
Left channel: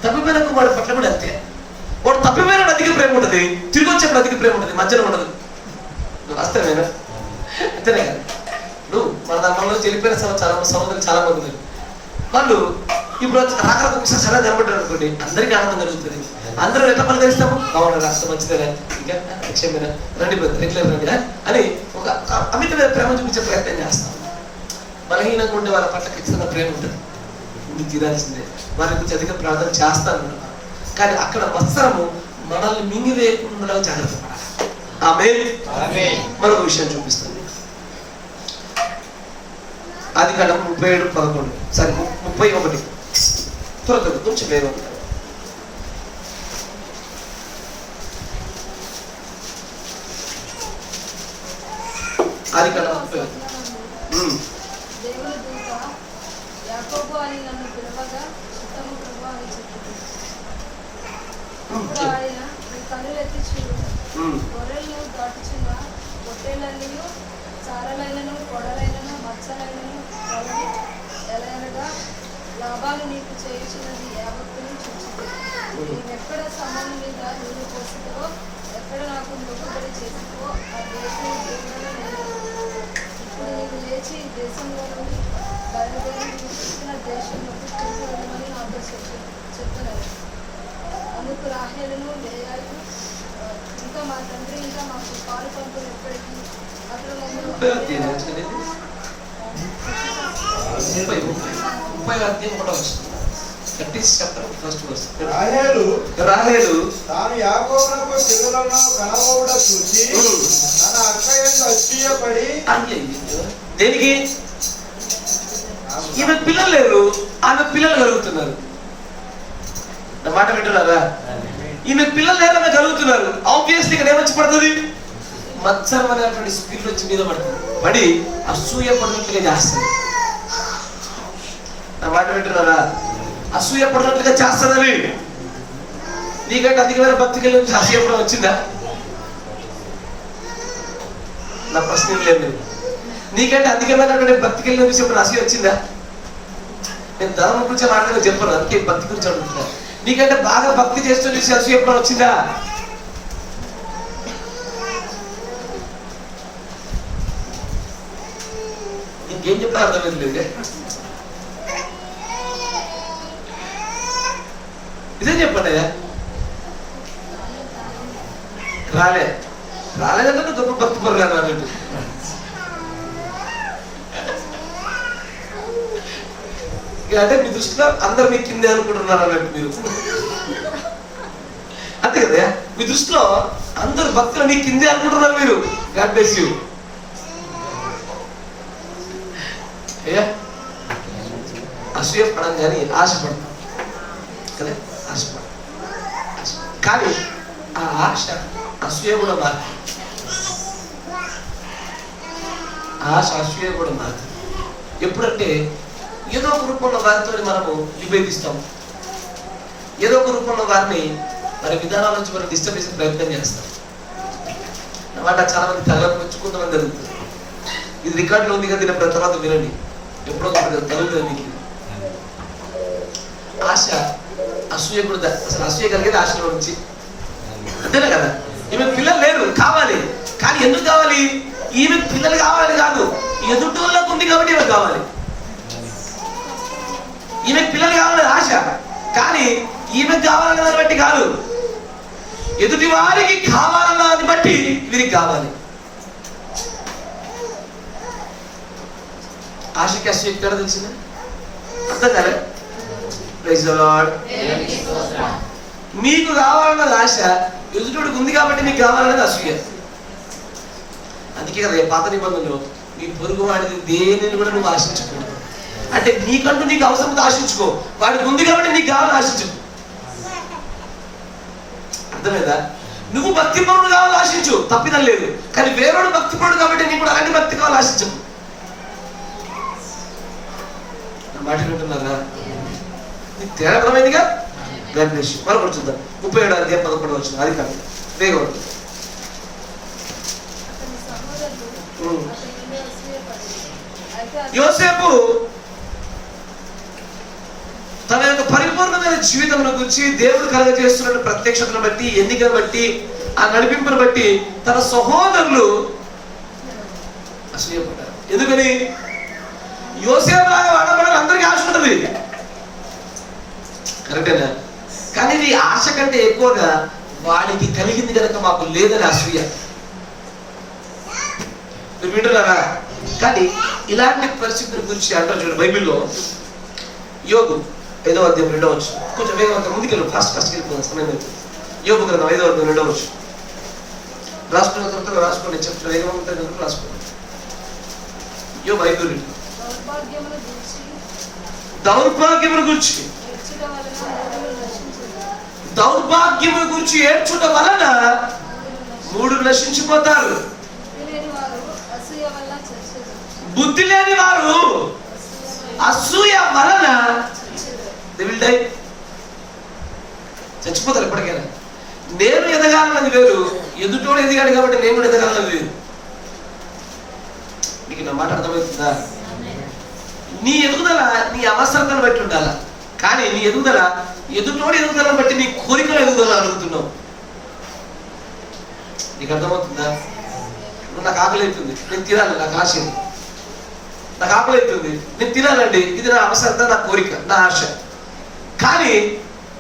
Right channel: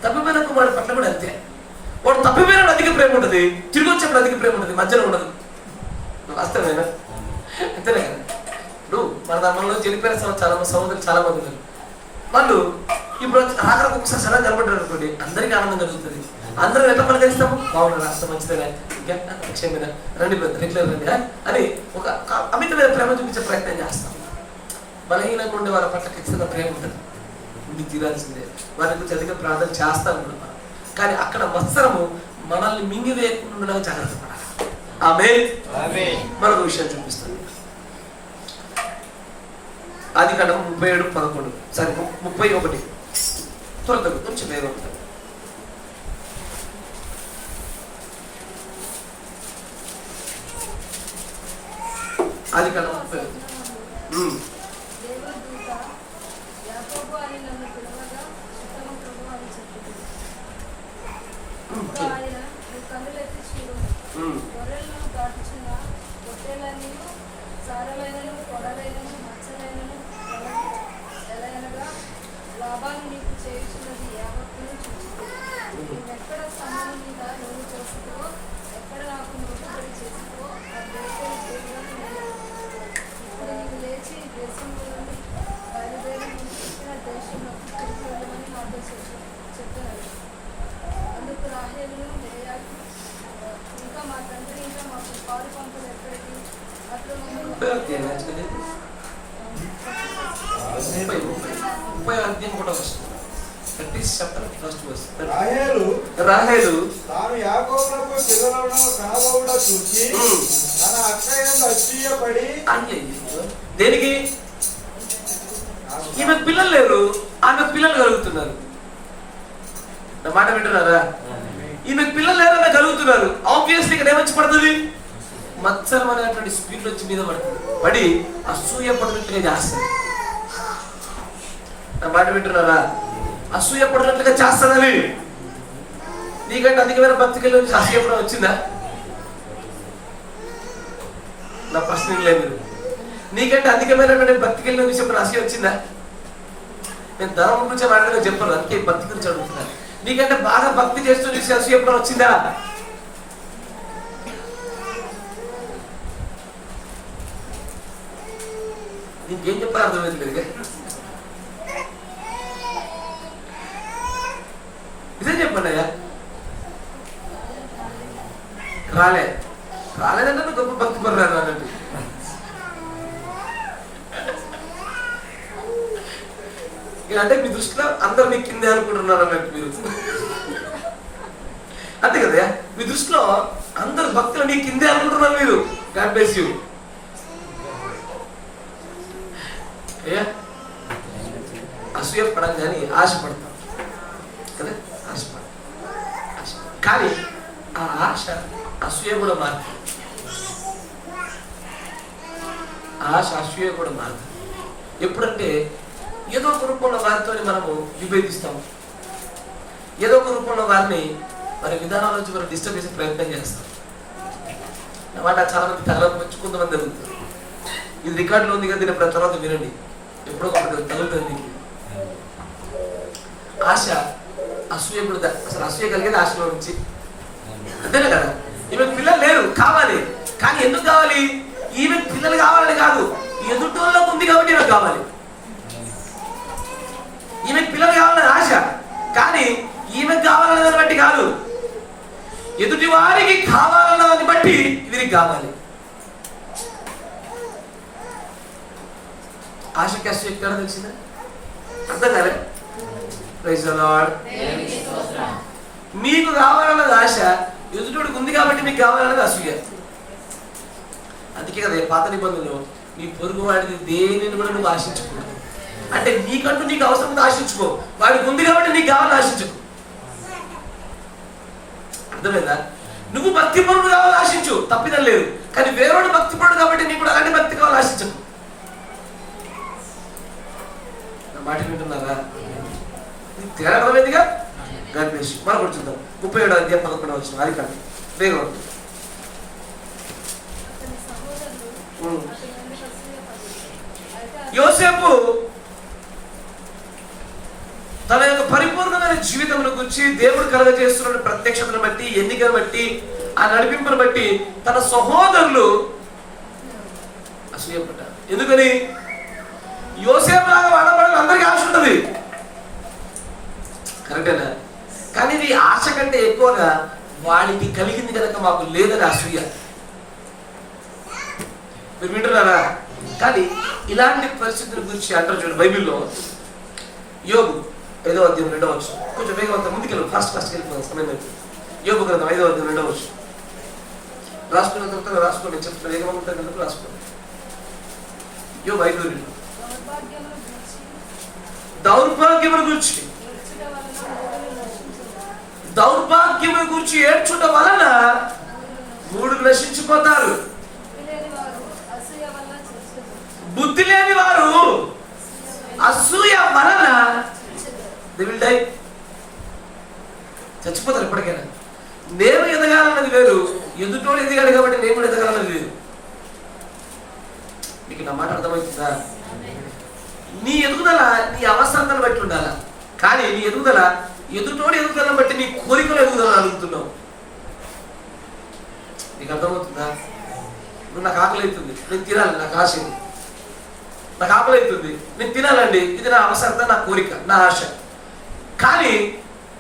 తప్పిపోయిన వాడి పట్ల కూడా అంతే. వాడు తప్పిపోయిన అధిక ప్రేమ ఉంటుంది, తిరిగి వచ్చేప్పుడు అధిక ప్రేమ ఉంటుంది, మధ్యలో ఉండదు. వాస్తవేనా? అంతేనే కదా. ఇప్పుడు మన మనలో వెళ్ళిపోయిన సహోదరులు చాలా మంది ఉన్నారు. వాళ్ళు ఇప్పుడు రాకరకు ఒకసారి సలహా కనబడ్డారు అనుకోండి, అందరికీ ఆనందం కలుగుతుంది. అందరం ఎట్లా పలకరిస్తాము, బాగుండ రాష్ట్రం మంచిదేనా, ఇంకా క్షేమేనా, రండి రెగ్యులర్ రండి అని ఒక అమితమైన ప్రేమ చూపించే ప్రయత్నం చేస్తాం. బలహీనంగా ఉండే వాళ్ళ పట్ల ఖచ్చితంగా ప్రేమ ఉంటుంది, ఉండి తీరాల్సిందే. వారి గురించి అధిక ప్రార్థన చేస్తాను. కానీ అక్కడ మత్సరము మనల్ని మింగివేయకుండా జాగ్రత్త పడాలి. ఆమేన్. మరొక విషయం చూపిస్తాను. ఆదికాండం 37:11 సరే 31 త్వరగా కొంచెం వేగం. ఆదికాండం 31. అందుకు రాహేలును లేయాలు ఇంకా మా తండ్రి ఇంకా మాకు పాలు పంపులు ఎక్కడికి రాహేలు తాను యాకోబునకు పిల్లలను కనబోవుట చూసి తన అక్క యందు అసూయపడి దేనికి ఈమె పిల్లలు లేరు, ఆమె పిల్లలు కలుగుతున్నారు. నా మాట వింటున్నారా? ఈమె పిల్లలు లేరు, ఆమె కలుగుతున్నారు. ఆబ్వియస్లీ ఇక్కడ ఏమొచ్చి పడుతుంది, మత్సరం అనేటువంటి స్పీడ్ వచ్చి మీద పడుతుంది, పడి అసూయ పడినట్లుగా చేస్తుంది. నా మాట వింటున్నారా? అసూయ పడినట్లుగా చేస్తుందని. నీకంటే అధికమైన భక్తికి నుంచి అసూయ కూడా వచ్చిందా? నా ప్రశ్న లేదు. నీకంటే అధికమైనటువంటి భక్తికి వెళ్ళిన విషయం అసూయ వచ్చిందా? నేను ధర్మం గురించి మాట్లాడగా చెప్పను, అందుకే భక్తి గురించి అడుగుతున్నా. నీకంటే బాగా భక్తి చేస్తూ చూసి అసూయ కూడా వచ్చిందా? ఇంకేం చెప్పాలి అర్థం లేదు. ఇదే చెప్పండి అయ్యా. రాలేదంటే నువ్వు గొప్ప భక్తి పడరాను అన్నట్టు. అంటే మీ దృష్టిలో అందరు మీ కిందే అనుకుంటున్నారు అన్నట్టు మీరు. అంతే కదా, మీ దృష్టిలో అందరు భక్తులు మీ కిందే అనుకుంటున్నారు మీరు. God bless you. అసూయ పడం కానీ ఆశపడతాం కదా, ఆశపడ. కానీ ఆ ఆశ అసూయ కూడా మారుతుంది. ఆశ అసూయ కూడా మారుతుంది. ఎప్పుడంటే ఏదో ఒక రూపంలో వారితో మనము విభేదిస్తాం, ఏదో ఒక రూపంలో వారిని వారి విధానాల నుంచి మనం డిస్టర్బ్ చేసే ప్రయత్నం చేస్తాం. అన్నమాట చాలా మంది తగలపెచ్చుకుందామని జరుగుతుంది. ఇది రికార్డులో ఉంది కదా, దీని తర్వాత వినండి. ఎప్పుడో తగులుతుంది మీకు. ఆశ అసూయ కూడా, అసలు అసూయ కలిగేది ఆశలో నుంచి. అంతేనా కదా? ఈమెకు పిల్లలు లేరు, కావాలి. కానీ ఎందుకు కావాలి? ఈమెకు పిల్లలు కావాలని కాదు, ఎదుటోళ్ళకు ఉంది కాబట్టి ఈమెకు కావాలి. ఈమెకు పిల్లలు కావాలని ఆశ, కానీ ఈమెకు కావాలనే దాన్ని బట్టి కాదు, ఎదుటి వారికి కావాలన్న దాన్ని బట్టి వీరికి కావాలి. ఆశకి అసూయ ఎక్కడ తెలిసిందా? అర్థం కాలే? Praise the Lord. మీకు కావాలన్నది ఆశ, ఎదుటికి ఉంది కాబట్టి మీకు కావాలన్నది అసూయ. అందుకే కదా పాత నిబంధనలు నీ పొరుగు వాడిని దేనిని కూడా నువ్వు ఆశించకూడదు. అంటే నీకంటూ నీకు అవసరం ఆశించుకో, వాడికి ఉంది కాబట్టి నీకు కావాలని ఆశించుకో. అర్థమేదా? నువ్వు భక్తిపరుడు కావాలని ఆశించు, తప్పిదం లేదు. కానీ వేరేవాడు భక్తిపరుడు కాబట్టి నీకు కూడా అలాంటి భక్తి కావాలని ఆశించు. నా మాట వింటున్నారా? నీకు తేడామైందిగా. గణేష్ మరొకటి చూద్దాం. 37వ అధ్యాయం 11వ వచనం. అది కాదు, వేగం. యోసేపు తన యొక్క పరిపూర్ణమైన జీవితం గురించి, దేవుడు కలగజేస్తున్న ప్రత్యక్షతను బట్టి, ఎన్నికను బట్టి, ఆ నడిపింపును బట్టి తన సహోదరులు అసూయపడ్డారు. ఎందుకని? యోసేపు లాగా వాడబడాలి అందరికీ ఆశ ఉంటుంది, కరెక్టేనా? కానీ ఈ ఆశ కంటే ఎక్కువగా వాడికి కలిగింది కనుక మాకు లేదని అసూయ. మీరు వింటున్నారా? కానీ ఇలాంటి పరిస్థితుల గురించి అంటారు చూడండి బైబిల్లో. యోబు 5వ అధ్యాయం 2వ వచనం. కొంచెం వేగవంతం ముందుకెళ్ళు, ఫాస్ట్ వెళ్ళిపోతాం, సమయం అవుతుంది. యోబు గ్రంథం 5వ అధ్యాయం 2వ వచనం. రాసుకున్న తర్వాత రాసుకోండి, చెప్తున్నా వేగవంతంగా రాసుకోండి. యోబు 5:2. దౌర్భాగ్యమును గురించి, దౌర్భాగ్యమును గురించి ఏడ్చుట వలన 3 నశించిపోతారు. బుద్ధి లేని వారు అసూయ వలన చచ్చిపోతారు ఎప్పటికైనా. నేను ఎదగాలన్నది వేరు, ఎదుటోడు ఎదిగాడు కాబట్టి నేను కూడా ఎదగాలన్నది వేరు. మీకు నా మాట అర్థమవుతుందా? నీ ఎదుగుదల నీ అవసరతను బట్టి ఉండాల, కానీ నీ ఎదుగుదల ఎదుటోడు ఎదుగుదలను బట్టి నీ కోరికలు ఎదుగుదల అడుగుతున్నావు. నీకు అర్థమవుతుందా? ఇప్పుడు నాకు ఆకలి అవుతుంది, నేను తినాలి, నాకు ఆశ. నాకు ఆకలి అవుతుంది, నేను తినాలండి, ఇది నా అవసరత, నా కోరిక, నా ఆశ. కానీ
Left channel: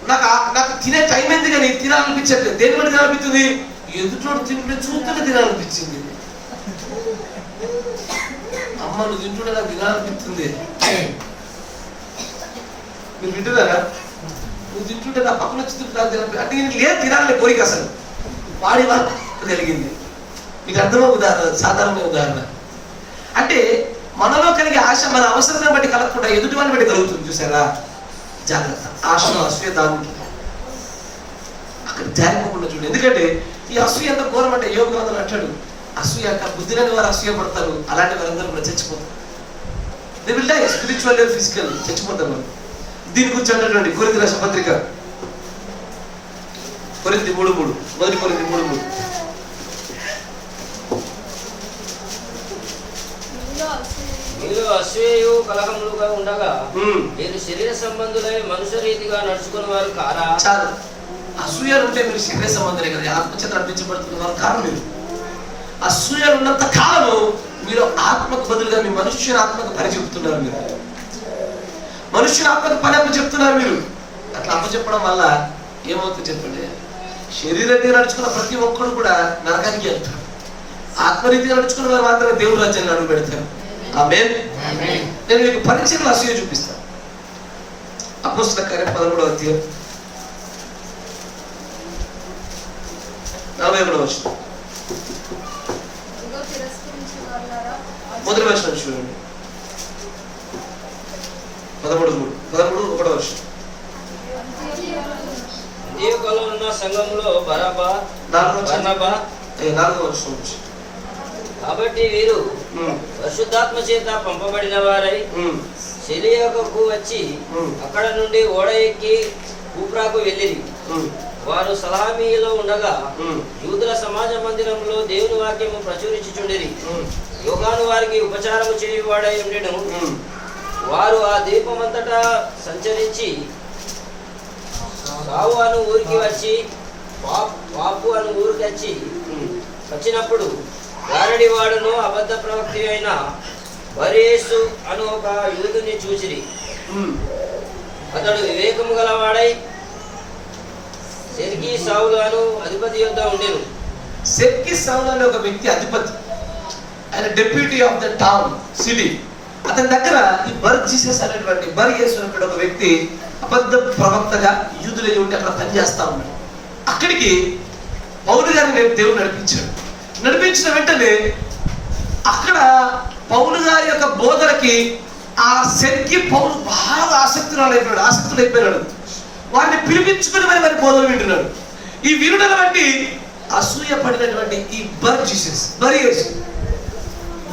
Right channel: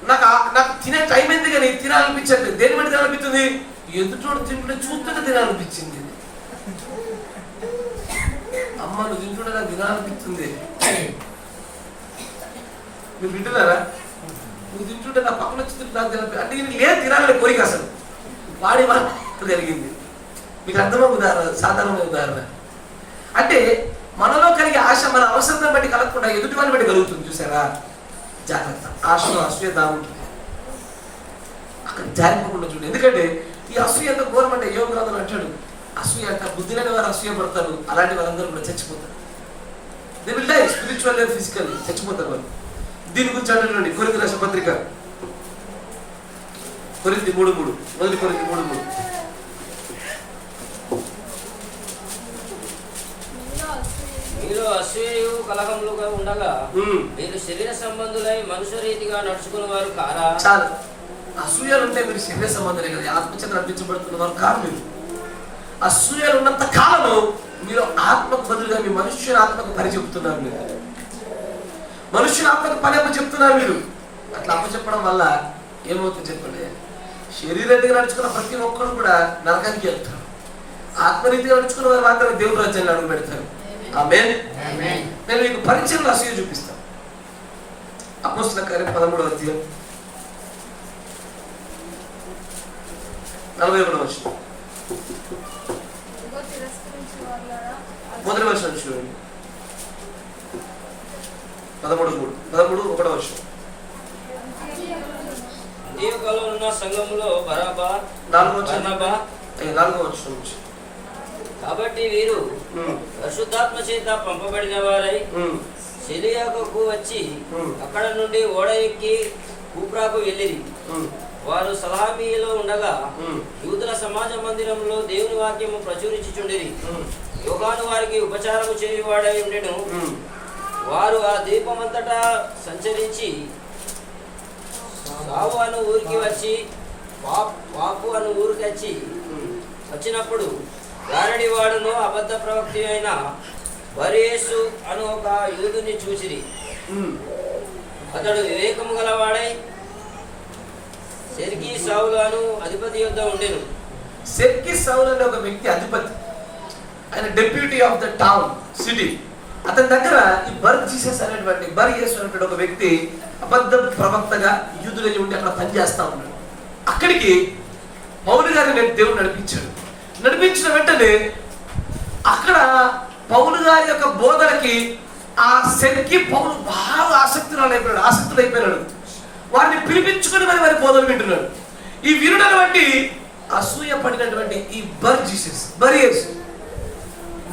నాకు తినే టైం ఏంది కానీ తినాలనిపించట్లేదు. దేని బట్టి తినాలనిపిస్తుంది? ఎదుటోడు తింటుంటే చూస్తుంటే తినాలనిపించింది. అమ్మ నువ్వు తింటుంటే నాకు తినాలనిపిస్తుంది. మీరు వింటున్నారా? నువ్వు తింటుంటే నా పక్కన వచ్చి తింటున్నా అంటే లేదు తినాలని కోరిక అసలు వాడి వాడు కలిగింది. మీకు అర్థమవు సాధారణ ఉదాహరణ. అంటే మనలో కలిగే ఆశ మన అవసరాన్ని బట్టి కలగకుండా ఎదుటి వాళ్ళని బట్టి కలుగుతుంది. చూసారా? జాగ్రత్త. ఆశను అసూయ దానికి అక్కడ జారిపోకుండా చూడండి. ఎందుకంటే ఈ అసూయ ఎంత ఘోరం అంటే యోగ గ్రంథం అంటాడు, అసూయ బుద్ధి లేని వారు అసూయ పడతారు, అలాంటి వారందరూ కూడా చచ్చిపోతారు. They will die spiritual and physical, చచ్చిపోతారు. దీని గురించి అంటారండి కొరింథీ రాసిన పత్రిక, కొరింథీ 3:3, మొదటి కొరింథీ 3:3. మీరు అసూయయు కలహములుగా ఉండగా మీరు శరీర సంబంధులై మనుష్య రీతిగా నడుచుకునే వారు కారా? చాలు. అసూయలు ఉంటే మీరు శరీర సంబంధులే కదా, ఆత్మచేత నడిపించబడుతున్న వారు కాదు. మీరు అసూయలు ఉన్నంత కాలము మీరు ఆత్మకు బదులుగా మీ మనుష్యుని ఆత్మకు పని చెప్తున్నారు. మీరు మనుష్యుని ఆత్మకు పని అప్పు చెప్తున్నారు. మీరు అట్లా అప్పు చెప్పడం వల్ల ఏమవుతుంది చెప్పండి? శరీరంగా నడుచుకున్న ప్రతి ఒక్కరు కూడా నరకానికి వెళ్తారు. ఆత్మరీతిగా నడుచుకున్న వారు మాత్రమే దేవుడి రాజ్యాన్ని అడుగు పెడతారు. ఆమేన్. నేను మీకు పరిచయం అసూయ చూపిస్తాను. అపోస్తలుల కార్యం 13వ అధ్యాయం 41వ వచనం, మొదటి వచనం చూడండి. 13:1వ వచనం. అంతియోకులో ఉన్న సంఘములో బరబ్బా, 4వ వచనం. కాబట్టి వీరు పరిశుద్ధాత్మ చేత పంపబడిన వారై సెలియాకు వచ్చి అక్కడ నుండి ఓడ ఎక్కి కూప్రాకు వెళ్ళిరి. వారు సలామీలో ఉండగా యూదుల సమాజ మందిరంలో దేవుని వాక్యము ప్రచురించుచుండిరి. యోహాను వారికి ఉపచారము చేయవాడై ఉండెను. వారు ఆ ద్వీపమంతటా సంచరించి సావు అను ఊరికి వచ్చి పాపు అను ఊరికి వచ్చినప్పుడు వారడి వాడును అబద్ధ ప్రవక్తి అయిన బర్యేసు అను ఒక యూదుని చూసిరి. అతడు వివేకము గలవాడై సెర్గీ సౌలు అను అధిపతి యొద్ద ఉండెను. సెర్గీ సౌలు అనే ఒక వ్యక్తి అధిపతి, ఆయన deputy of the town city. అతని దగ్గర ఈ బర్జీసస్ అనేటువంటి బర్యేసు అనేటువంటి ఒక వ్యక్తి అబద్ధ ప్రవక్తగా యూదులై ఉండి అక్కడ పనిచేస్తా ఉన్నాడు. అక్కడికి పౌలు గారిని దేవుడు నడిపించిన వెంటనే అక్కడ పౌలు గారి యొక్క బోధనకి ఆ సెర్గీ పౌలు బాగా ఆసక్తుడైపోయినాడు. వారిని పిలిపించుకుని మరి వారి బోధన వింటున్నాడు. ఈ వినుడను బట్టి అసూయ పడినటువంటి ఈ బర్యేసు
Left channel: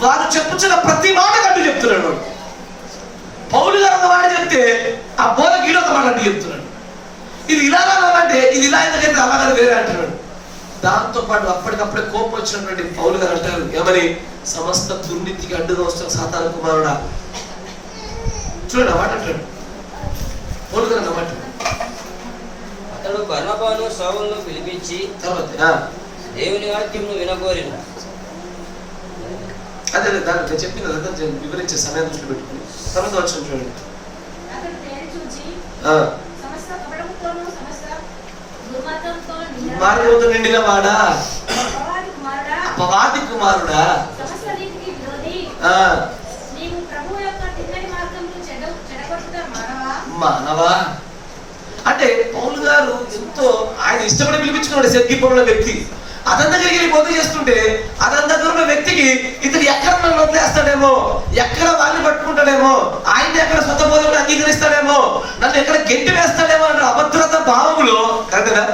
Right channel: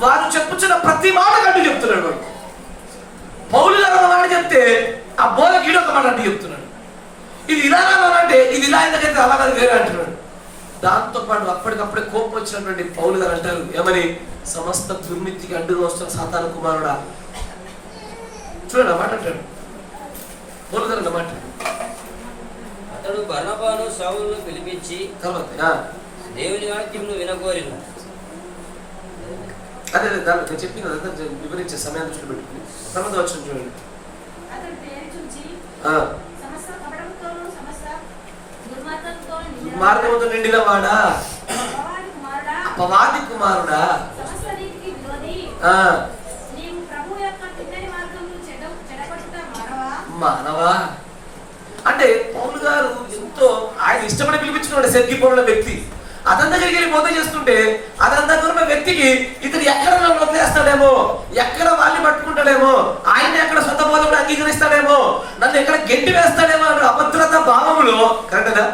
వారు చెప్పుచున్న ప్రతి మాట కంటూ చెప్తున్నాడు. వాడు పౌలు గారు ఒక మాట చెప్తే ఆ బోధ గీడొక మాట అంటూ చెప్తున్నాడు. ఇది ఇలా అంటే ఇది ఇలా ఎందుకైతే అలాగే వేరే అంటున్నాడు. దాంతో పాటు అప్పటికప్పుడే కోపం వచ్చినటువంటి పౌలు గారు అంటారు, ఏమని? సమస్త దుర్నీతికి అడ్డుగా వస్తున్న సాతాను కుమారుడా. చూడండి మాట అంటాడు పౌలు గారు అన్నమాట. అతడు బర్నబాను సౌలును పిలిపించి తర్వాత దేవుని వాక్యమును వినగోరిన. అదే దాన్ని నేను చెప్పింది అదంతా వివరించే సమయం దృష్టి పెట్టుకుని తర్వాత వచ్చిన చూడండి. దుర్మార్గంతో నిండిన వాడా, అపవాది కుమారుడా, మానవా. అంటే పౌలు గారు ఎంతో ఆయన ఇష్టపడి పిలిపించుకున్నాడు సెర్గీ పౌలు వ్యక్తి. అతని దగ్గరికి వెళ్ళి బోధ చేస్తుంటే అతని దగ్గర ఉన్న వ్యక్తికి ఇతను ఎక్కడ నన్ను వదిలేస్తాడేమో, ఎక్కడ వాళ్ళని పట్టుకుంటాడేమో, ఆయన ఎక్కడ సొంత బోధన అంగీకరిస్తాడేమో, నన్ను ఎక్కడ గెంటి వేస్తాడేమో అంటే అభద్రత భావములో. కరెక్టేనా?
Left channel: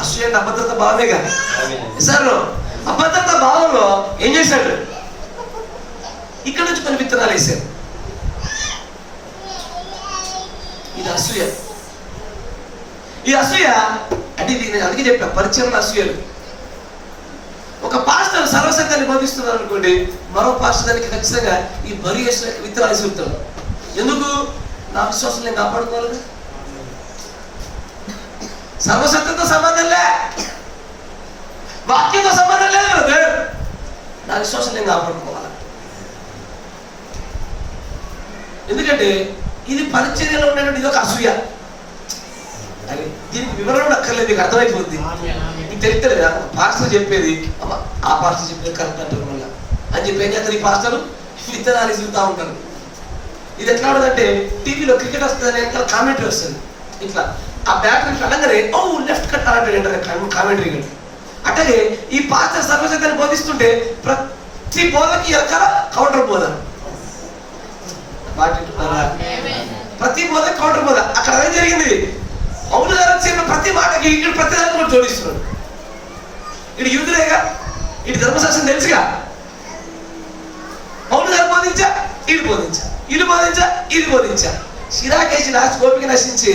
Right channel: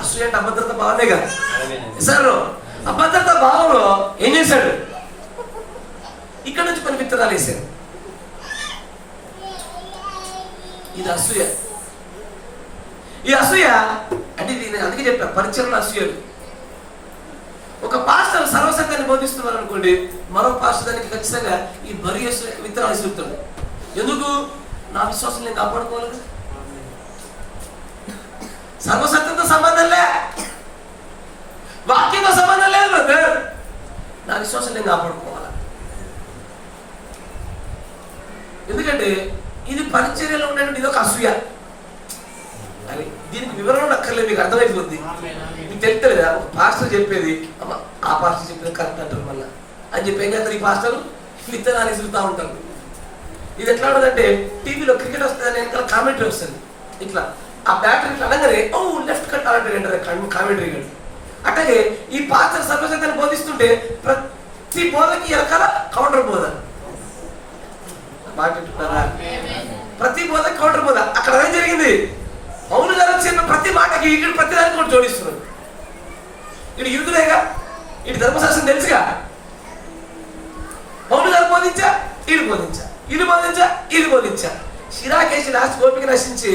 అసూయ అంటే అభద్రత భావమే కదా సార్. అభద్రత భావంలో ఏం చేశాడు? ఇక్కడ నుంచి కొన్ని విత్తనాలు వేసాడు. ఇది అసూయ. ఈ అసూయ అంటే నేను అందుకే చెప్పా, పరిచయం అసూయలు. ఒక పాస్టర్ సర్వసత్యాన్ని బోధిస్తున్నారు అనుకోండి, మరో పాస్టర్ దానికి ఖచ్చితంగా ఈ బర్యేసు విత్తనాలు చెప్తాడు. ఎందుకు? నా విశ్వాసం నేను కాపాడుకోవాలి. సర్వసత్యంతో సంబంధం లే, వాక్యంతో సంబంధం లేదు బ్రదర్. నా విశ్వాసం నేను కాపాడుకోవాలి. ఎందుకంటే ఇది పరిచర్యలో ఉండేటువంటి ఇది ఒక అసూయ. అని దీనికి వివరణ అక్కర్లేదు, నీకు అర్థమైపోతుంది. నీకు తెలుస్తలేదా? పాస్టర్ చెప్పేది ఆ పాస్టర్ చెప్పేది కరెక్ట్ అంటారు మళ్ళీ అని చెప్పి ఏం చేస్తారు ఈ పాస్టర్లు? విత్తనాలు ఇసురుతూ ఉంటారు. ఇది ఎట్లా ఉండదంటే టీవీలో క్రికెట్ వస్తుంది ఇంకా కామెంటరీ వస్తుంది. ఇట్లా ఆ బ్యాటర్ ఇట్లా అనగానే ఓ లెఫ్ట్ కట్ అలాంటి కామెంటరీ కట్. అట్లాగే ఈ పాస్టర్ సర్వసత్యాన్ని బోధిస్తుంటే ప్రతి బోధకి ఎరకాల కౌంటర్ బోధ. మాట్లాడుతున్నారా? ప్రతి బోధ కౌంటర్ బోధ. అక్కడ ఏం జరిగింది? పౌలు గారు చెప్పిన ప్రతి మాటకి ఇటు ప్రతి దానికి కూడా జోడిస్తున్నాడు. ఇటు యూదులేగా, ఇటు ధర్మశాస్త్రం తెలుసుగా. పౌలు గారు బోధించా వీళ్ళు బోధించా, వీళ్ళు బోధించా, వీళ్ళు బోధించా. సిరాకేసి లాస్ట్ గోపిక నశించి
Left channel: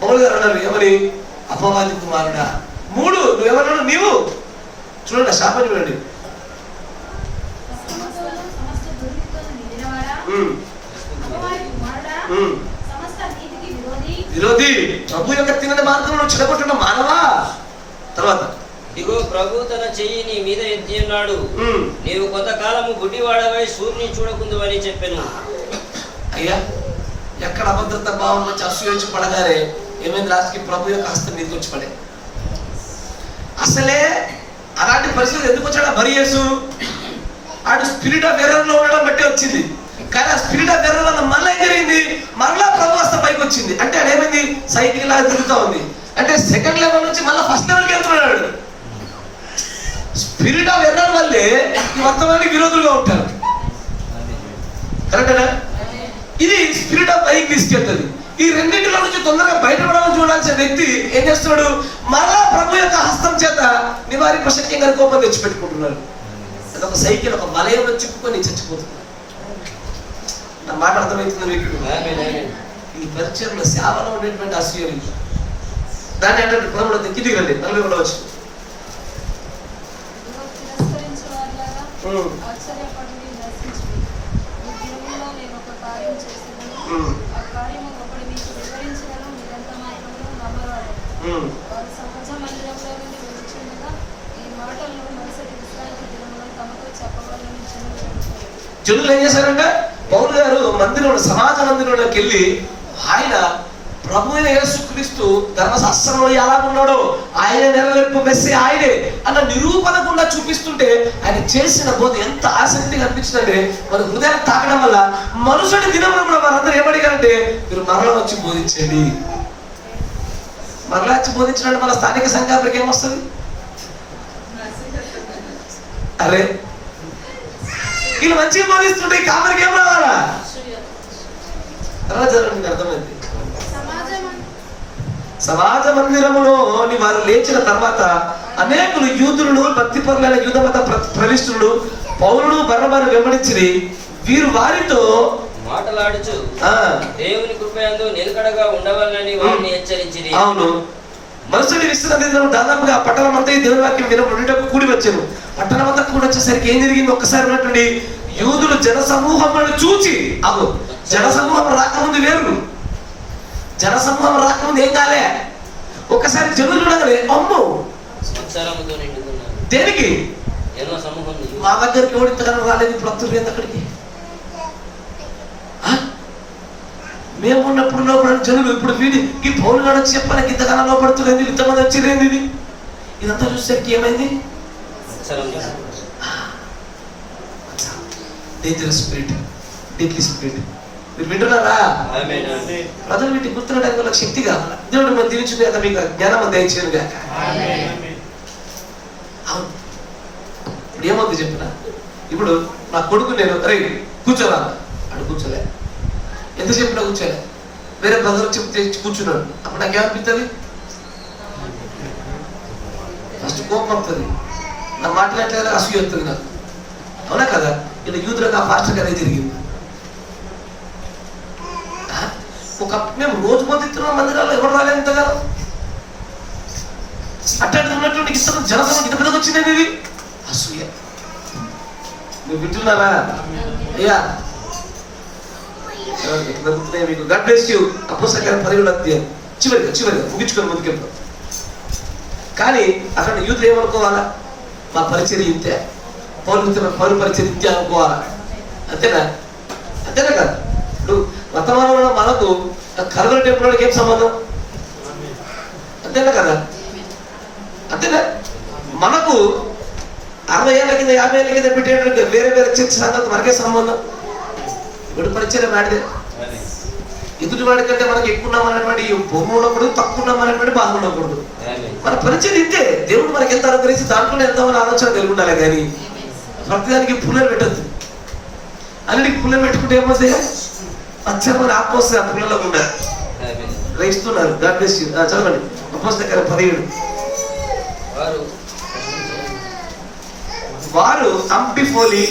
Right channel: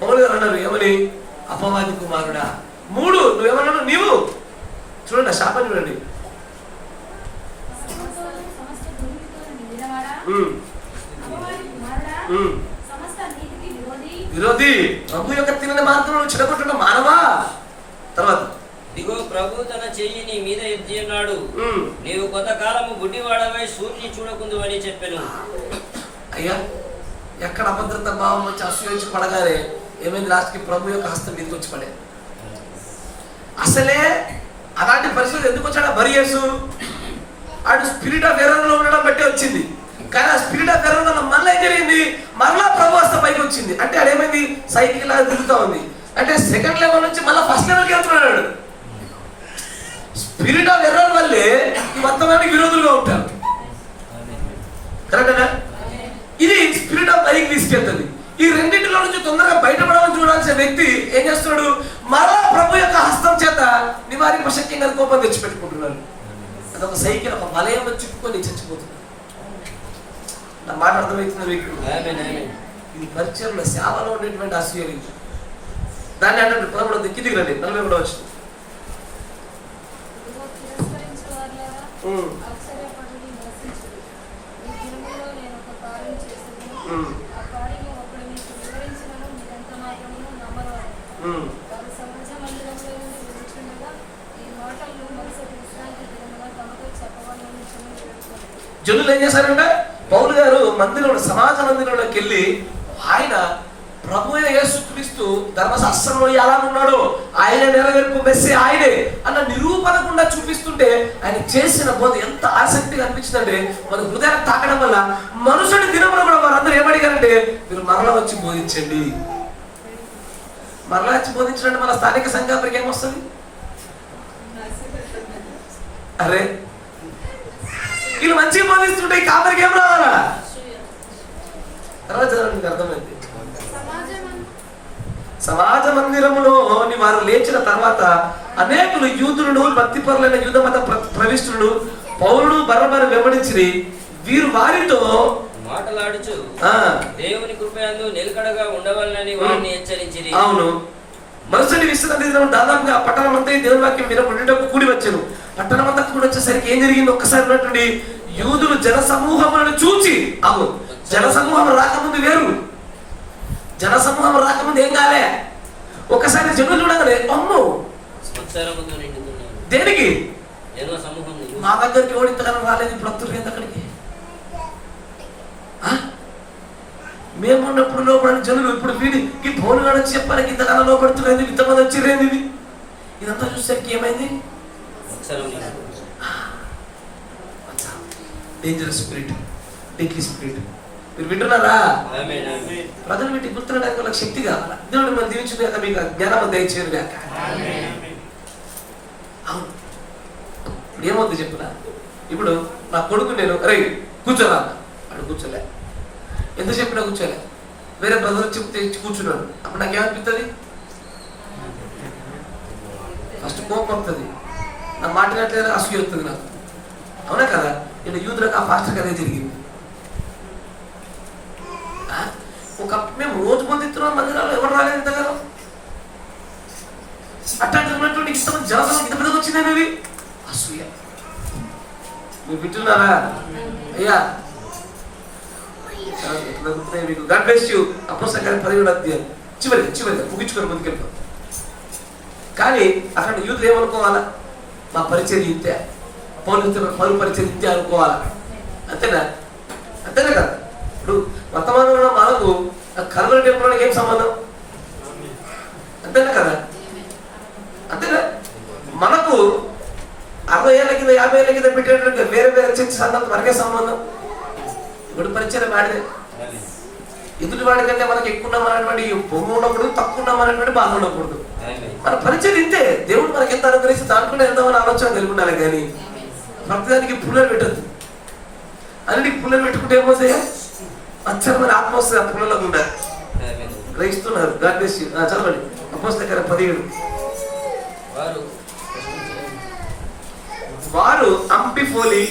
పౌలు గారు అన్నారు ఏమని, అపవాది కుమారుడా. 3 నువ్వేమన్నాడు, నీవు చూడండి శాపం చూడండి. విరోధి, ప్రభు యొక్క తినని మార్గంలో చెడగొట్టిన మానవా. తర్వాత ఇగో ప్రభు తన చెయ్యి నీ మీద ఎత్తి ఉన్నాడు, నీవు కొంతకాలము గుడ్డివాడవై సూర్యుని చూడకుందు అని చెప్పాను. అయ్యా ఎక్కడ అభద్రత భావం వచ్చి అసూయ వచ్చి పడగానే ఏమైంది, లాస్ట్కి ప్రభు యొక్క హస్తం మీదకి వచ్చి పడే. అసలే అలాంటి పరిస్థితులు ఎందుకు వచ్చాడు బరియసు? ఆడు స్పిరిట్ ఆఫ్ ఎర్రర్ లో ఉండడం బట్టే వచ్చింది. కానీ ఆ స్పిరిట్ ఆఫ్ ఎర్రర్ వల్ల మళ్ళీ ఏం జరిగింది, మరలా ప్రభు హస్తం పైకి వచ్చింది. అంటే ఆడేమైంది, సైకిల్ లాగా తిరుగుతూ ఉంది. అంటే సెకండ్ లెవెల్ నుంచి మళ్ళీ ఫస్ట్ లెవెల్కి వెళ్తున్నాడు. స్పిరిట్ ఆఫ్ ఎర్రర్ వల్లే ఈ మొత్తానికి విరోధులుగా ఉంటారు. కరెక్టేనా? ఇది స్పిరిట్ ఆఫ్ పైకి తీసుకెళ్తుంది. ఈ రెండింటిలో నుంచి తొందరగా బయటపడాలని చూడాల్సిన వ్యక్తి ఏం చేస్తున్నాడు, మరలా ప్రభు యొక్క హస్తం చేత నివారింప శక్యంగా కోపం తెచ్చిపెట్టుకుంటున్నాడు. అదొక సైకిల్ ఒక వలయంలో చిక్కుకొని చచ్చిపోతుంది. నా మాట అర్థమవుతుంది మీకు? ఈ పరిచయంలో సేవలో ఉండేటువంటి అసూయ దాన్ని అంటే ప్రభుత్వ దిక్కిదికి రండి. 40 కూడా వచ్చి జనులు ఏం చేశారంటే పౌలు గారు మందిరంలో సమాజ మందిరంలోకి వెళ్ళి ఆయన ప్రభు అయిన యేసుక్రీస్తు ధర్మశాస్త్రంలో ఎలా ఉన్నాడో ఆయన నెరవేర్పు మెస్సే ఆయనే అన్న నిరూపణకుండా చూపిస్తుంటే ఆయన చేసిన బోధ ఎంత ఆసక్తిగా అనిపించిందంటే మన హృదయాన్ని తాకడం వల్ల మనుషుడి దినంలో కూడా వారందరూ ఏమడిగారంటే మీరు మరలా వచ్చి బోధించండి. మరలా వచ్చి బోధించడానికి మన స్థానిక సంఘానికి ఏమొస్తుంది? అరే వీళ్ళు మంచిగా బోధిస్తుంటే ఈ కాపరికి ఏం రావాలా? తర్వాత మీకు అర్థమైంది. సమాజ మందిరములో వారు లేచిన తర్వాత అనేకులు యూదులను భక్తిపరులైన యూద మత ప్రవిష్టులు పౌలును బర్నబాను వెంబడించి వీరు వారితో మాటలాడుచు దేవుని కృపయందు నిలకడగా ఉండవాలని వారిని హెచ్చరించిరి. అవును, మరుసటి విశ్రాంతి దినం దాదాపుగా పట్టణం అంతా దేవుని వాక్యం వినబడేటప్పుడు కూడి వచ్చాను. పట్టణం అంతా కూడి వచ్చేసరికి ఏం జరిగింది, ఒక్కసారి ఉన్నటువంటి యూదులు జన సమూహములను చూచి, అవును జన సమూహం రాకముందు వేరు, జన సమూహం రాకముందు ఏం కాలే, ఒకసారి జనులు ఉండగానే అమ్ము దేనికి మా దగ్గరికి ఓడింతగానో రాలేదు, ఇప్పుడు వస్తుంది అక్కడికి. మేము ఉన్నప్పుడు లోపడి జనులు ఇప్పుడు వీడికి పౌలు గారు వచ్చి చెప్పాలి ఇంతగానో లోపడుతులేదు, ఇంతమంది వచ్చిరేది, ఇది ఇదంతా చూసేసరికి ఏమైంది, డేంజరస్ స్పిరిట్, డెడ్లీ స్పిరిట్. మీరు వింటున్నారా? ప్రజలు వీటిని గుర్తునడానికి వాళ్ళకి శక్తి కావాలి. దేవుడు మనం దీవించింది కాక మీకు జ్ఞానం దయచేయను కాక. అవును, ఇప్పుడు ఏమవుతుంది చెప్పిన, ఇప్పుడు నా కొడుకు నేను రైట్ కూర్చోరా అడు కూర్చోలే, ఎంత చెప్పినా కూర్చోలే, వేరే బ్రదర్ చెప్తే కూర్చున్నాడు, అప్పుడు నాకేమనిపిస్తుంది, ఫస్ట్ కోపం వస్తుంది, నా మాట్లాడలేదు అసూయ వస్తుంది నాకు. అవునా కదా? ఇలా యూదులకు ఆ పాస్టర్ అదే జరిగింది. ఒక మేము రోజు పొందుతున్నాం మందిరాల్లో, ఎవరు రాలేదు ఇంతగా అట్లాంటి ఉన్నటువంటి ఇష్టం జనసం ఇంత పెద్దగా వచ్చింది. ఇది అసూయ. మీరు వింటున్నారా? అయ్యా మీకు గాడ్ బ్లెస్ యు. అపోస్తలుల 17వ అధ్యాయం చివరిగా ముగించుకొని ముందుకెళ్తాం. కానీ అక్కడ యూత్ ఏమనుకోవాలా, మా పరిచయం ఇంతే, పౌరు పరిచయం ఇంతే అనుకోవాలా. అంతేనా? అంతేనా కదా? ఇప్పుడు వర్తమానంలో మనకు కల్వరి టెంపుల్కి ఏం సంబంధం? అంతేనా కదా? అంతేనా? మనకు 60 ఏళ్ళ కింద 50 ఏళ్ళ కింద పెట్టేటువంటి వేరే వేరే చర్చ సంఘాలతో మనకే సంబంధం. ఇప్పుడు పరిచయం వాడిదే. ఎదుటి వాడి కంటే మనకి ఎక్కువ ఉన్నామనేటువంటి బొమ్మ ఉండకూడదు, తక్కువ ఉన్నామనేటువంటి బాధ ఉండకూడదు. మన పరిచయం ఇంతే. దేవుడు మనకి ఎంత అనుగ్రహించి దాంట్లో ఎంతమని ఆలోచన కలిగి ఉండాలి. కానీ ప్రతిదానికి పుల్లలు పెట్టద్దు. అన్నిటికి పుల్లలు పెట్టుకుంటే ఏమవుతాయి, అచ్చరమైన ఆత్మోత్సవ పుల్లలో ఉండాలి. గ్రహిస్తున్నారు. God bless you. చదవండి అపోస్తలుల 17. వారు అంపిఫోలి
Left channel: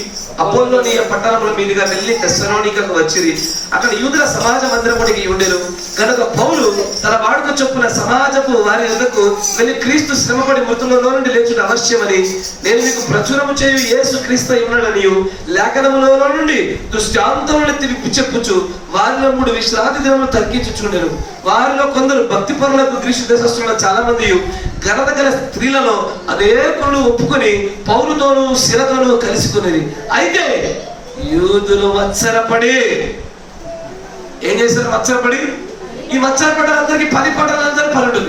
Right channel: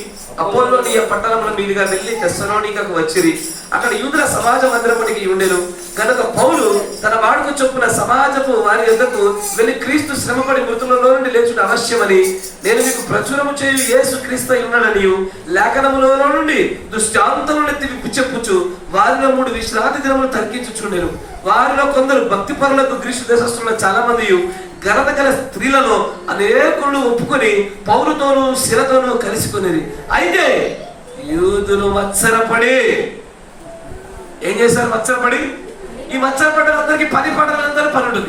అపోల్లోనియ పట్టణముల మీదుగా వెళ్ళి తెస్సలోనికకు వచ్చిరి. అక్కడ యూదుల సమాజ మందిరమునికి ఉండెను కనుక పౌలు తన వాడుక చొప్పున సమాజపు వారి యొద్దకు వెళ్ళి క్రీస్తు శ్రమపడి మృతులలో నుండి లేచుట అవశ్యమని నేను మీకు ప్రచురము చేయు యేసు క్రీస్తు ఉన్నాడనియు లేఖనములో నుండి దృష్టాంతములను తిరిగి చెప్పుచు వారిలో 3 విశ్రాంతి దినములు తగ్గించుచుండెను. వారిలో కొందరు భక్తి పరులకు గ్రీసు దేశస్తున్న చాలా మంది ఘనత గల స్త్రీలను అనేకులు ఒప్పుకొని పౌలుతోనూ శిలతోనూ కలిసికొనేది. అయితే యూదులు మత్సరపడి ఏం చేశారు? మత్సరపడి ఈ మత్సరపడ్డలందరికీ 10 పట్టణాలందరూ 12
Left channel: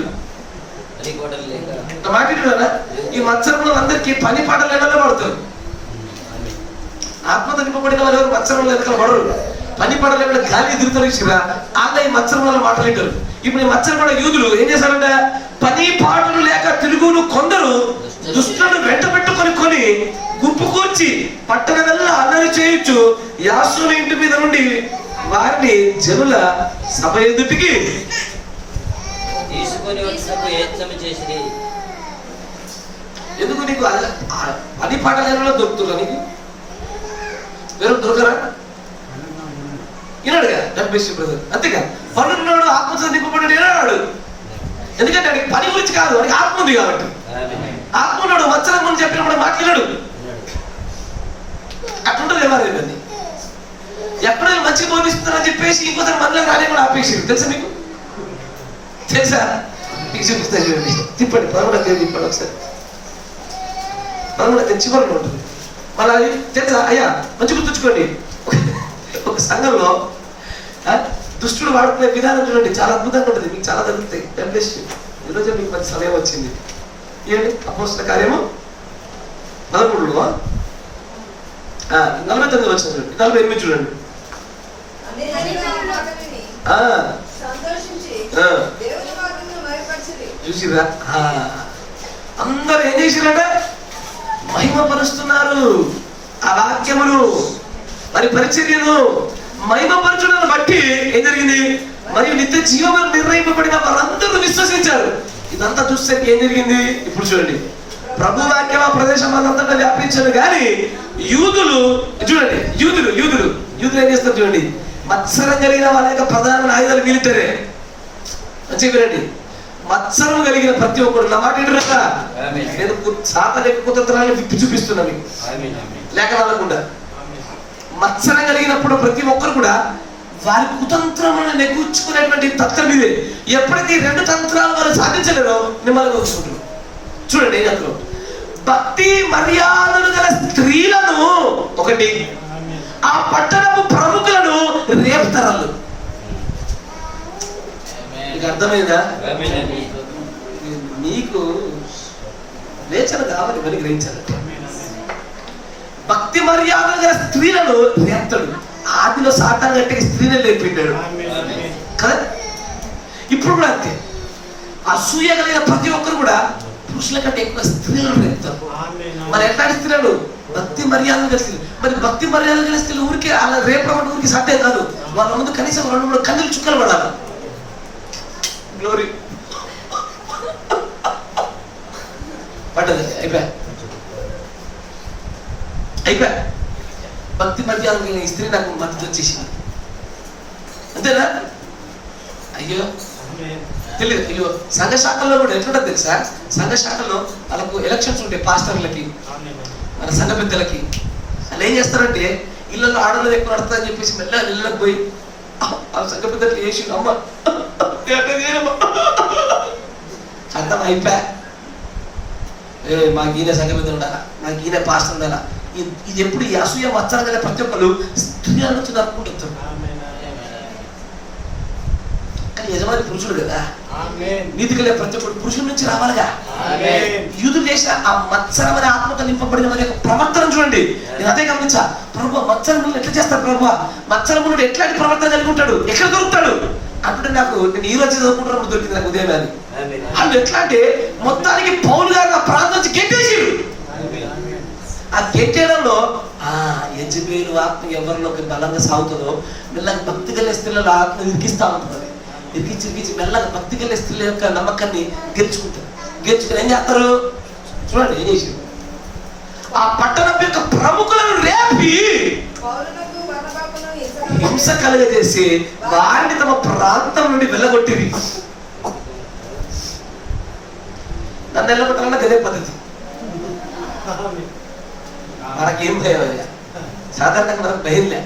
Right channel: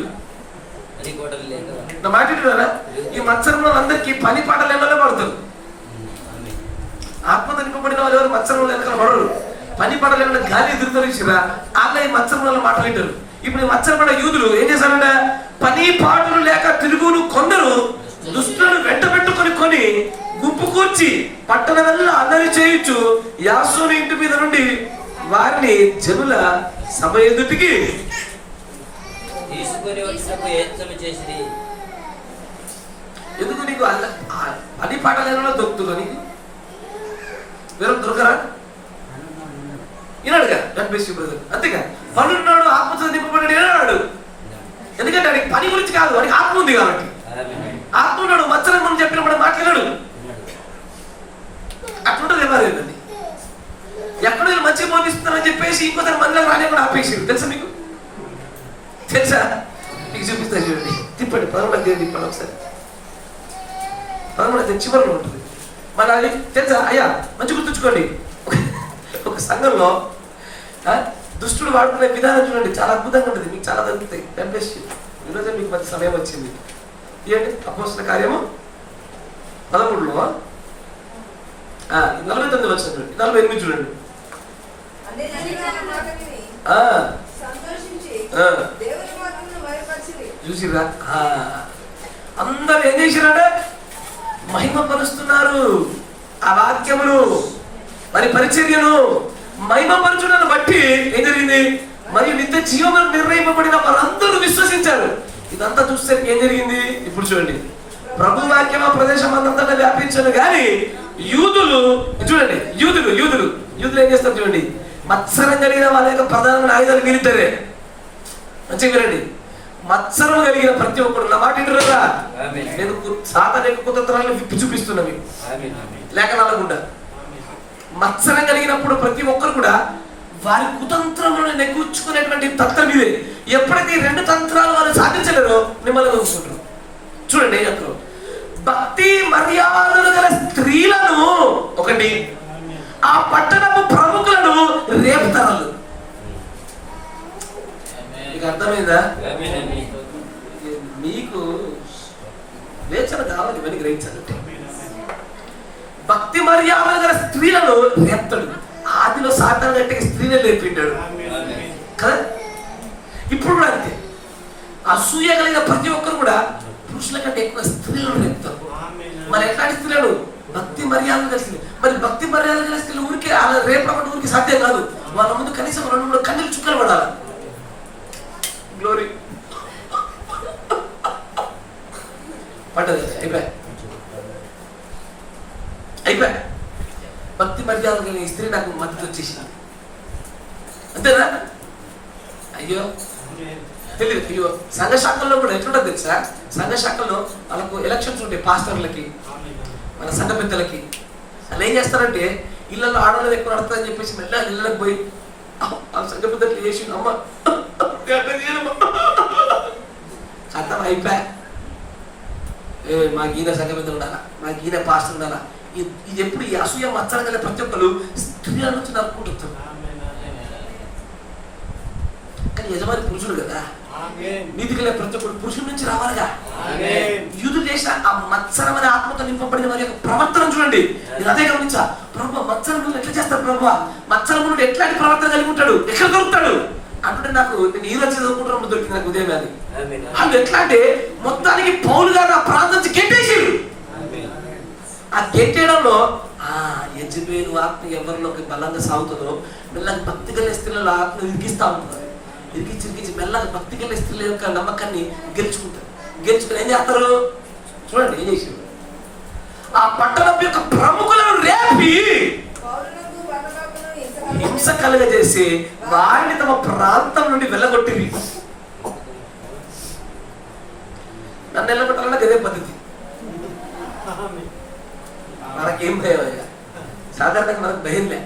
మాట్లాడారా? ఈ మత్సరంలో అందరికీ 10 పాటలు పడతారు. ఆత్మతో నింపబడిన వాళ్ళు ఎవరు మత్సరంలో వెనకాల పడరు. 10 పడలేకుండా గాలి ఎదురుతారు ఇచ్చిరా వాళ్ళ ఈ మత్సరం వల్ల మాట్లాడారు. ఇప్పుడు ఈ మత్సరపడ్డ యూదులు ఏం చేశారంటే 10 పాటలు లేక తిరుగులు కొందరు దుష్టులను వెంట పెట్టుకొని గుంపు కూర్చి పట్టణ వల్ల అల్లరి చేయొచ్చు యాసోని ఇంటి మీద నుండి వారిని జనుల సభ ఎదుటికి తీసుకొని చేసి. ఎందుకు నీకు 10 పాటలలో దొరుకుతున్నా? నీకు వేరే దొరకరా? వినాడుగా డబ్బేసి బ్రదర్ అంతేగా పనున్నాడు ఆత్మతో నింపబడి వినాడు. ఎందుకంటే వాడికి పని గురించి కాదు, వాడికి ఆత్మ ఉంది కాబట్టి. ఆత్మ ఉన్నాడు, మత్సరం గురించి చెప్పినప్పుడు మాట్లాడాడు. అట్లుంటుంది ఎవరైంది ఎక్కడో మంచిగా బోధిస్తున్నారని చెప్పేసి ఇంకొకరు మనలోకి రాలేమని ఆపేసారు. తెలుసా మీకు? తెలుసా? మీకు చూపిస్తా చూడండి. తిప్పండి పదమూడు తిప్పండి ఒకసారి. 13 చివరిలో ఉంటుంది. మళ్ళీ అది తెలుసా? అయ్యా మంచి గుర్తుంచుకోండి. ఒక సంఘంలో దుష్టుడు వాడుకునే విధానం చూడండి, చాలా అద్భుతంగా ఉంటుంది. మీకు చాలా తగ్గుతాయి. ఈరోజు మీకు మంచి సమయం వచ్చింది. ఏంటి అపోస్తల కార్యము 13లో 49 వచ్చిన చూడండి, 48 చూడండి. చూసిరా? అందరు ఏం చేసిరాడ? మహిమపరుస్తున్నారు ఆ వాక్యమును, మరి పరిచర్యను మహిమపరచుటను బట్టి ఏం జరిగింది? మరియు నిత్య జీవములు నిర్ణయింపబడిన వారందరూ విశ్వసించారు. ఇదంతా చూస్తే ఏం జరిగింది? ఇప్పుడు చూడండి. ప్రభు వాక్యం ఆ ప్రదేశం అంతటా వ్యాపించారు. కానీ యూదులు చూడండి, యూదులు ఏం చేస్తారు చూడండి. మత్సరం కలిగిన వాళ్ళ యొక్క ప్రధాన ఆయుధాలు మిలిటరీ. మంచిగా వినండి. మత్సరం కలిగిన ప్రతి ఒక్కరు నా మాట వింటారా? నేను సాతాను యొక్క కుతంత్రాన్ని విప్పి చూపిస్తున్నా మీకు లేక అనకుండా. మత్సరం కలిగినప్పుడు ప్రతి ఒక్కరు కూడా వారి కుతంత్రములను నెగ్గుచ్చుకునేటువంటి తంత్రం ఇదే. ఎప్పుడైతే 2 తంత్రాలు వాళ్ళు సాధించలేరో మిమ్మల్ని చూసుకుంటారు. చూడండి అందులో భక్తి మర్యాదలు గల స్త్రీలను ఒకటి, ఆ పట్టణపు ప్రముఖులను రేపుతరాలు. మీకు అర్థమైందా? నీకు వేచన కావాలి మరి గ్రహించాలంటే. భక్తి మర్యాదలు గల స్త్రీలను రేపుతాడు. ఆదిలో సాతాను గట్టి స్త్రీనే లేపిండాడు కదా. ఇప్పుడు కూడా అంతే. అసూయ కలిగిన ప్రతి ఒక్కరు కూడా పురుషుల కంటే ఎక్కువ స్త్రీలను రేపుతారు. మరి ఎట్లాంటి స్త్రీలు? భక్తి మర్యాదలు కలిసి. మరి భక్తి మర్యాదలు కలిసి ఊరికే అలా రేపడం ఊరికి సాధ్యం కాదు. వాళ్ళ ముందు కనీసం 2-3 కన్నులు చుక్కలు పడాలి. గ్లోరీ పడ్డది, అయిపోయా. భక్తి మర్యాద కలిగిన స్త్రీ నాకు మద్దతు వచ్చేసింది. అంతేనా? అయ్యో తెలియదు. అయ్యో సంఘ శాఖల్లో కూడా ఎట్లుంటుంది తెలుసా? సంఘ శాఖల్లో వాళ్ళకు ఎలక్షన్స్ ఉంటాయి. పాస్టర్లకి, మన సంఘ పెద్దలకి. వాళ్ళు ఏం చేస్తారంటే ఇళ్ళల్లో ఆడలు ఎక్కువ నడుతుందని చెప్పేసి మెల్లగా ఇళ్ళకి పోయి ఆ సంఘ పెద్దలు చేసి అమ్మ అర్థం అయిపోయా. మాకు ఈయన సంఘ పెద్దలు ఉండాలా, మాకు ఈయన పాస్టర్ ఉండాలా. ఇది ఎప్పుడు ఈ అసూయ మత్సరం కలిగిన ప్రతి ఒక్కరు స్త్రీ అనుకుంటుంది అనుకుంటారు. కానీ యజమాని పురుషుడు కదా. నీతి కలిగిన ప్రతి ఒక్కరు పురుషుడి నుంచి రావాలిగా. యూదులు చేసిన ఆ మత్సరం అనే ఆత్మతో నింపబడిన వారి యొక్క ప్రవర్తన చూడండి. నేను అదే గమనించా. ప్రభు మత్సరం ఎట్లా చేస్తారు? ప్రభు మత్సరం ఎట్లాంటి ప్రవర్తన కలిగి ఉంటాడు? ఎక్కడ దొరుకుతాడు అంటే నాకు నేను ఈ రోజు చదువుకుంటున్నప్పుడు దొరికింది నాకు ఉదయం. వాళ్ళు ఎట్లా అంటే మొత్తానికి పౌలు గారు ఆ ప్రాంతం నుంచి గెట్టేసారు. ఆ గెట్టేయడంలో యజబేలు ఆత్మ ఎవరిలోకి బలంగా సాగుతుందో మెల్లగా భక్తి కలిగిన స్త్రీల ఆత్మ ఇరికిస్తూ ఉంటుంది. ఇరికించి మెల్లగా భక్తి కలిగిన స్త్రీల యొక్క నమ్మకాన్ని గెలుచుకుంటారు. గెలుచుకుని ఏం చేస్తారు చూడండి. ఏం చేసారు? ఆ పట్టణం యొక్క ప్రముఖులను రేపి హింస కలుగజేసి వారిని తమ ప్రాంతం నుండి వెళ్ళగొట్టిరి. నన్ను వెళ్ళగొట్టాలన్న గదే పద్ధతి. మనకేం భయం? సాధారణంగా మనకు భయం లే.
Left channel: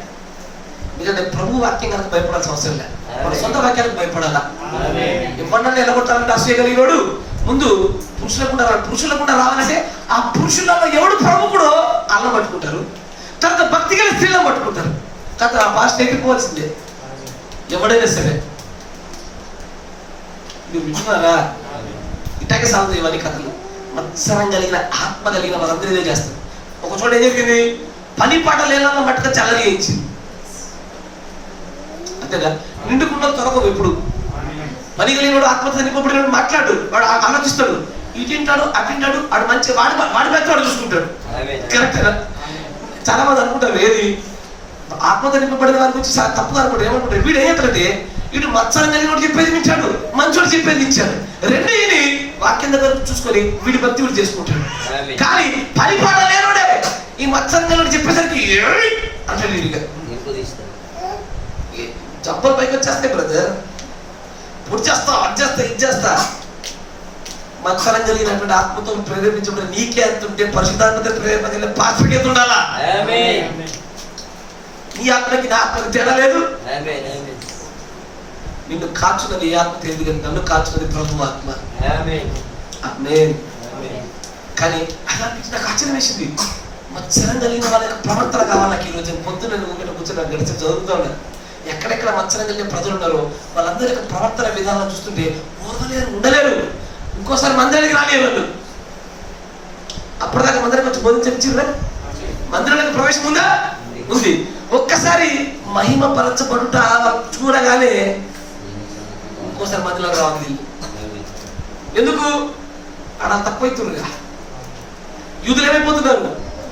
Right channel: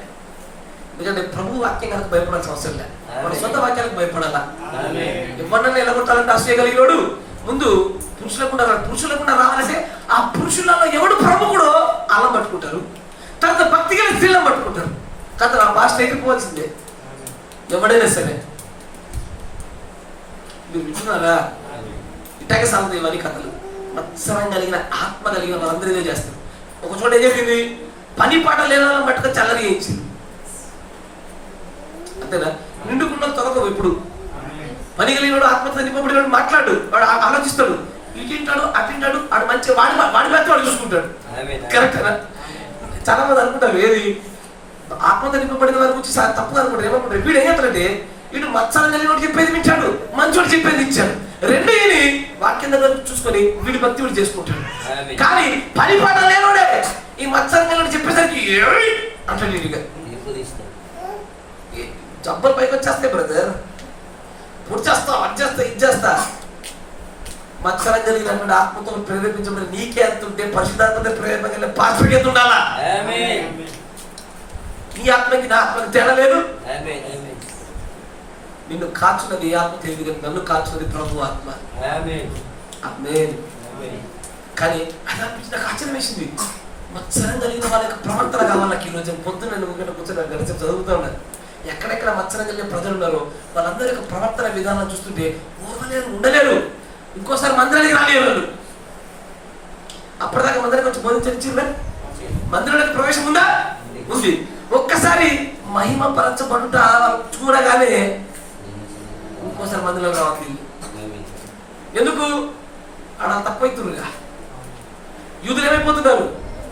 ఎందుకంటే ప్రభు వాక్యం కనుక భయపడాల్సిన అవసరం లే. మన సొంత వాక్యానికి భయపడాలా? ఎవరినన్నా వెళ్ళగొట్టాలంటే అసూయ కలిగినోడు ముందు పురుషులకుండా రావాలంటే ఆ పురుషులలో ఎవడు ప్రముఖుడో అలా పట్టుకుంటారు. తర్వాత భక్తి గల స్త్రీలను పట్టుకుంటారు. కాదు ఆ భాష ఎగిరిపోవాల్సిందే ఎవడైనా సరే. మీరు వింటున్నారా? ఇటాకే సాగుతుంది ఇవన్నీ కథలు. మత్సరం కలిగిన ఆత్మ కలిగిన వాళ్ళందరూ ఇదే చేస్తారు. ఒక చోట ఏం చెప్పింది? పని పాట లేని మట్టుగా చల్లగా ఇచ్చింది. అంతేనా? నిండుకున్న త్వరగా ఎప్పుడు పని కలిగినోడు ఆత్మతో నింపబడినోడు మాట్లాడు, వాడు ఆలోచిస్తాడు, ఇటింటాడు అటింటాడు, వాడు మంచి వాడి మీద వాడు చూసుకుంటాడు. కరెక్టేనా? చాలా మంది అనుకుంటారు ఏది ఆత్మతో నింపబడిన వారి గురించి తప్పుగా అనుకుంటారు. ఏమనుకుంటారు? వీడు ఏం చేస్తాడంటే వీడు మత్సరం కలిగినోడు చెప్పేది ఇచ్చాడు, మంచోడు చెప్పేది ఇచ్చాడు. రెండు ఈయని వాక్యం దగ్గర చూసుకొని వీడి భక్తి వీడు చేసుకుంటాడు. కానీ పని పాట లేనోడే ఈ మత్సరం కలిగినోడు చెప్పేసరికి అంటాడు. వీడిగా జబ్బలు పైకి వచ్చేస్తాయి బ్రదర్. పొడి చేస్తా, అది చేస్తా, ఇది చేస్తా. మత్సరం కలిగినటువంటి ఆత్మతో ప్రేరేపించబడి నీకే ఎంత ఉంటే పరిశుద్ధాత్మతో ప్రేరేపణ పాత్రకి ఎంత ఉండాలా? నీ ఆత్మకి నా ఆత్మకి తేడా లేదు. నిన్ను కాచున్నది ఏ ఆత్మ తెలియదు కానీ నన్ను కాచున్నది ప్రభు ఆత్మ. కానీ అలాంటి నాకు ఆశ్చర్యం వేసింది. మత్సరం కలిగిన వాళ్ళ యొక్క ప్రవర్తన కావాలి నాకు. ఈరోజు పొద్దున్న నేను కూర్చొని గడిచి చదువుతూ ఉన్నాను. ఎక్కడెక్కడ మత్సరం కలిగిన ప్రజలు ఉన్నారో వాళ్ళందరి యొక్క ప్రవర్తన విధానం చూస్తుంటే ఓర్వలేరు, ఉండలేరు. ఇంకోసారి మందిరానికి రాలేరు వాళ్ళు. అప్పటిదాకా మందిరానికి వచ్చి బోధించారా? మందిరానికి ప్రవేశం ఉందా? ఉంది. ఒక్కసారి మహిమ పరచబడుట చూడగానే ఇంకోసారి మందిరంలో రావాలి. ఎందుకు? ఆడ తక్కువైతురుగా. యూదులు ఏమైపోతున్నారు?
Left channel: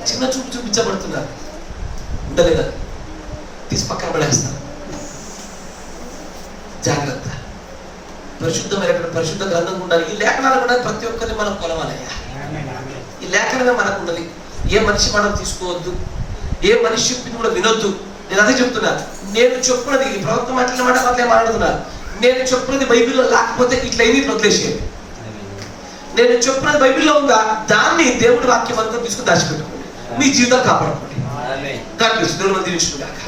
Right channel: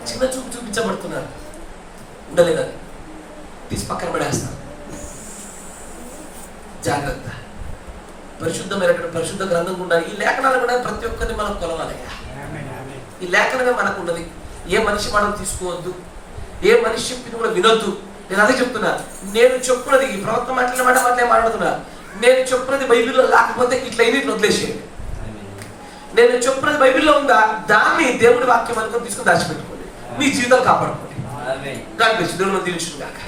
చిన్న చూపు చూపించబడుతున్నారు. ఉండలేదా? తీసి పక్కన పడేస్తారు. జాగ్రత్త. పరిశుద్ధమైనటువంటి పరిశుద్ధ గ్రంథం ఉండాలి. ఈ లేఖనాలు కూడా ప్రతి ఒక్కరిని మనం కొలవాలయ్యా. ఈ లేఖనమే మనకు ఉన్నది. ఏ మనిషి మనం తీసుకోవద్దు, ఏ మనిషి చెప్పింది కూడా వినొద్దు. నేను అదే చెప్తున్నా. నేను చెప్పున్నది ఈ ప్రవక్త మాట్లాడుతున్నా. నేను చెప్పున్నది బైబిల్లో లేకపోతే ఇట్లా అయింది, ఇట్లా వదిలేసేయండి. నేను చెప్పున్నది బైబిల్లో ఉందా దాన్ని దేవుడి వాక్యం అనుకుని తీసుకుని దాచిపెట్టుకోండి. మీ జీవితం కాపాడుకోండి. దాని దేవుడు దీవించును గాక.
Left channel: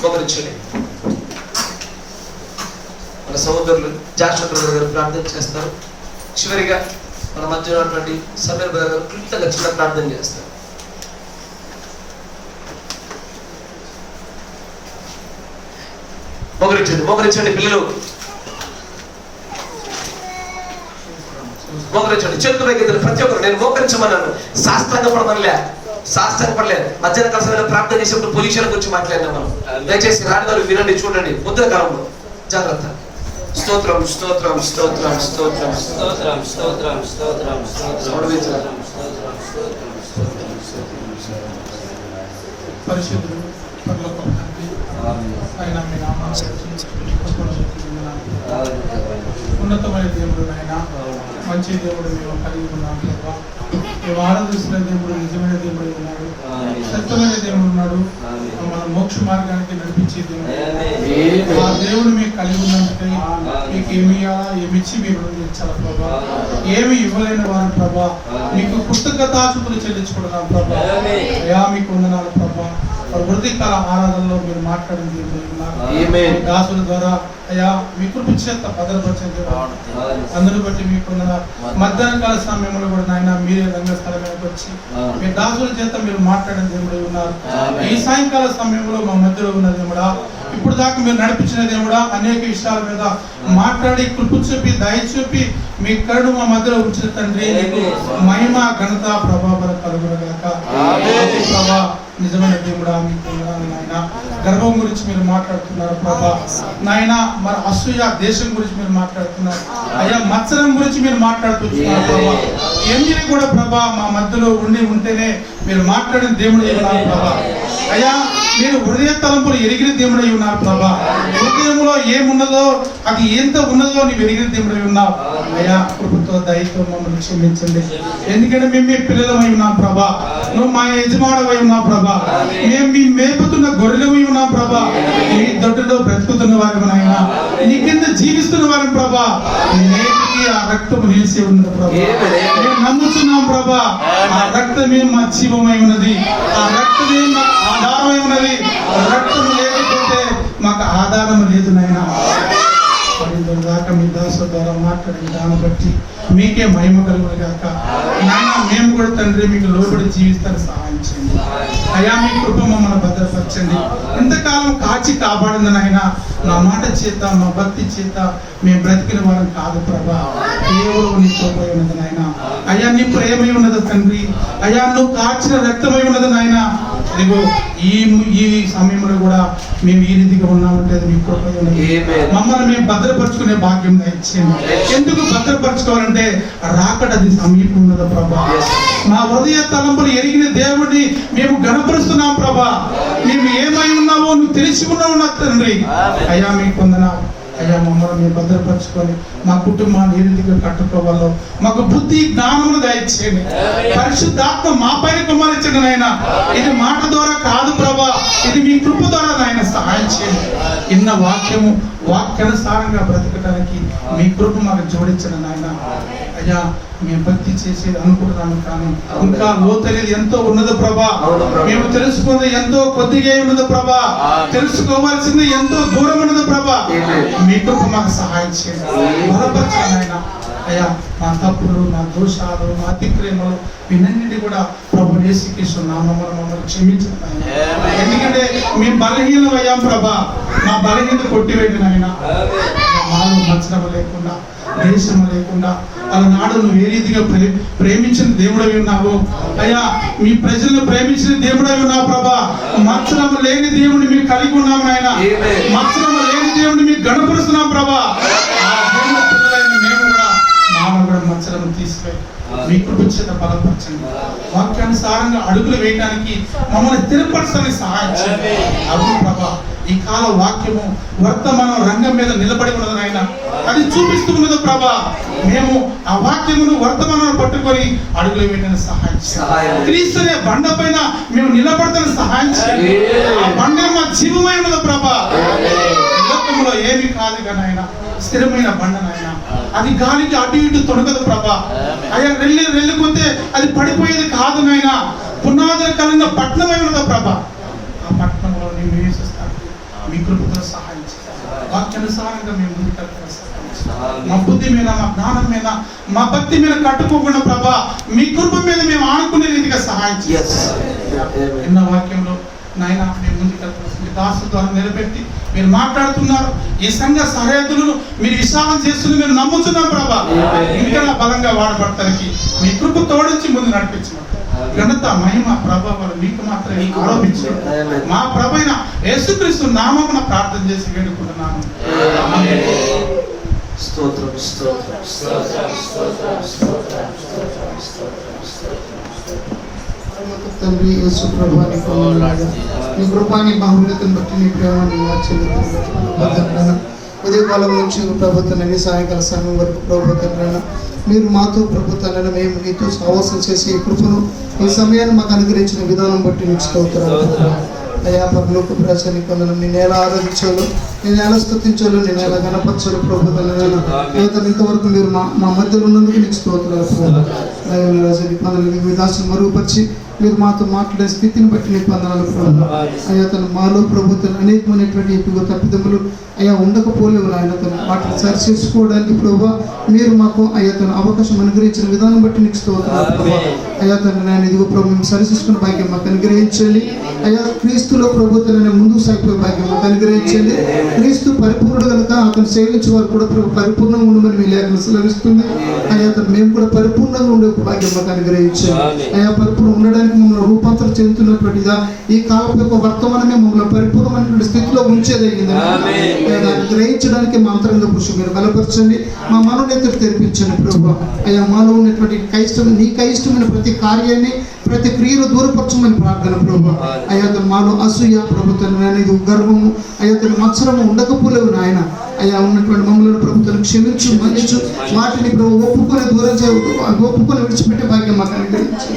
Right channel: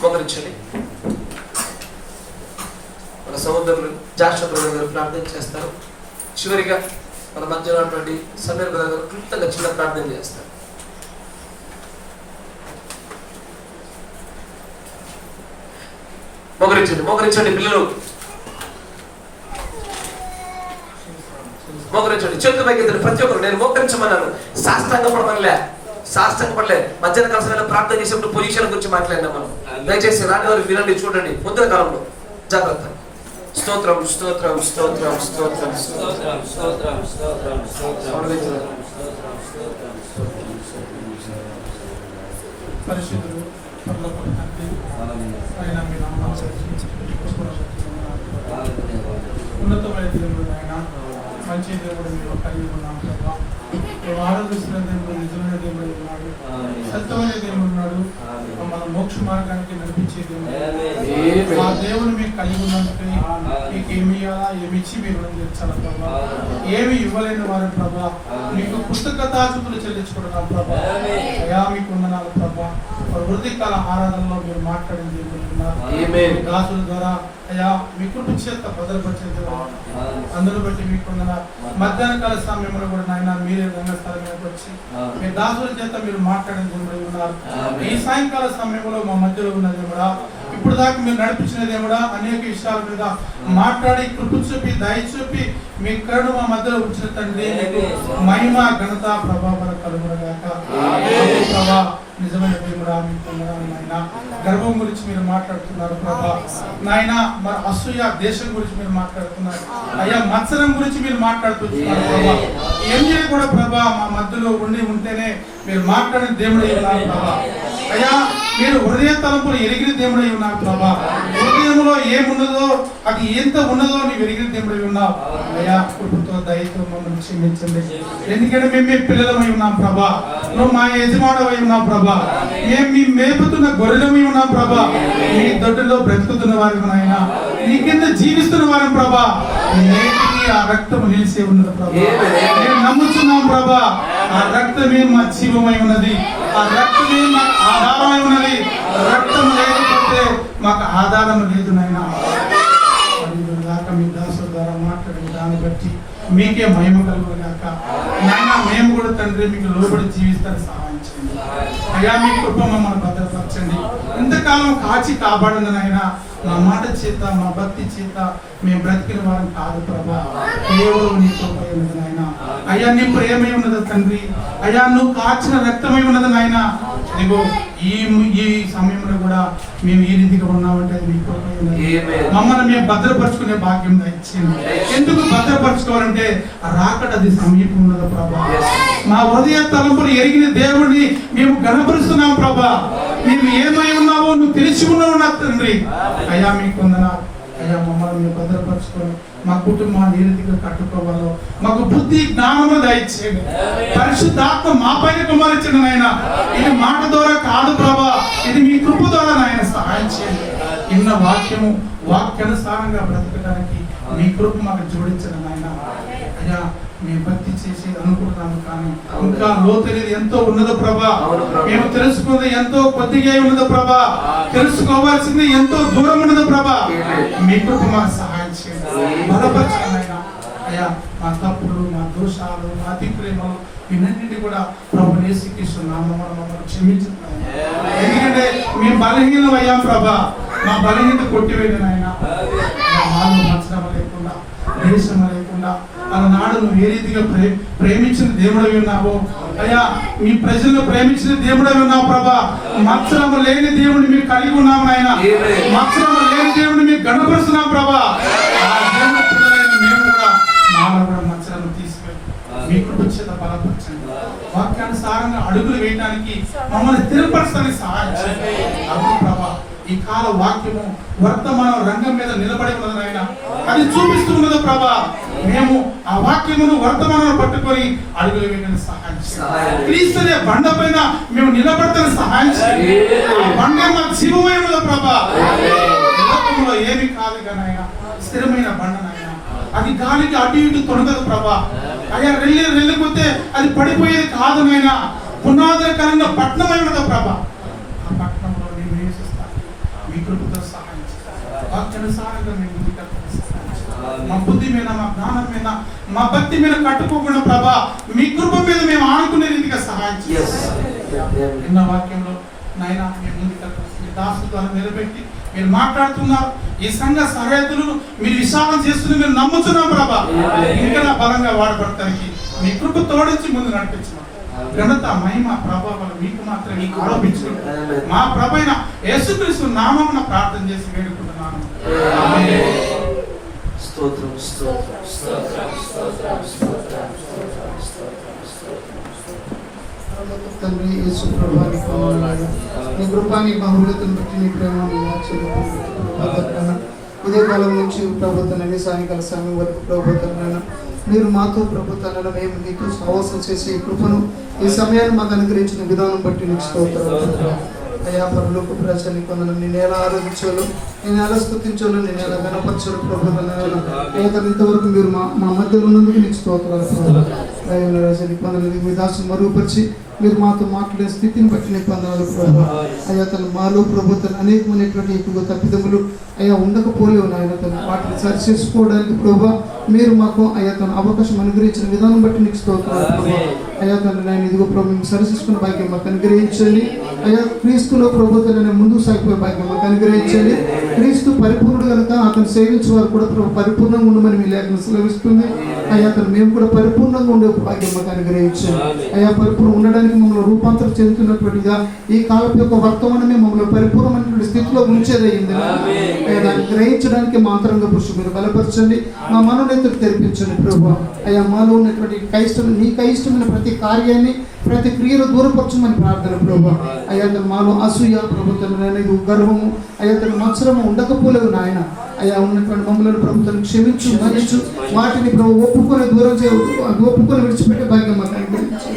మోకరించండి. మన సహోదరులు జాషువా బ్రదర్ గారు ప్రార్థన చేస్తారు. చివరిగా మన మధ్య ఉన్నటువంటి సమీర్ బ్రదర్ గారు క్లుప్తంగా చిన్న ప్రార్థన చేస్తారు. మోకరించండి పిల్లలు, మోకరించండి. చేతులు పైకి ప్రతి ఒక్కరు నేను మోకరించమన్నాను. సాష్టాంగ పడలేదు. మధ్యాహ్న కాలంలో ప్రార్థన చేసేప్పుడు పొజిషన్ గురించి మాట్లాడినా మనం. దయచేసి రాని వారు వినండి, చూడండి. పొద్దున కాలంలో జాగ్రత్త. స్తోత్రం స్తోత్రం స్తోత్రం స్తోత్రం స్తోత్రం స్తోత్రం స్తోత్రం స్తోత్రం. పరిశుద్ధుడు పరలోకపు తండ్రి, అయినా మీ నామాన్ని ఉన్నతమైన దేవుడు అయినా మంచి దేవుడు మేము కలిగి ఉన్నాం ప్రభా. మేము ఆరాధిస్తున్న దేవుడు నిజమైన దేవుడు ఉన్నాడు, సత్యమైన దేవుడు ఉన్నాడు, మన మోక్ష మార్గానికి నడిపించే దేవుడు. ఆ దేవుడు మీకు కలిగి ఉన్నందుకే మీకు ఏమి ఇవ్వాలా, ఏమి ఇచ్చి మీరు తీర్చాల ప్రభా. ఏమి ఇవ్వలేని వారిని ప్రభా మీకు కృతజ్ఞతాస్తుతులు చెల్లించుకుంటున్నాం ప్రభా. అయా మీకు వందనాలు ప్రభా. వృద్ధికాల ఆరాధనలో మీరు మాట్లాడింది దాసుల ద్వారా అయ్యా మీ కృప చేత భద్రపరిచేది. అందును బట్టి మీకు మధ్యాహ్న కాల సమయంలో కూడా నాయన మీరే రంగస్థలకి వచ్చి మీ దాసుల చేత మీరు మాట్లాడిన దేవుడు ఉన్నారు. ఈ సాయంకాల సమయంలో మా మధ్యలో ఉన్న దేవుడా, ఇప్పుడు దాకా మీరు నడిపించిన దేవుడా, అనేక విషయాల మీద మాట్లాడి కృప చూపి దయ చూపి మీ కరుణ మా మధ్యలో ఉంచిన తండ్రి, నీకు మహిమ ఘనత ప్రభావం కలుగునగాక. ప్రభా నిజమైన దేవుడా మీకు నాయన గర్వం గురించి మీరు మాట్లాడుతున్నారు ప్రభా. నాయన మన అసూయ దేశం గురించి మీరు మాట్లాడుతున్నారు అయ్యా. మత్సరం గురించి మీరు మాట్లాడుతున్నారు ప్రభా. ఏమి కూడా ప్రభా మా మధ్యలో ఉంటేనే మీరు మాట్లాడిన దేవుడు ఏమన్నారు ప్రభా. అయ్యా మీరు హృదయ తలంపులు ఎరిగిన దేవుడై ఉన్నారు ప్రభా. హృదయంలో ఏమున్నదో అది ఎంత ఉన్నదో నీవు ఎరిగిన దేవుడై ఉన్నావు అయ్యా. కృపతో దయతో మమ్మల్ని క్షమించండి. ఎందుకంటే మేము మీ పిల్లలమై ఉన్నాం ప్రభా. నువ్వు మా యజమానమై ఉన్నావు ప్రభా. మేము మీ మేపుతున్న గొర్రెలమై ఉన్నాం ప్రభా. నీ దొడ్డులో బ్రతుకుతున్న వారి నాయన, నీ కింద జీవిస్తున్న వారి ప్రభా. నేటికి ఆ రక్తం నిలిచి ఉన్నది ప్రభా. మేము నమ్ముతున్నాం ప్రభా. ఆ రక్తమే మా జీవమై ఉన్నది. ఆ రక్తమే మాకు ఆధారమై ఉన్నది. రక్తం లేకపోతే మాకు ఆధారం లేదు నాయన. దాకా మీ దాసు ద్వారా మాట్లాడిన దాన్ని బట్టి మీకే మహిమ కలుగును గాక నాయన. మేము కూడా తండ్రి మీకు లోబడి జీవిస్తాను సహాయం చేయండి అయ్యా. మీ కృప మమ్మల్ని భద్రపరచండి. ఇంతకాలం కాచి కాపాడింది నాయన. నా మాట చేత మా భక్తి చేత మేము బ్రతికిన వారం కాదు ప్రభా. కేవలం నీ కృప ఉన్నది నాయన. అయ్యా నీ ప్రేమై ఉన్నది తండ్రి. అయ్యా నువ్వు కాచిన రక్తమై ఉన్నది నాయన. ఇదిగో ఈ సమయంలో కూడా మేము ఈ రీతిగా ఉన్నామంటే అది మీ కృప ఉన్నది. మమ్మల్ని మేము భద్రపరచుకునే భాగ్యం ఇచ్చింది. ఎందుకు భద్రపరచుకోవాలంటే రాకడది సమీపం ఉన్నది ప్రభా. మా హృదయ తలంపులు ఎరిగిన దేవుడిని మేము గణపరుస్తున్నాం ప్రభా. మేము ఏమై ఉన్నావో నువ్వు తెలిసి ఉన్నావు నా తండ్రి. అయ్యా మీకు వందనాలు అయ్యా. మమ్మల్ని మేము భద్రపరచుకొని మా కుటుంబాన్ని ఏ రీతిగా కట్టుకోవాలో మాకు బుద్ధి జ్ఞానమును దయచేయండి. పరిశుద్ధాత్మ మా పైన కుమ్మరించండి నాయన. ఇది మాట ద్వారా కాదు ప్రభా, ఇది మీ కృప ద్వారా నాయన సహాయం చేయండి. ఇన్న వాక్యము వాక్యానుసారంగా బ్రతకడానికి మీ కృప మాకు జోడించండి నాయన. అయ్యా మేము భక్తి చేసేది అనుకుంటున్నాము కానీ ఇంకా లోతైనది ఎంతో ఉన్నది ప్రభా. మేము తెలుసుకున్నది ఎంతో కొద్దిగా ఉన్నది ప్రభా. తెలుసుకోవాల్సింది ఎంతో దూరం ఉన్నది ప్రభా. మీ కృప మాకు సహాయం చేయండి. బలపరచండి నాయన. అయ్యా మా తప్పులు, మా దోషాలు, మా అతిక్రమలు వీటన్నిటి కూడా ప్రభు యేసుక్రీస్తు నామమున మమ్మల్ని క్షమించండి. ఎందుకంటే మేము బలహీనం అయ్యాం ప్రభా. మా బలహీనత కొట్టివేయండి నాయన. మాలో మచ్చడం లేకుండా, దేశం లేకుండా అలనాడు నువ్వు ఏ రీతిగా ప్రేమించిన దేవుడై ఉన్నావు అయ్యా. మీ ప్రజలను ప్రేమించిన దేవుడై ఉన్నావు ప్రభా. మత్సరం లేని దేవుడిని మీరు కలిగి ఉన్నాము నాయన. మత్సరం లేని దేవుడిని మీరు గణపరుస్తున్నాం ప్రభా. ఆ దేవుని పిల్లలైన మేము కూడా మానవ కూడా మత్సరం తీసుకెళ్ళి మీ కృప చేత బలపరచండి. వాక్యానుసారంగా అడుగులు వేయడానికి మమ్మల్ని స్థిరపరచడానికి సహాయం చేయండి. అవును ప్రభా. ఈ కాల వాక్యము వర్తమానం రంగం మీద నిలబడి ఉన్నది నాయన. అది చూపిస్తున్నది ప్రభా. మేము ఆ వాక్యమును వర్తమానం పట్టుకొని అడుగులు వేయడానికి సహాయం చేయండి. క్రీస్తు అనే బండ పైన మేము నిలబడతానికి సహాయం చేయండి. ఆ బండ మా జీవమై ఉన్నది ప్రభా. లోకంలో ఏమి కాదు నాయన. స్థిరమైన బండ నాయన. అది గాలికి అటు ఇటు తొడగదు ప్రభా. అయ్యా వెళ్ళిపోతే అది పడిపోయేది కాదు నాయన. పునాదుల కలిగిన పట్టణమై ఉన్నది ప్రభా. ఆ పట్టణంలో నేను నివసిస్తాను. మీ కృపతో సహాయం చేయాలి. వాక్యానుసారంగా మేము ముందుకెళ్తాను సహాయం చేయాలి. మా బుద్ధి మీద, మా జ్ఞానం మీద, మా భక్తి మీద కట్టుకోకుండా ప్రభా మీ కృప మీద మేము ఆనుకునే రీతిగా సహాయం చేయాలి. ఎన్న వాక్యంలో నాయన మేము ముందుకెళ్తాం. మీ దాసు ద్వారా నిలబెట్టి మీరు మాట్లాడుతున్నారు. ఈ సంఘ సహాయకులను మీరు విశాలం చేస్తున్న మీరు నమ్ముతున్నాం ప్రభా. ఇంకా బలంగా వాడబడటానికి మీ కృప తోడించి ముందు నడిపించమంటారు. ఘనత మహిమ ప్రభావాలు మీకు మాత్రమే ఆరోపించండి. మా ప్రభైన యేసుక్రీస్తు నామమున ప్రార్థన చేసి వేడుకుంటున్నాను. స్తోత్రం స్తోత్రం స్తోత్రం స్తోత్రం స్తోత్రం తండ్రి యేసు ప్రభువాని వందనాలు. నీ కృపాని బహుమతిని బట్టి నీ ప్రేమని ఆచరిస్తున్నాను. ఇదే కాలం నుంచి ప్రభుత్వాన్ని సాయంకాల సమయం వరకు ప్రభుత్వాన్ని మీరు మాతో ప్రభుత్వాన్ని మేము నీతో సహవాసం చేసి ఈ కృపను ఈ సమయాన్ని మాకు అనుగ్రహించిన విధానం బట్టి నీకు స్తోత్రాలు. అయ్యా పరలోక ప్రజని కొందరు నేను ఎలా ఆరాధించాలో, నేను ఎలా స్తుతించాలో, నేను ఎలా గణపరచాలో ప్రభుత్వాన్ని ఇంతవరకు మీరు మా మధ్యలో ఉన్నందుకు నీకు స్తోత్రాలు. కొందరు విధాసం మరుగుపరిచి మీరు మాతో మాట్లాడే స్థితిని బట్టి నీకు వందనాలు ప్రభు. అయ్యా తను మాలో ప్రభుత్వం అనేకమైనటువంటి ఎక్కువ తప్పిదములు అయ్యా ఉండకపోలేవు నాయన. తను వాటిని సరి చేసుకోవడానికి ప్రభు మీరు మాకు అయ్యా తను అవకాశం అనుగ్రహించిన విధానం బట్టి నీకు స్తోత్రాలు ప్రభు. అయ్యా తను నేను ఇదిగో ప్రభు మేము సరిచేసుకున్న భాగ్యం మాకు అనుగ్రహించండి. అయ్యా క్రీస్తులో ప్రభుత్వాన్ని ముందుకు సాగిపోయే భాగ్యం మాకు అనుగ్రహించండి. క్రీస్తు పరిపూర్ణుడు కనుక అతను సేవించే వారు కూడా ప్రభు పరిపూర్ణంగా ఉండమని మీ లేఖనం సెలవిస్తుంది. అయ్యా తను మేము కూడా పరిపూర్ణంగా ఉండే భాగ్యం మాకు అనుగ్రహించండి. అయ్యా పరిపూర్ణ ఉండడానికి మమ్మల్ని రూపాంతరం చెందుతున్నటువంటిగా ఈ కాలం యొక్క వర్తమానమే మమ్మల్ని పరిపూర్ణమైనటువంటి స్థితిలో ఉంచేదయ్యింది. దాన్ని గ్రహించడానికి మా అంతరంగ పురుషు మీరు బలపరచండి. మా మనోనేతలు తెరిపించండి ప్రభు. అయ్యా మాలో ఉన్నటువంటి నీకు అయిష్టమైన ప్రతి ప్రతి కార్యాన్ని ప్రతి క్రియను దూరపరచమని ప్రార్థన ప్రభు. అయ్యా మాలో అసూయ ప్రభుత్వం అనేది గర్వము అయ్యా మత్సరము ఉండకపోలేవు నాయన. అయ్యా ఉన్నటువంటి మమ్మల్ని ప్రభుత్వం క్షమించు మన్నించు వాటిని ప్రభు ఒప్పుకొని విడిచిపెట్టే భాగ్యం మాకు అనుగ్రహించు.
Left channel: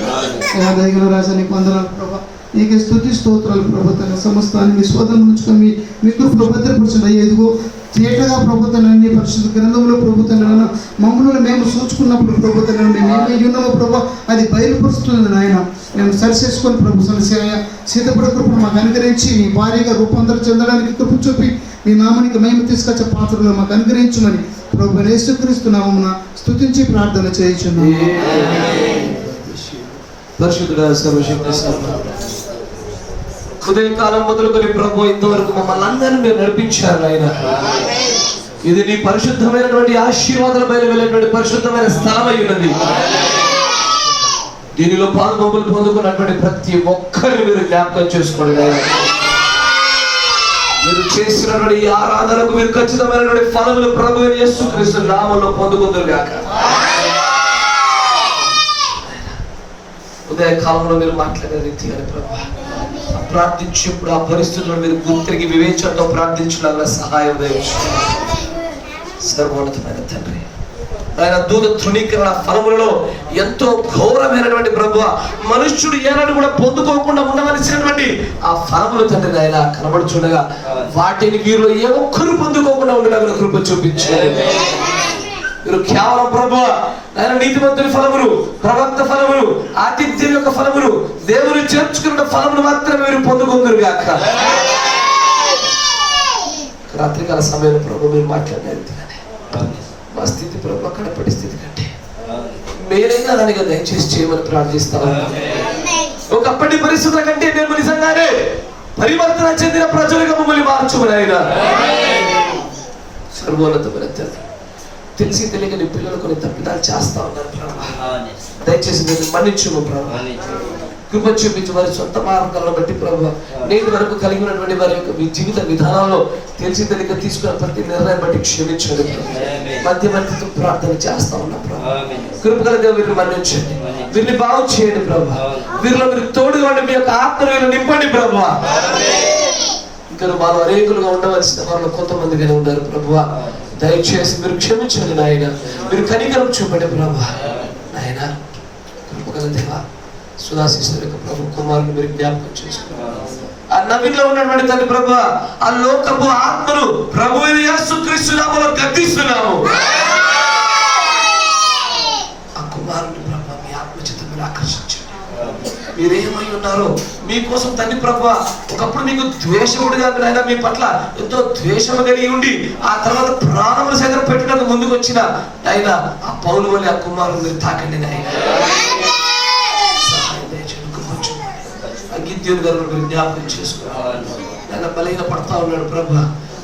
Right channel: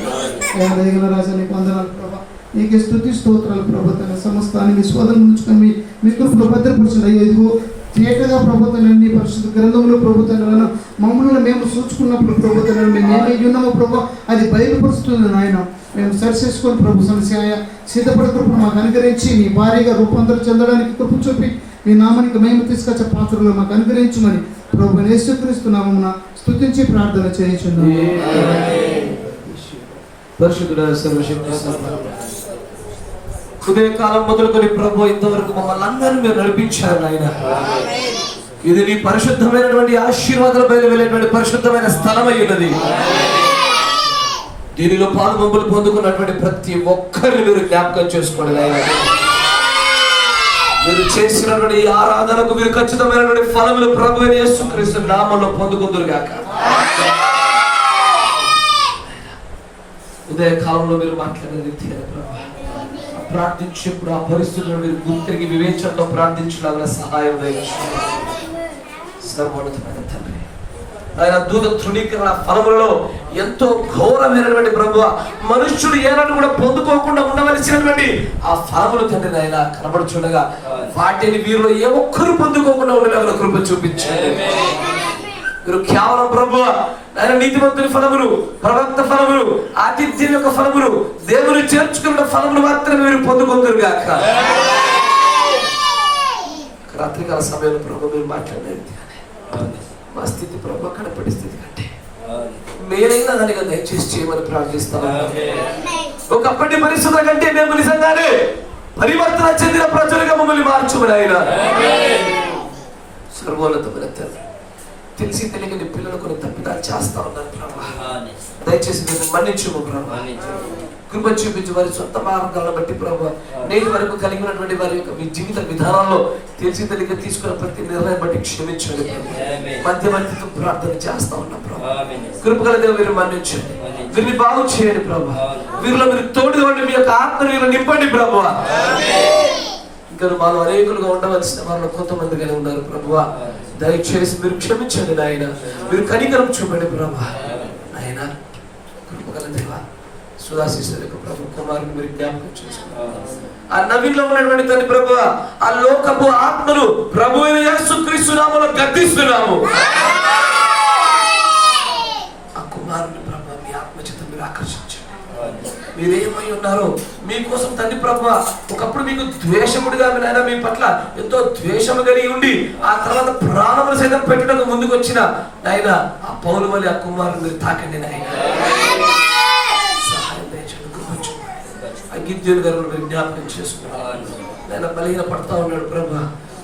అయ్యా దయగల రాజా నీకు వందనాలు ప్రభు. నీకే స్తుతి స్తోత్రాలు ప్రభుత్వ సమస్తాన్ని మీ స్వాధీనం ఉంచుకొని మీ కృపలో భద్రపరచండి. అయ్యా ఇదిగో తేటగా ప్రభుత్వాలన్నీ పరిశుద్ధ గ్రంథంలో ప్రభుత్వాలను మమ్మల్ని మేము సూచుకున్నప్పుడు ప్రభుత్వాలను మేమే ఉన్నామో ప్రభు అది బయలుపరుస్తుంది నాయన. మేము సరిచేసుకొని ప్రభు సమస్య సిద్ధపడే కృప మాకు అనుగ్రహించి నీ భారీగా రూపాంతరం చెందడానికి కృప చూపి మీ నామానికి మేము తీసుకొచ్చే పాత్రలో మాకు అనుగ్రహించమని ప్రభు యేసుక్రీస్తు నామమున స్తుతించి ప్రార్థన చేయించున్నాము. పరిశుద్ధుడా సర్వశక్తి ఉదయకాలం మొదలుకొని ప్రభు ఇంతవరకు మమ్మల్ని అందరినీ మీరు నడిపించారు ఆయన. ఇది నీ పరిశుద్ధమైనటువంటి ఆశీర్వాదాల పైన వెళ్ళేటువంటి పరిశుద్ధమైన స్థలం అయ్యున్నది. దీనిలో పాల్గొంపులు పొందుకున్నటువంటి ప్రతి ఒక్కరిని మీరు జ్ఞాపకం చేసుకోండి ఆయన. మీరు చేసినటువంటి ఈ ఆరాధనకు మీరు ఖచ్చితమైనటువంటి ఫలములు ప్రభు యేసుక్రీస్తు నామములో పొందుకుందురు గాక. ఉదయకాలంలో మీరు మాట్లాడే రీతిగా ప్రభు ప్రార్థించినప్పుడు ఆ పరిస్థితుల్లో మీరు గుర్తిరిగి వివేచనతో ప్రార్థించడానికి సహాయం సర్వోన్నతమైన తండ్రి ఆయన దూత తృణీకరణ ఫలములలో ఎంతో ఘోరమైనటువంటి ప్రభువ మనుష్యుడు ఏనాడు కూడా పొందుకోకుండా ఉండవలసినటువంటి ఆ ఫలములు తండ్రి ఆయన కనబడుచుండగా వాటిని వీరిలో ఏ ఒక్కరు పొందుకోకుండా ఉండేలా కృప చూపించారు. మీరు కేవలం ప్రభు ఆయన నీతిమంతుని ఫలములు ప్రవక్త ఫలములు ఆతిథ్యం యొక్క ఫలములు దేవుని చేర్చుకున్న ఫలములు మాత్రమే మీరు పొందుకుందరు గాక. రాత్రికాల సమయంలో ప్రభు మీరు మాట్లాడేది మా స్థితి ప్రభు కడపడి స్థితి కంటే మేరైనా దానిగా దయచేసి చేయమని ప్రార్థిస్తాను. ఒకప్పటి పరిస్థితుల కంటే మేము నిజంగానే పరివర్తన చెందిన ప్రజలుగా మమ్మల్ని మార్చమని ఆయన. సర్వోన్నతమైన తండ్రి తెలిసి తెలియని పిల్లలు కొన్ని తప్పిదాలు చేస్తా ఉన్నారు ప్రభు. దయచేసి మీరు మన్నించుము ప్రభు. కృప చూపించి వారి సొంత మార్గాలను బట్టి ప్రభు నేటి వరకు కలిగి ఉన్నటువంటి వారి యొక్క మీ జీవిత విధానంలో తెలిసి తెలియక తీసుకున్న ప్రతి నిర్ణయం బట్టి క్షమించండి. మధ్య మధ్యతో ప్రార్థన చేస్తా ఉన్నాం ప్రభు. కృపగల దేవుడు మీరు మన్నించండి. వీరిని బాగు చేయండి ప్రభు. వీరిలో మీరు తోడు వంటి మీ యొక్క ఆత్మీయులు నింపండి ప్రభు. ఇంకా మాలో అనేకులుగా ఉండవలసిన వాళ్ళు కొంతమందిగానే ఉన్నారు ప్రభు. దయచేసి మీరు క్షమించండి నాయన. మీరు కనికరం చూపండి ప్రభు. నాయన కృపగల దేవా సుధాశిష్యుల యొక్క ప్రభు కుమారుని మీరు జ్ఞాపకం చేసుకున్నారు. ఆ నవీన్లో ఉన్నటువంటి తండ్రి ప్రభు ఆ లోకపు ఆత్మను ప్రభు యేసుక్రీస్తు నామములో గద్దిస్తున్నాము. ఆ కుమారుని ప్రభు మీ ఆత్మచేత మీరు ఆకర్షించండి. మీరేమై ఉన్నారో మీకోసం తండ్రి ప్రభు ఒకప్పుడు మీకు ద్వేషముడిగా ఆయన మీ పట్ల ఎంతో ద్వేషము కలిగి ఉండి ఆ తర్వాత ప్రాణములు సైతం పెట్టడానికి ముందుకు వచ్చిన ఆయన ఆ పౌలు వల్ల ఆ కుమారుని మీరు తాకండి నాయన. గిద్యోను గారు మీరు జ్ఞాపకం చేసుకోవాలి. ఆయన బలహీన పడతా ఉన్నాడు ప్రభు.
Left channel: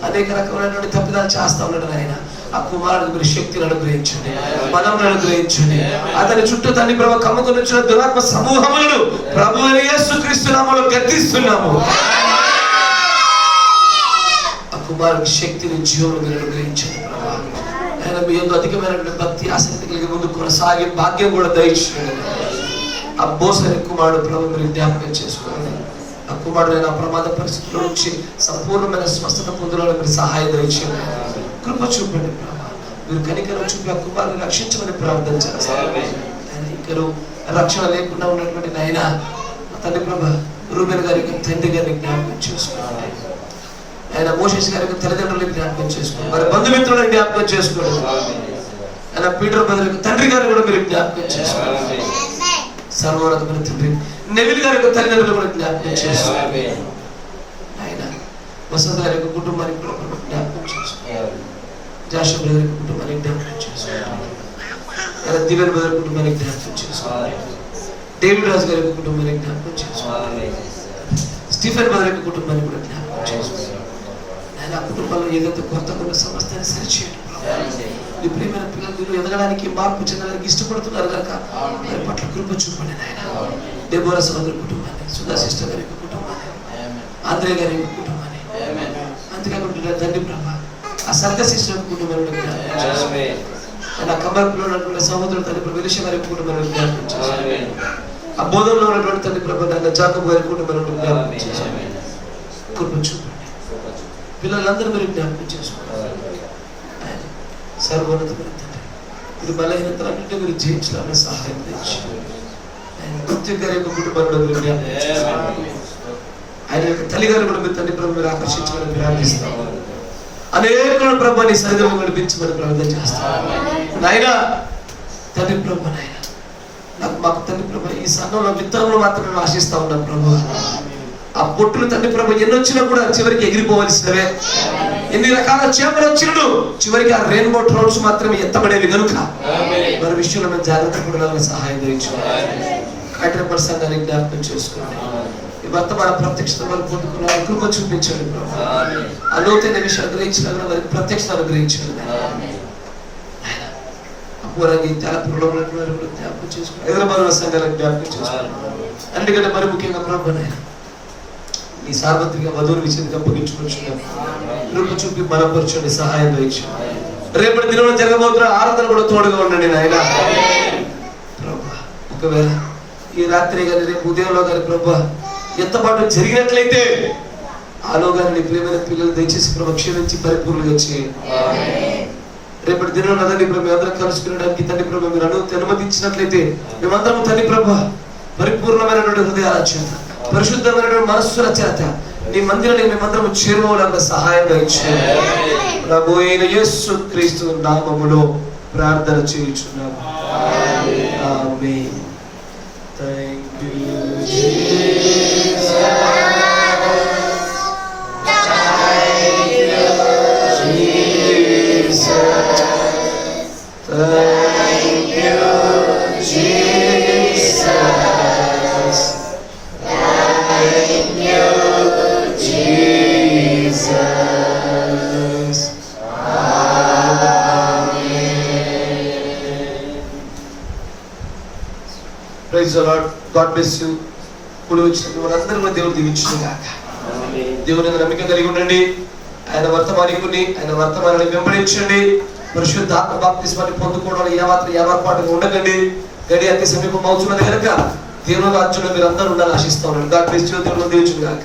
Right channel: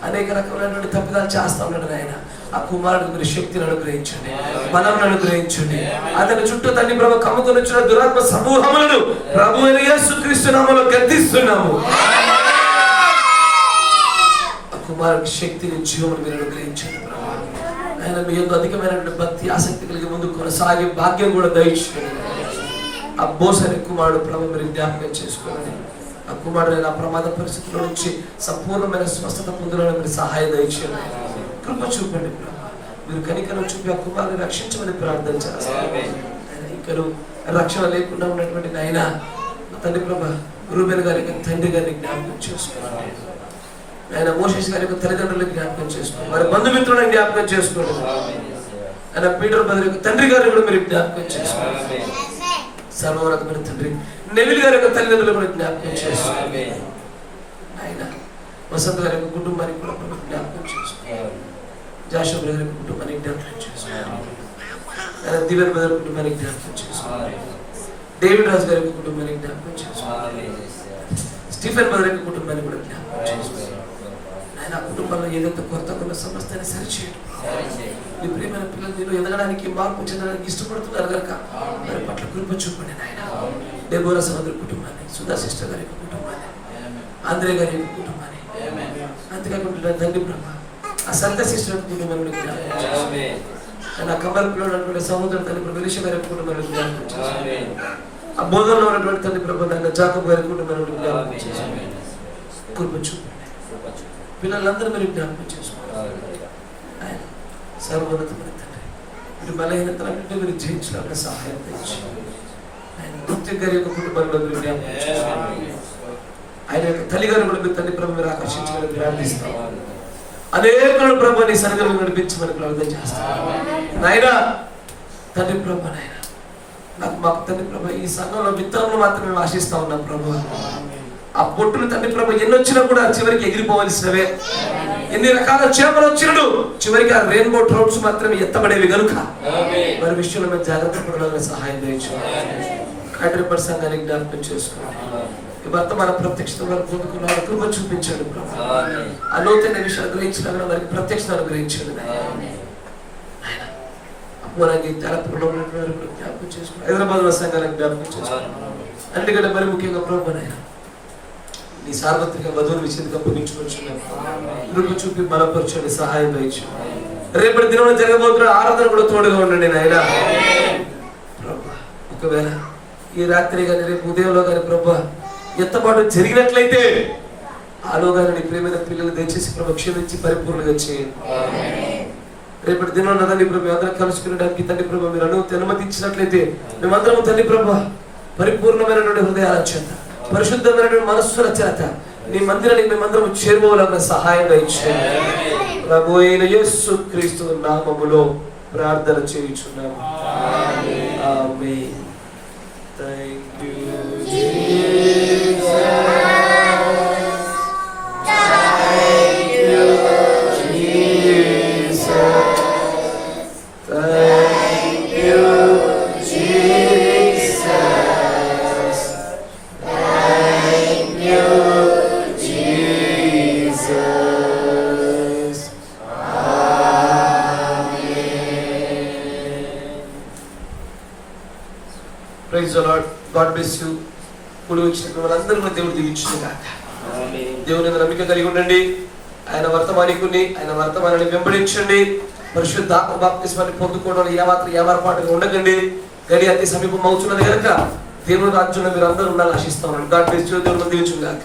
అనేక రకమైనటువంటి తప్పిదాలు చేస్తా ఉన్నాడు ఆయన. ఆ కుమారుడు మీరు శక్తిని అనుగ్రహించండి, బలం అనుగ్రహించండి. అతని చుట్టూ తండ్రి ప్రభు కమ్ముకొని వచ్చిన దురాత్మ సమూహములను ప్రభు యేసుక్రీస్తు నామములో గద్దిస్తున్నాము. ఆ కుమారుడికి శక్తిని జీవనం మీరు అనుగ్రహించండి ప్రభు. ఆయన మీ యొక్క అధికమైనటువంటి భక్తి ఆసక్తి కలిగి ముందు కొనసాగే భాగ్యం కూడా దయచేయండి. ఆ బోసని కుమారుడు ప్రభు మీరు జ్ఞాపకం చేసుకోండి. ఆ కుమారుడైన ప్రమాద పరిస్థితుల నుంచి సంపూర్ణమైన స్వస్థత పొందులను మీరు సహాయం దయచేయండి. కృప చూపండి ప్రభు. మీరు కనికరం చూపి ఆ కుమారుని రక్షించమని ప్రార్థన చేస్తారు. ఆయన ఇంకరు రక్షణ లేకుండా ఉన్నటువంటి నాయన తండ్రి ప్రభు రూబెన్ గారికి తండ్రి గారిని జ్ఞాపకం చేసుకోండి. ఆయన మోషేష్ గారికి తల్లిదండ్రులకు జ్ఞాపకం చేసుకోండి. వారి బంధుమిత్రులను జ్ఞాపకం చేసుకోండి. ఆయన పీటర్ బదులు తండ్రి గారిని కూడా మీరు జ్ఞాపకం చేసుకోండి. సర్వోన్నతమైన తండ్రి నెవిల్ గారి యొక్క తల్లిదండ్రులు కూడా జ్ఞాపకం చేసుకోండి. ఆయన వసంత గారి యొక్క కుటుంబానికి కూడా జ్ఞాపకం చేసుకోండి. జాషువా గారి యొక్క కుటుంబానికి జ్ఞాపకం చేసుకోండి. దివ్యన్ బ్రదర్ కుటుంబానికి జ్ఞాపకం చేసుకోండి. డేవిడ్ రాజు గారి యొక్క కుటుంబానికి జ్ఞాపకం చేసుకోండి. స్టీఫెన్ బ్రదర్ యొక్క కుటుంబానికి కూడా జ్ఞాపకం చేసుకోండి. ఆయన ఆ కుటుంబంలో ఏదైతే కొరతకున్న సమస్యని సరిచేయండి. మీ ప్రియమైన పిల్లలు మీరు ఎదగడానికి మార్పు చెందడానికి ఇష్టపడుతున్నారు కనుక వారి పట్ల కృప చూపండి నాయన. డెబోరా సోదరి కుటుంబాన్ని, సుధా సిస్టర్ గారి యొక్క కుటుంబాన్ని, ఆంధ్రే గారి యొక్క కుటుంబాన్ని, అంతేకాకుండా తండ్రి ప్రభ ఆ సర్గ సిస్టర్ కుటుంబాన్ని నా కమర్పులో ఉన్నటువంటి సహోదరుడు తండ్రి ప్రభు విలిష గారి కుటుంబాన్ని జ్ఞాపకం చేసుకోండి. ఆ బోధనలో ఉన్నటువంటి తండ్రి ప్రభు నాయన జాకబ్ గారి కుటుంబాన్ని జ్ఞాపకం చేసుకోండి. కృప చూపండి. పిల్లలందరూ మీరు జ్ఞాపకం చేసుకోండి. ఆయన సర్వోన్నతమైన తండ్రి, మీరు బలహీనతలన్నింటినీ మీరు జయించడానికి సహాయం తెచ్చింది. ఆయన నృత్య గారి యొక్క కుటుంబంలో మీరు జ్ఞాపకం చేసుకోండి. ఆయన యొక్క తల్లిగారు కూడా మీరు తండ్రి ప్రభు మీరు ఆకర్షించమని ప్రార్థిస్తాం. అనేకులు ప్రభు నీ సన్నిధిలో నడిపించమని ప్రార్థన చేస్తాం. నాయన తండ్రి ప్రభు, నాయన నాకు మాకు తండ్రి ప్రభు ఈ సంఘంలో విత్తనంలో మాత్రమే ఆశిస్తా ఉన్నాం ప్రభు. ఆ పొట్టులు తండ్రి ప్రభు ఎన్నొచ్చినా కూడా చివరికి ఎగిరిపోవలసినవే. ఎన్ని రకాల చేపలు వచ్చినడు చివరికి ఆ రెయిన్బో ట్రౌట్స్ మాత్రమే ఎత్తబడేవి కనుక మరి విషయంలో మేము జాగ్రత్త పడాలని సహాయం చేయించుకోవాలి. కాటరపడి సంఘాన్ని జ్ఞాపకం చేసుకోండి. ఈ వర్తమాన ప్రత్యక్షత వరకు కృప చూపించండి ప్రభు. ఆ లోతైన విషయాలు గ్రహించడం వారికి ప్రత్యక్షత అనుగ్రహించండి. అపూరంగా తెలపురంలో జ్ఞాపకం చేసుకోండి. హైదరాబాద్ సంఘాలను జ్ఞాపకం చేసుకోండి. అన్నిటికంటే మరి ముఖ్యంగా ప్రభు ఈ సార్వత్రిక వధువుల విషయంగా పొగించుకొచ్చున్నాం. కృప చూపి బలపరచండి, సహాయం చేయించండి. రేపటి దినంలో జరగబోతున్న ఆరాధన కూడా తోడుగా ఉండండి నాయన ప్రభు. ఒకవేళ ఈ రాత్రి కానీ రేపు ఉదయంలో కానీ ప్రభు ఎత్తబాటు జరిగినట్లయితే ఆలోగానే నీ ప్రియమైన పిల్లలు దయచేసి ప్రభు క్షమించి పరిపూర్ణంగా చేయండి. రేపటి దినంలో తండ్రి ప్రభు అందరం కలుసుకునేడానికి తండ్రి ప్రభు మీరు అనుమతించినట్లయితే మేమందరం తండ్రి ప్రభు పరిపూర్ణమైనటువంటి హృదయాల చేత, పరిశుద్ధమైనటువంటి మనస్సుల చేత నీ మందిరానికి మేమందరం చేరుకోవాలన్న సహాయంగా ఇచ్చేయండి. ప్రభు అయిన యేసు క్రీస్తు నామములో ప్రార్థన చేయుచున్నాము. ఆమేన్. Thank you, Jesus. Thank you, Jesus. Thank you, Jesus. Thank you, Jesus. Praise the Lord. God bless you. ఇప్పుడు వచ్చిన వాళ్ళందరూ మన దేవుడు దీవించును గాక. దేవుని నమ్మిక కలిగి ఉండండి. ఆయన వర్తమానికుని, ఆయన వర్తమానాన్ని వెంబడించండి. పరిశుద్ధాత్మ బాప్తిస్మాన్ని పొందుకోవడం ఏమాత్రం ఉండకండి. గడి అతి సమీపం అవుతున్నది కనుక దేవుని రాజ్యంలో మీరు అందరూ ఉండాలని ఆశిస్తా ఉన్నాను. God bless you. దేవుని దీవించును గాక.